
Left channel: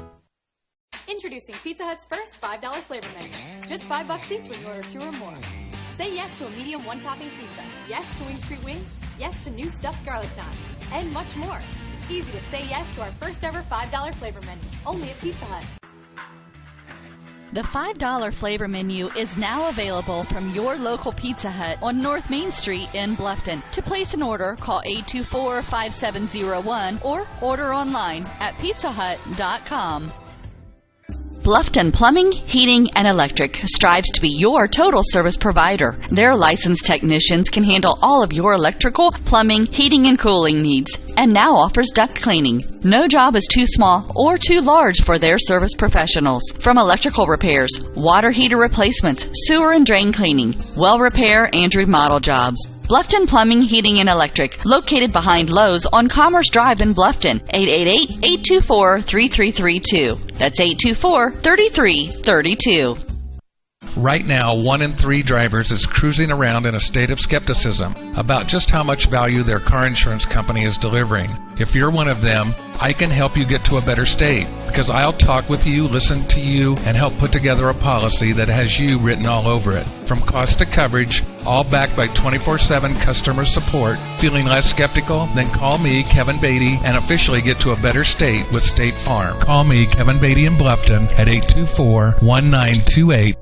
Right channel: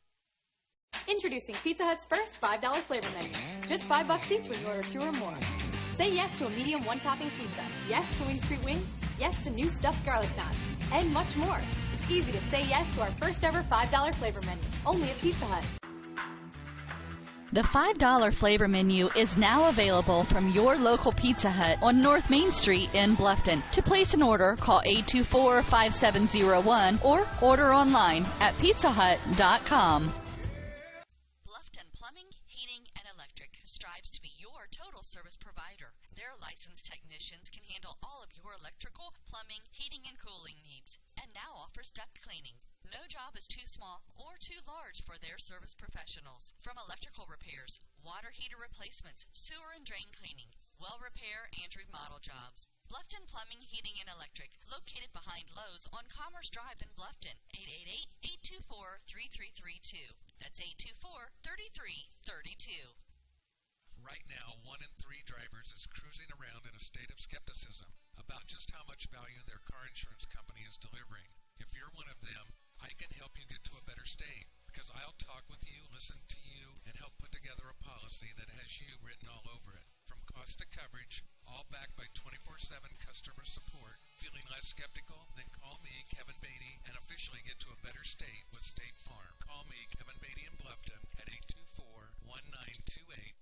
Introducing Pizza Hut's first $5 flavor menu. Just $5 each when you order 2 or more. Say yes to a medium one-topping pizza. Yes to Wing Street Wings. Yes to new stuffed garlic knots. And much more. It's easy to say yes to our first ever $5 flavor menu. Only at Pizza Hut. The $5 flavor menu is now available from your local Pizza Hut on North Main Street in Bluffton. To place an order, call 824-5701 or order online at pizzahut.com. Bluffton Plumbing, Heating, and Electric strives to be your total service provider. Their licensed technicians can handle all of your electrical, plumbing, heating, and cooling needs, and now offers duct cleaning. No job is too small or too large for their service professionals. From electrical repairs, water heater replacements, sewer and drain cleaning, well repair, and remodel jobs. Bluffton Plumbing, Heating, and Electric, located behind Lowe's on Commerce Drive in Bluffton, 888-824-3332. That's 824-3332. Right now, 1 in 3 drivers is cruising around in a state of skepticism about just how much value their car insurance company is delivering. If you're one of them, I can help you get to a better state because I'll talk with you, listen to you, and help put together a policy that has you written all over it. From cost to coverage, all backed by 24/7 customer support. Feeling less skeptical? Then call me, Kevin Beatty, and officially get to a better state with State Farm. Call me, Kevin Beatty in Bluffton, at 824-1928.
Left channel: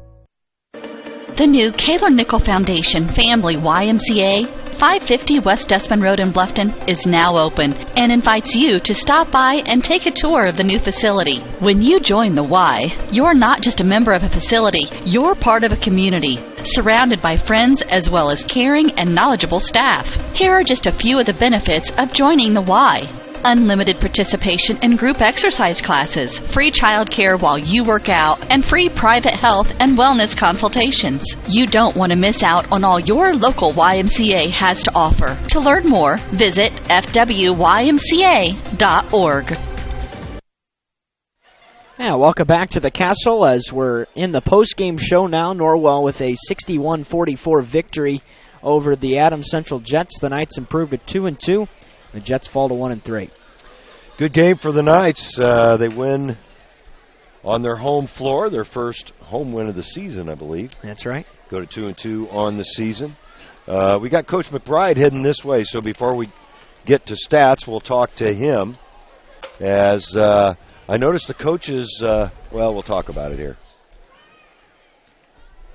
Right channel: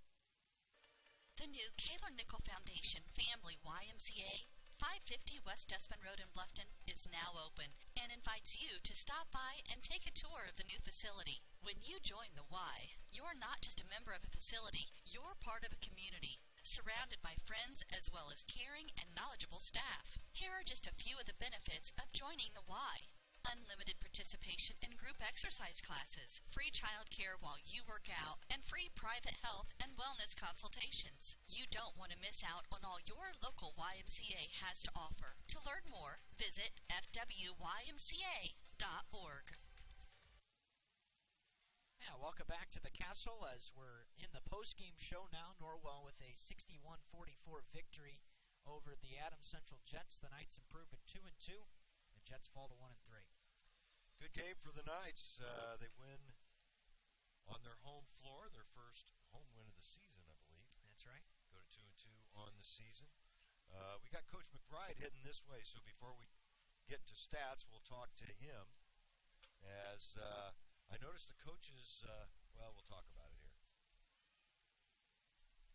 The new Kaler Nickel Foundation Family YMCA, 550 West Dustman Road in Bluffton, is now open and invites you to stop by and take a tour of the new facility. When you join the Y, you're not just a member of a facility, you're part of a community. surrounded by friends as well as caring and knowledgeable staff. Here are just a few of the benefits of joining the Y. Unlimited participation in group exercise classes, free childcare while you work out, and free private health and wellness consultations. You don't want to miss out on all your local YMCA has to offer. To learn more, visit fwymca.org. Yeah, welcome back to the Castle as we're in the post-game show now. Norwell with a 61-44 victory over the Adams Central Jets. The Knights improved to 2-2. The Jets fall to 1-3. Good game for the Knights. They win on their home floor, their first home win of the season, I believe. That's right. Go to 2-2 on the season. We got Coach McBride heading this way, so before we get to stats, we'll talk to him. As I noticed the coaches, we'll talk about it here.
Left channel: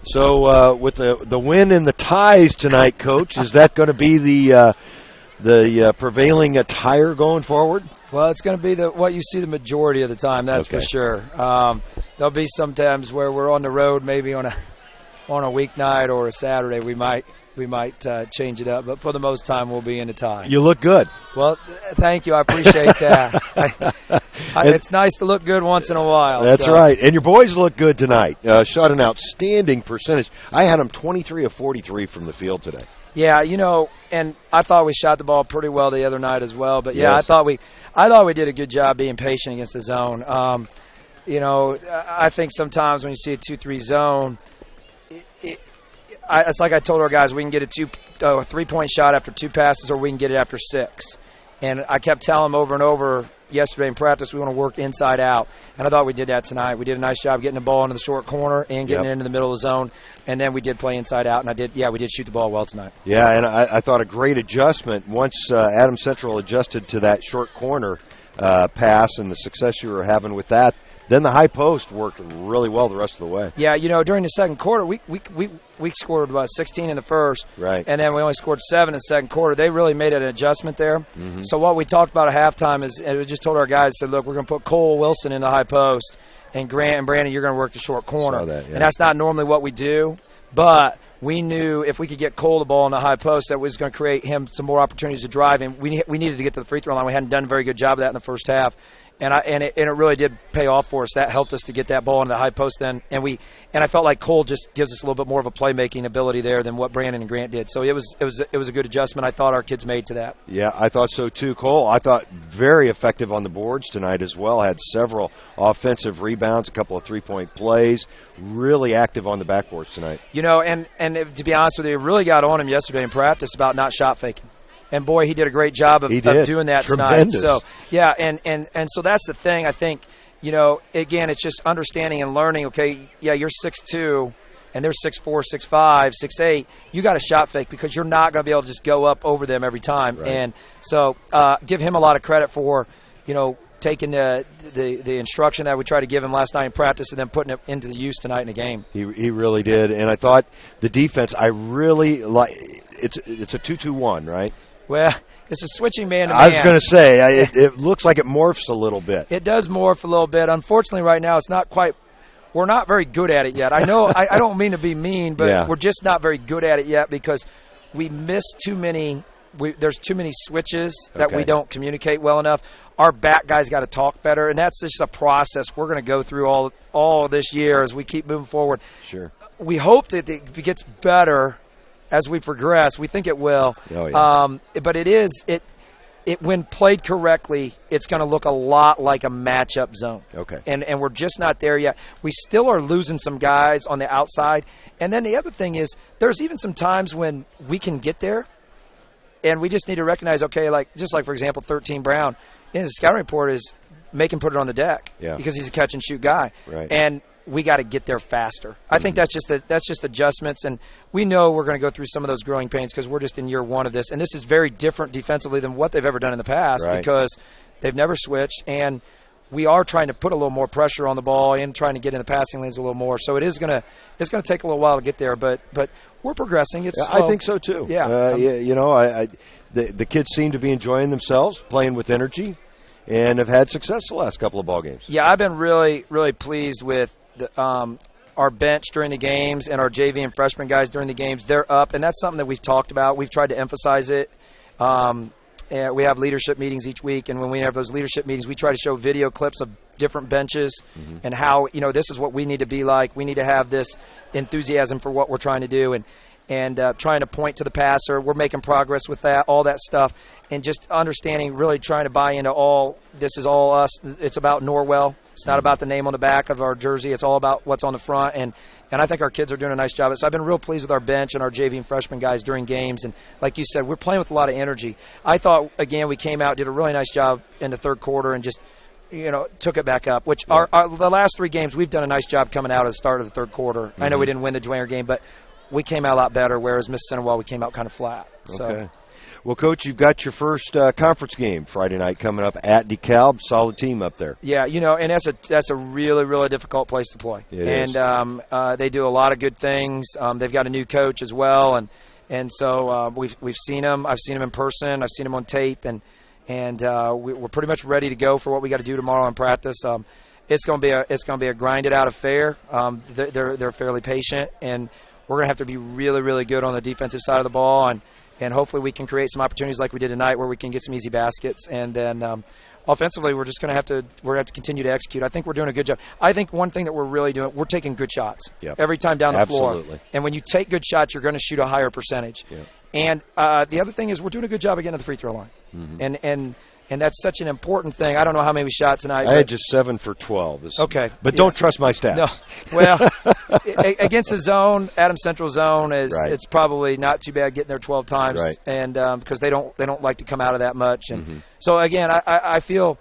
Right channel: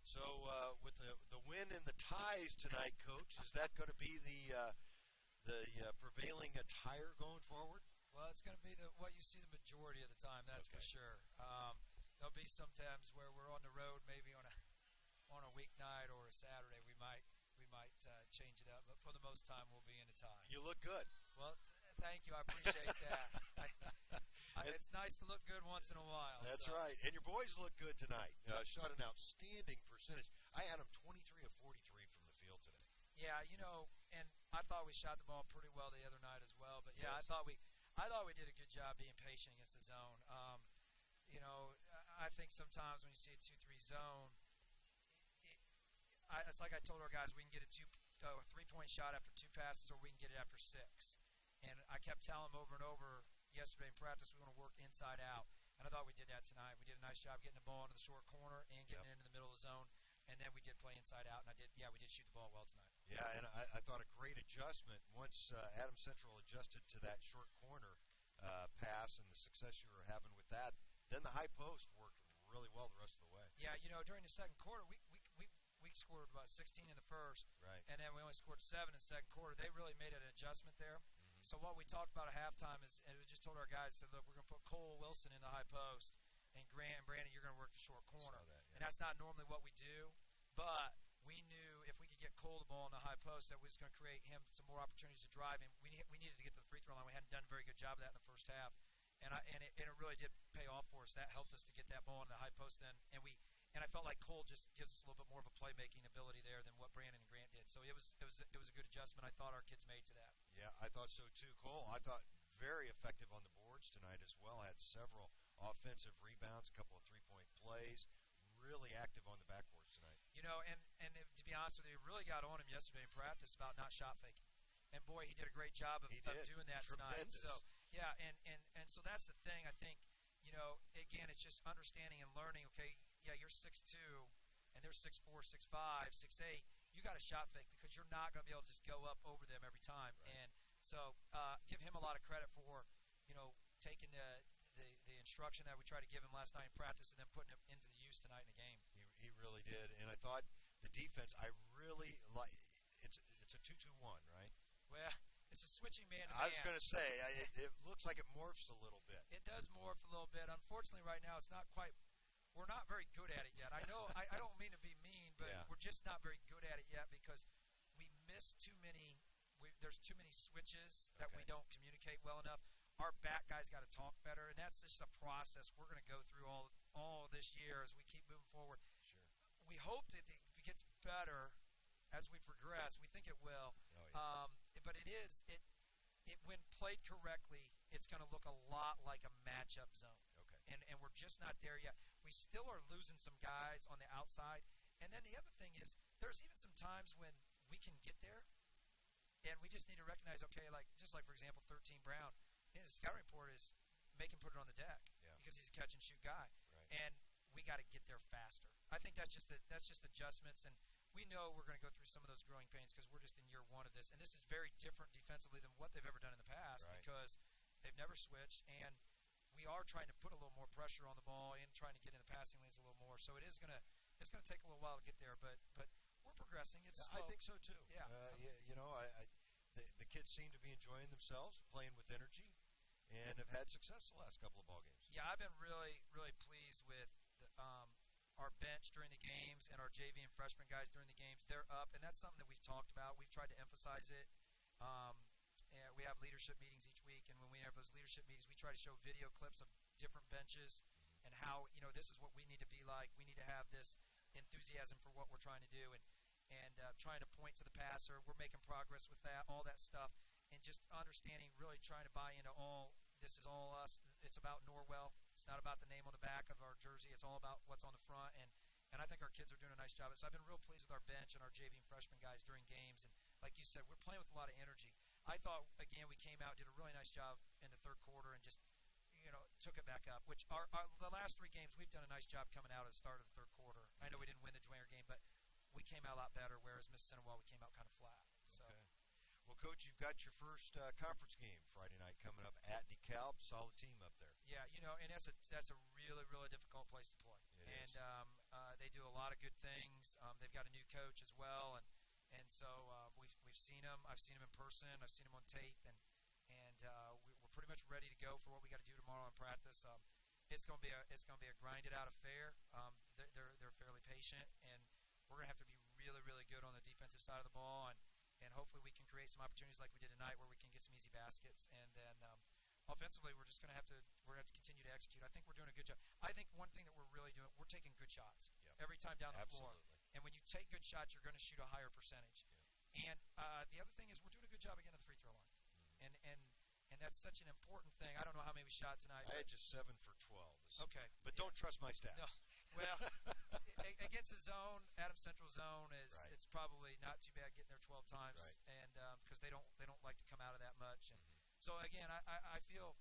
So with the win and the ties tonight, Coach, is that going to be the prevailing attire going forward? Well, it's going to be what you see the majority of the time, that's for sure. There'll be some times where we're on the road, maybe on a weeknight or a Saturday, we might change it up, but for the most time, we'll be in a tie. You look good. Well, thank you. I appreciate that. It's nice to look good once in a while. That's right. And your boys look good tonight. Shot an outstanding percentage. I had them 23 of 43 from the field today. Yeah, and I thought we shot the ball pretty well the other night as well. But, yeah, yes. I thought we did a good job being patient against the zone. I think sometimes when you see a 2-3 zone, it's like I told our guys, we can get a 3-point shot after 2 passes or we can get it after 6. And I kept telling them over and over yesterday in practice we want to work inside out. And I thought we did that tonight. We did a nice job getting the ball into the short corner and getting it into the middle of the zone. And then we did play inside out, and we did shoot the ball well tonight. Yeah, and I thought a great adjustment. Once Adams Central adjusted to that short corner pass and the success you were having with that, then the high post worked really well the rest of the way. Yeah, during the second quarter, we scored about 16 in the first, right, and then we only scored 7 in the second quarter. They really made an adjustment there. Mm-hmm. So what we talked about at halftime is, and we just told our guys, said, look, we're going to put Cole Wilson in the high post, and Grant and Brandon, you're going to work the short corner. Saw that, yeah. And that's not normally what we do, but we knew if we could get Cole the ball in the high post, that was going to create him some more opportunities to drive, and we needed to get to the free throw line. We hadn't done a very good job of that in the first half. And it really did pay off for us. That helped us to get that ball into the high post then. And I felt like Cole just gives us a little bit more of a playmaking ability there than what Brandon and Grant did. So it was a good adjustment I thought our kids made to that. Yeah, I thought so too. Cole, I thought very effective on the boards tonight as well. Had several offensive rebounds, a couple of 3-point plays. Really active on the backboards tonight. And to be honest with you, it really got on him yesterday in practice about not shot faking. And, boy, he did a great job of doing that Tremendous. tonight. So, yeah, and so that's the thing. I think, again, it's just understanding and learning, okay, yeah, you're 6'2", and they're 6'4", 6'5", 6'8". You got a shot fake because you're not going to be able to just go up over them every time. Right. And so give him a lot of credit for, taking the instruction that we tried to give him last night in practice and then putting it into the use tonight in the game. He really did. And I thought the defense, I really like it's a 2-2-1, right? Well, it's a switching man-to-man. I was going to say, it looks like it morphs a little bit. It does morph a little bit. Unfortunately, right now, it's not quite – we're not very good at it yet. I know I don't mean to be mean, but we're just not very good at it yet because we miss too many – there's too many switches that we don't communicate well enough. Our back guys got to talk better, and that's just a process we're going to go through all this year as we keep moving forward. Sure. We hope that it gets better as we progress. We think it will. Oh, yeah. But it when played correctly, it's going to look a lot like a matchup zone. Okay. And we're just not there yet. We still are losing some guys on the outside. And then the other thing is there's even some times when we can get there, and we just need to recognize, okay, just like, for example, 13 Brown, his scouting report is make him put it on the deck because he's a catch-and-shoot guy. Right. And we got to get there faster. I think that's just adjustments, and we know we're going to go through some of those growing pains because we're just in year one of this, and this is very different defensively than what they've ever done in the past because they've never switched, and we are trying to put a little more pressure on the ball and trying to get in the passing lanes a little more. So it's going to take a little while to get there, but we're progressing. It's slow. I think so too. Yeah, the kids seem to be enjoying themselves, playing with energy, and have had success the last couple of ball games. Yeah, I've been really, really pleased with our bench during the games and our JV and freshman guys during the games, they're up, and that's something that we've talked about. We've tried to emphasize it. And we have leadership meetings each week, and when we have those leadership meetings, we try to show video clips of different benches and how, this is what we need to be like. We need to have this enthusiasm for what we're trying to do, and trying to point to the passer. We're making progress with that, all that stuff, and just understanding, really trying to buy into all, this is all us. It's about Norwell. It's not about the name on the back of our jersey. It's all about what's on the front, and I think our kids are doing a nice job. So I've been real pleased with our bench and our JV and freshman guys during games, and like you said, we're playing with a lot of energy. I thought, again, we came out, did a really nice job in the third quarter, and just took it back up, which the last 3 games, we've done a nice job coming out at the start of the third quarter. I know we didn't win the Dwayne game, but we came out a lot better, whereas Mississippi Central, we came out kind of flat. Okay. Well, Coach, you've got your first conference game Friday night coming up at DeKalb. Solid team up there. Yeah, and that's a really, really difficult place to play. It is. They do a lot of good things. They've got a new coach as well, and so we've seen them. I've seen them in person. I've seen them on tape, and we're pretty much ready to go for what we got to do tomorrow in practice. It's going to be a grinded out affair. They're fairly patient, and we're going to have to be really, really good on the defensive side of the ball, and hopefully we can create some opportunities like we did tonight where we can get some easy baskets. And then offensively, we're going to have to continue to execute. I think we're doing a good job. I think one thing that we're really doing, we're taking good shots every time down the floor. And when you take good shots, you're going to shoot a higher percentage. Yep. And the other thing is we're doing a good job of getting to the free throw line. And that's such an important thing. I don't know how many we shot tonight. I had just 7 for 12. Okay. But don't trust my stats. No. Well, against the zone, Adams Central zone, it's probably not too bad getting there 12 times. Right. And because they don't like to come out of that much. And so, again, I feel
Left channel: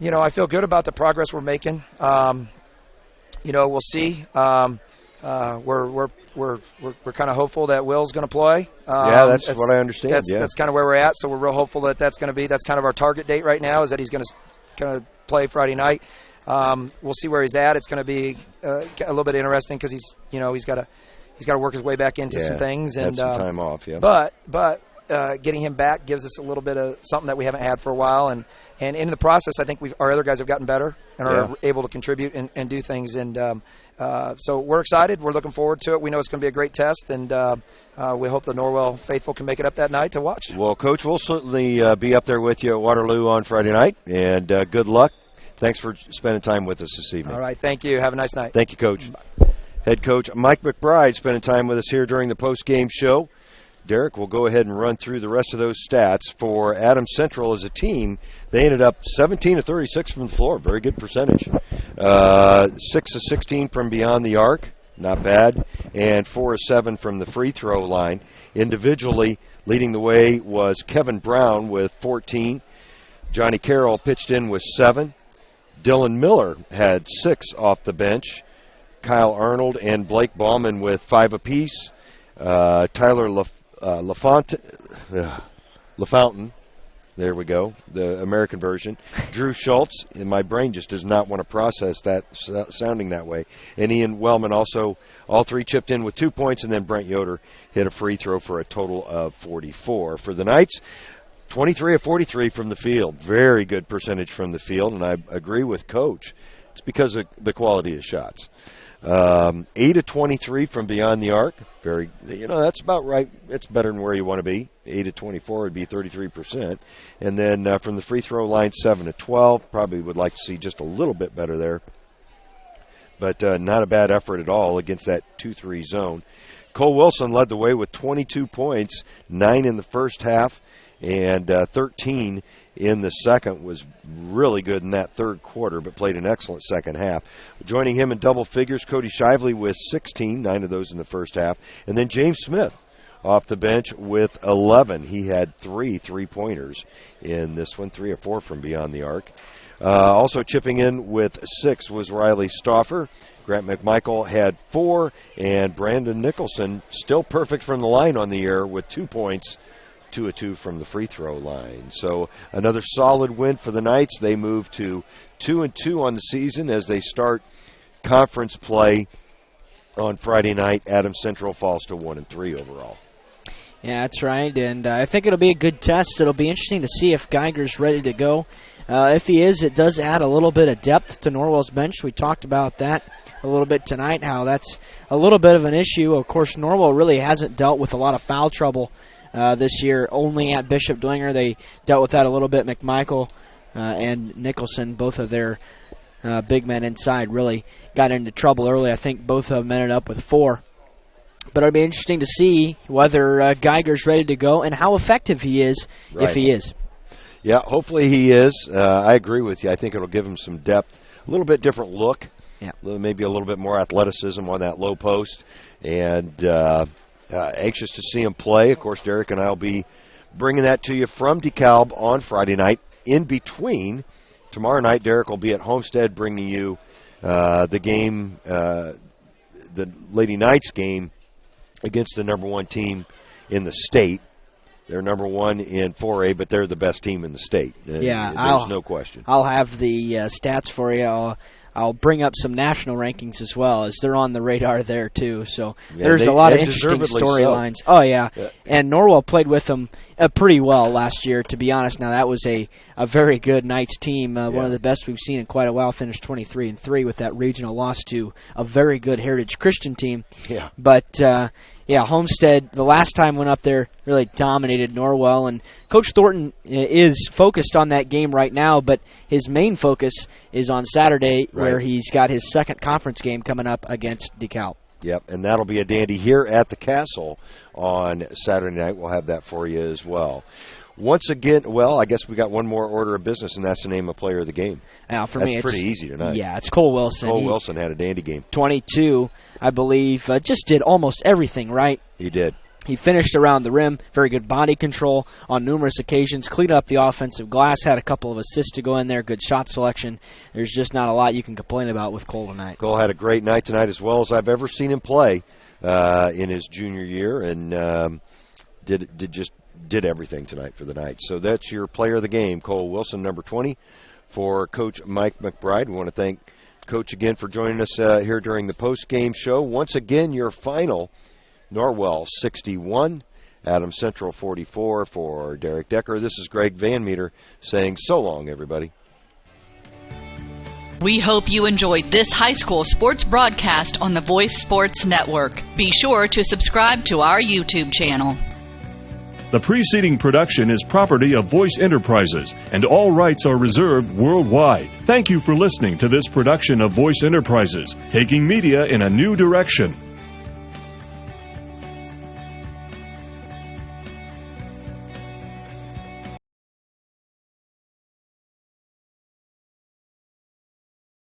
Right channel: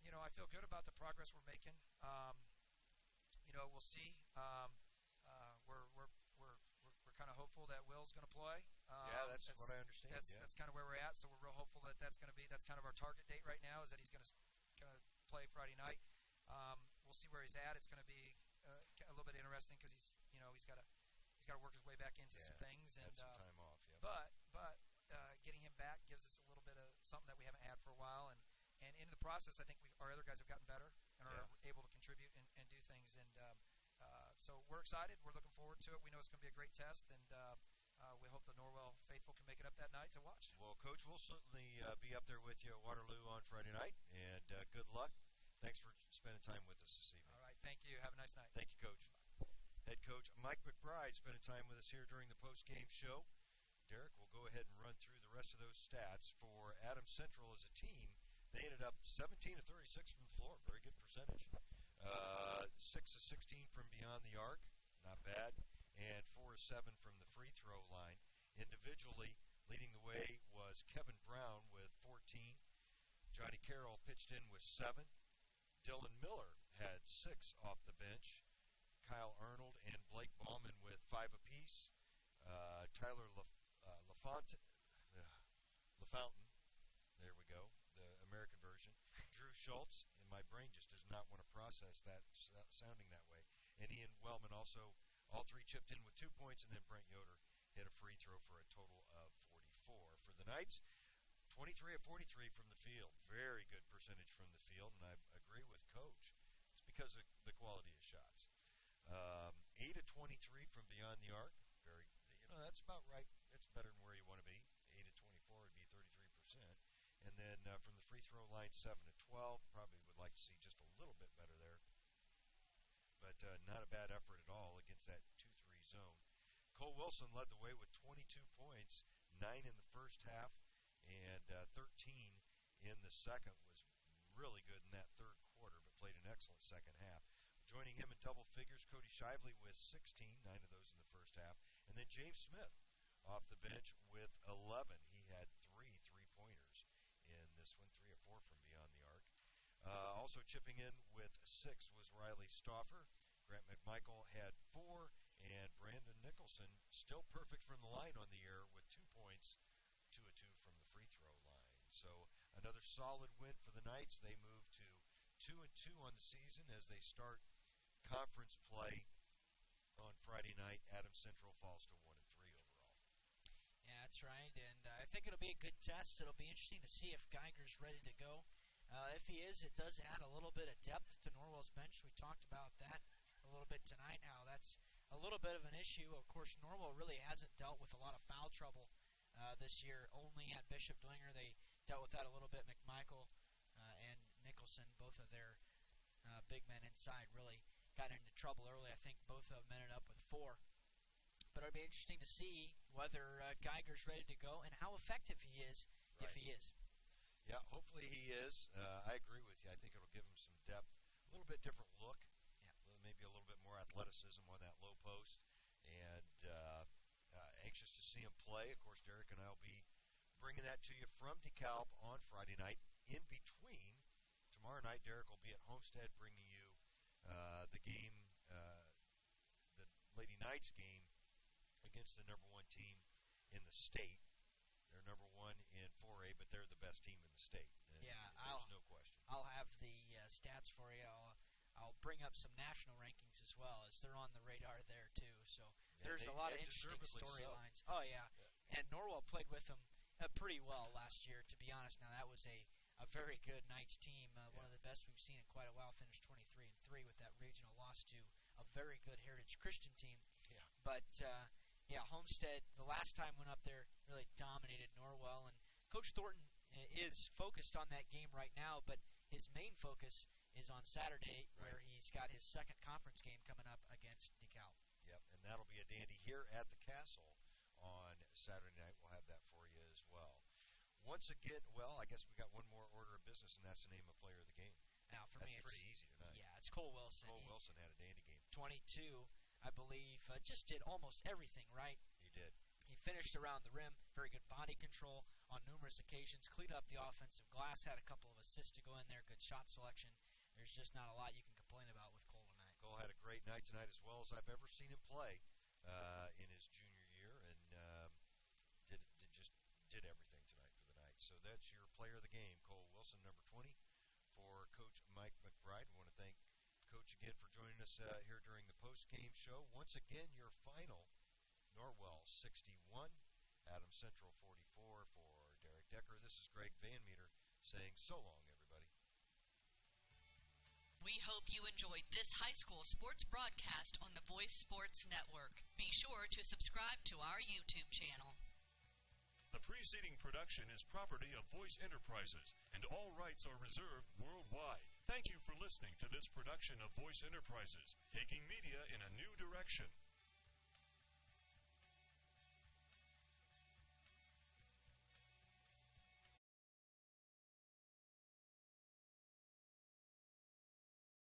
good about the progress we're making. We'll see. We're kind of hopeful that Will's going to play. That's what I understand. That's kind of where we're at. So we're real hopeful that that's kind of our target date right now, is that he's going to play Friday night. We'll see where he's at. It's going to be a little bit interesting because he's got to work his way back into some things and some time off. Yeah. But getting him back gives us a little bit of something that we haven't had for a while, and in the process, I think our other guys have gotten better and are able to contribute and do things. And so we're excited. We're looking forward to it. We know it's going to be a great test, and we hope the Norwell faithful can make it up that night to watch. Well, Coach, we'll certainly be up there with you at Waterloo on Friday night, and good luck. Thanks for spending time with us this evening. All right. Thank you. Have a nice night. Thank you, Coach. Bye. Head coach Mike McBride spending time with us here during the post-game show. Derek, we'll go ahead and run through the rest of those stats. For Adams Central as a team, they ended up 17 of 36 from the floor. Very good percentage. 6 of 16 from beyond the arc. Not bad. And 4 of 7 from the free throw line. Individually, leading the way was Kevin Brown with 14. Johnny Carroll pitched in with 7. Dylan Miller had 6 off the bench. Kyle Arnold and Blake Ballman with 5 apiece. Tyler LaFountain, there we go, the American version. Drew Schultz, and my brain just does not want to process that sounding that way. And Ian Wellman also, all 3 chipped in with 2 points, and then Brent Yoder hit a free throw for a total of 44. For the Knights, 23 of 43 from the field. Very good percentage from the field, and I agree with Coach. It's because of the quality of shots. 8 of 23 from beyond the arc. That's about right. It's better than where you want to be. 8 of 24 would be 33%. And then from the free throw line, 7 of 12. Probably would like to see just a little bit better there. But not a bad effort at all against that 2-3 zone. Cole Wilson led the way with 22 points, 9 in the first half, and 13 in the second. Was really good in that third quarter, but played an excellent second half. Joining him in double figures, Cody Shively with 16, 9 of those in the first half. And then James Smith off the bench with 11. He had 3 3-pointers in this one, 3 or 4 from beyond the arc. Also chipping in with 6 was Riley Stauffer. Grant McMichael had 4, and Brandon Nicholson, still perfect from the line on the year with 2 points, 2 of 2 from the free throw line. So another solid win for the Knights. They move to 2-2 on the season as they start conference play on Friday night. Adams Central falls to 1-3 overall. Yeah, that's right, and I think it'll be a good test. It'll be interesting to see if Geiger's ready to go. If he is, it does add a little bit of depth to Norwell's bench. We talked about that a little bit tonight, how that's a little bit of an issue. Of course, Norwell really hasn't dealt with a lot of foul trouble this year. Only at Bishop Dwenger they dealt with that a little bit. McMichael and Nicholson, both of their big men inside, really got into trouble early. I think both of them ended up with 4. But it'll be interesting to see whether Geiger's ready to go and how effective he is, if he is. Yeah, hopefully he is. I agree with you. I think it'll give him some depth, a little bit different look, maybe a little bit more athleticism on that low post, and anxious to see him play. Of course, Derek and I will be bringing that to you from DeKalb on Friday night. In between, tomorrow night, Derek will be at Homestead bringing you the game, the Lady Knights game against the number 1 team in the state. They're number 1 in 4A, but they're the best team in the state. Yeah, there's no question. I'll have the stats for you. I'll bring up some national rankings as well, as they're on the radar there too. So there's a lot of interesting storylines. So. Oh yeah, and Norwell played with them pretty well last year, to be honest. Now that was a very good Knights team, one of the best we've seen in quite a while. Finished 23-3 with that regional loss to a very good Heritage Christian team. Yeah, but. Homestead, the last time went up there, really dominated Norwell, and Coach Thornton is focused on that game right now, but his main focus is on Saturday, where he's got his second conference game coming up against DeKalb. Yep, and that'll be a dandy here at the Castle on Saturday night. We'll have that for you as well. Once again, I guess we got one more order of business, and that's the name of player of the game. Now, for that's me, pretty easy tonight. Yeah, it's Cole Wilson. Wilson had a dandy game. 22, I believe, just did almost everything right. He did. He finished around the rim, very good body control on numerous occasions, cleaned up the offensive glass, had a couple of assists to go in there, good shot selection. There's just not a lot you can complain about with Cole tonight. Cole had a great night tonight, as well as I've ever seen him play in his junior year, and did everything tonight for the Knights. So that's your player of the game, Cole Wilson, number 20, for Coach Mike McBride. We want to thank Coach again for joining us here during the post-game show. Once again, your final, Norwell 61, Adams Central 44 for Derek Decker. This is Greg Van Meter saying so long, everybody. We hope you enjoyed this high school sports broadcast on the Voice Sports Network. Be sure to subscribe to our YouTube channel. The preceding production is property of Voice Enterprises, and all rights are reserved worldwide. Thank you for listening to this production of Voice Enterprises, taking media in a new direction.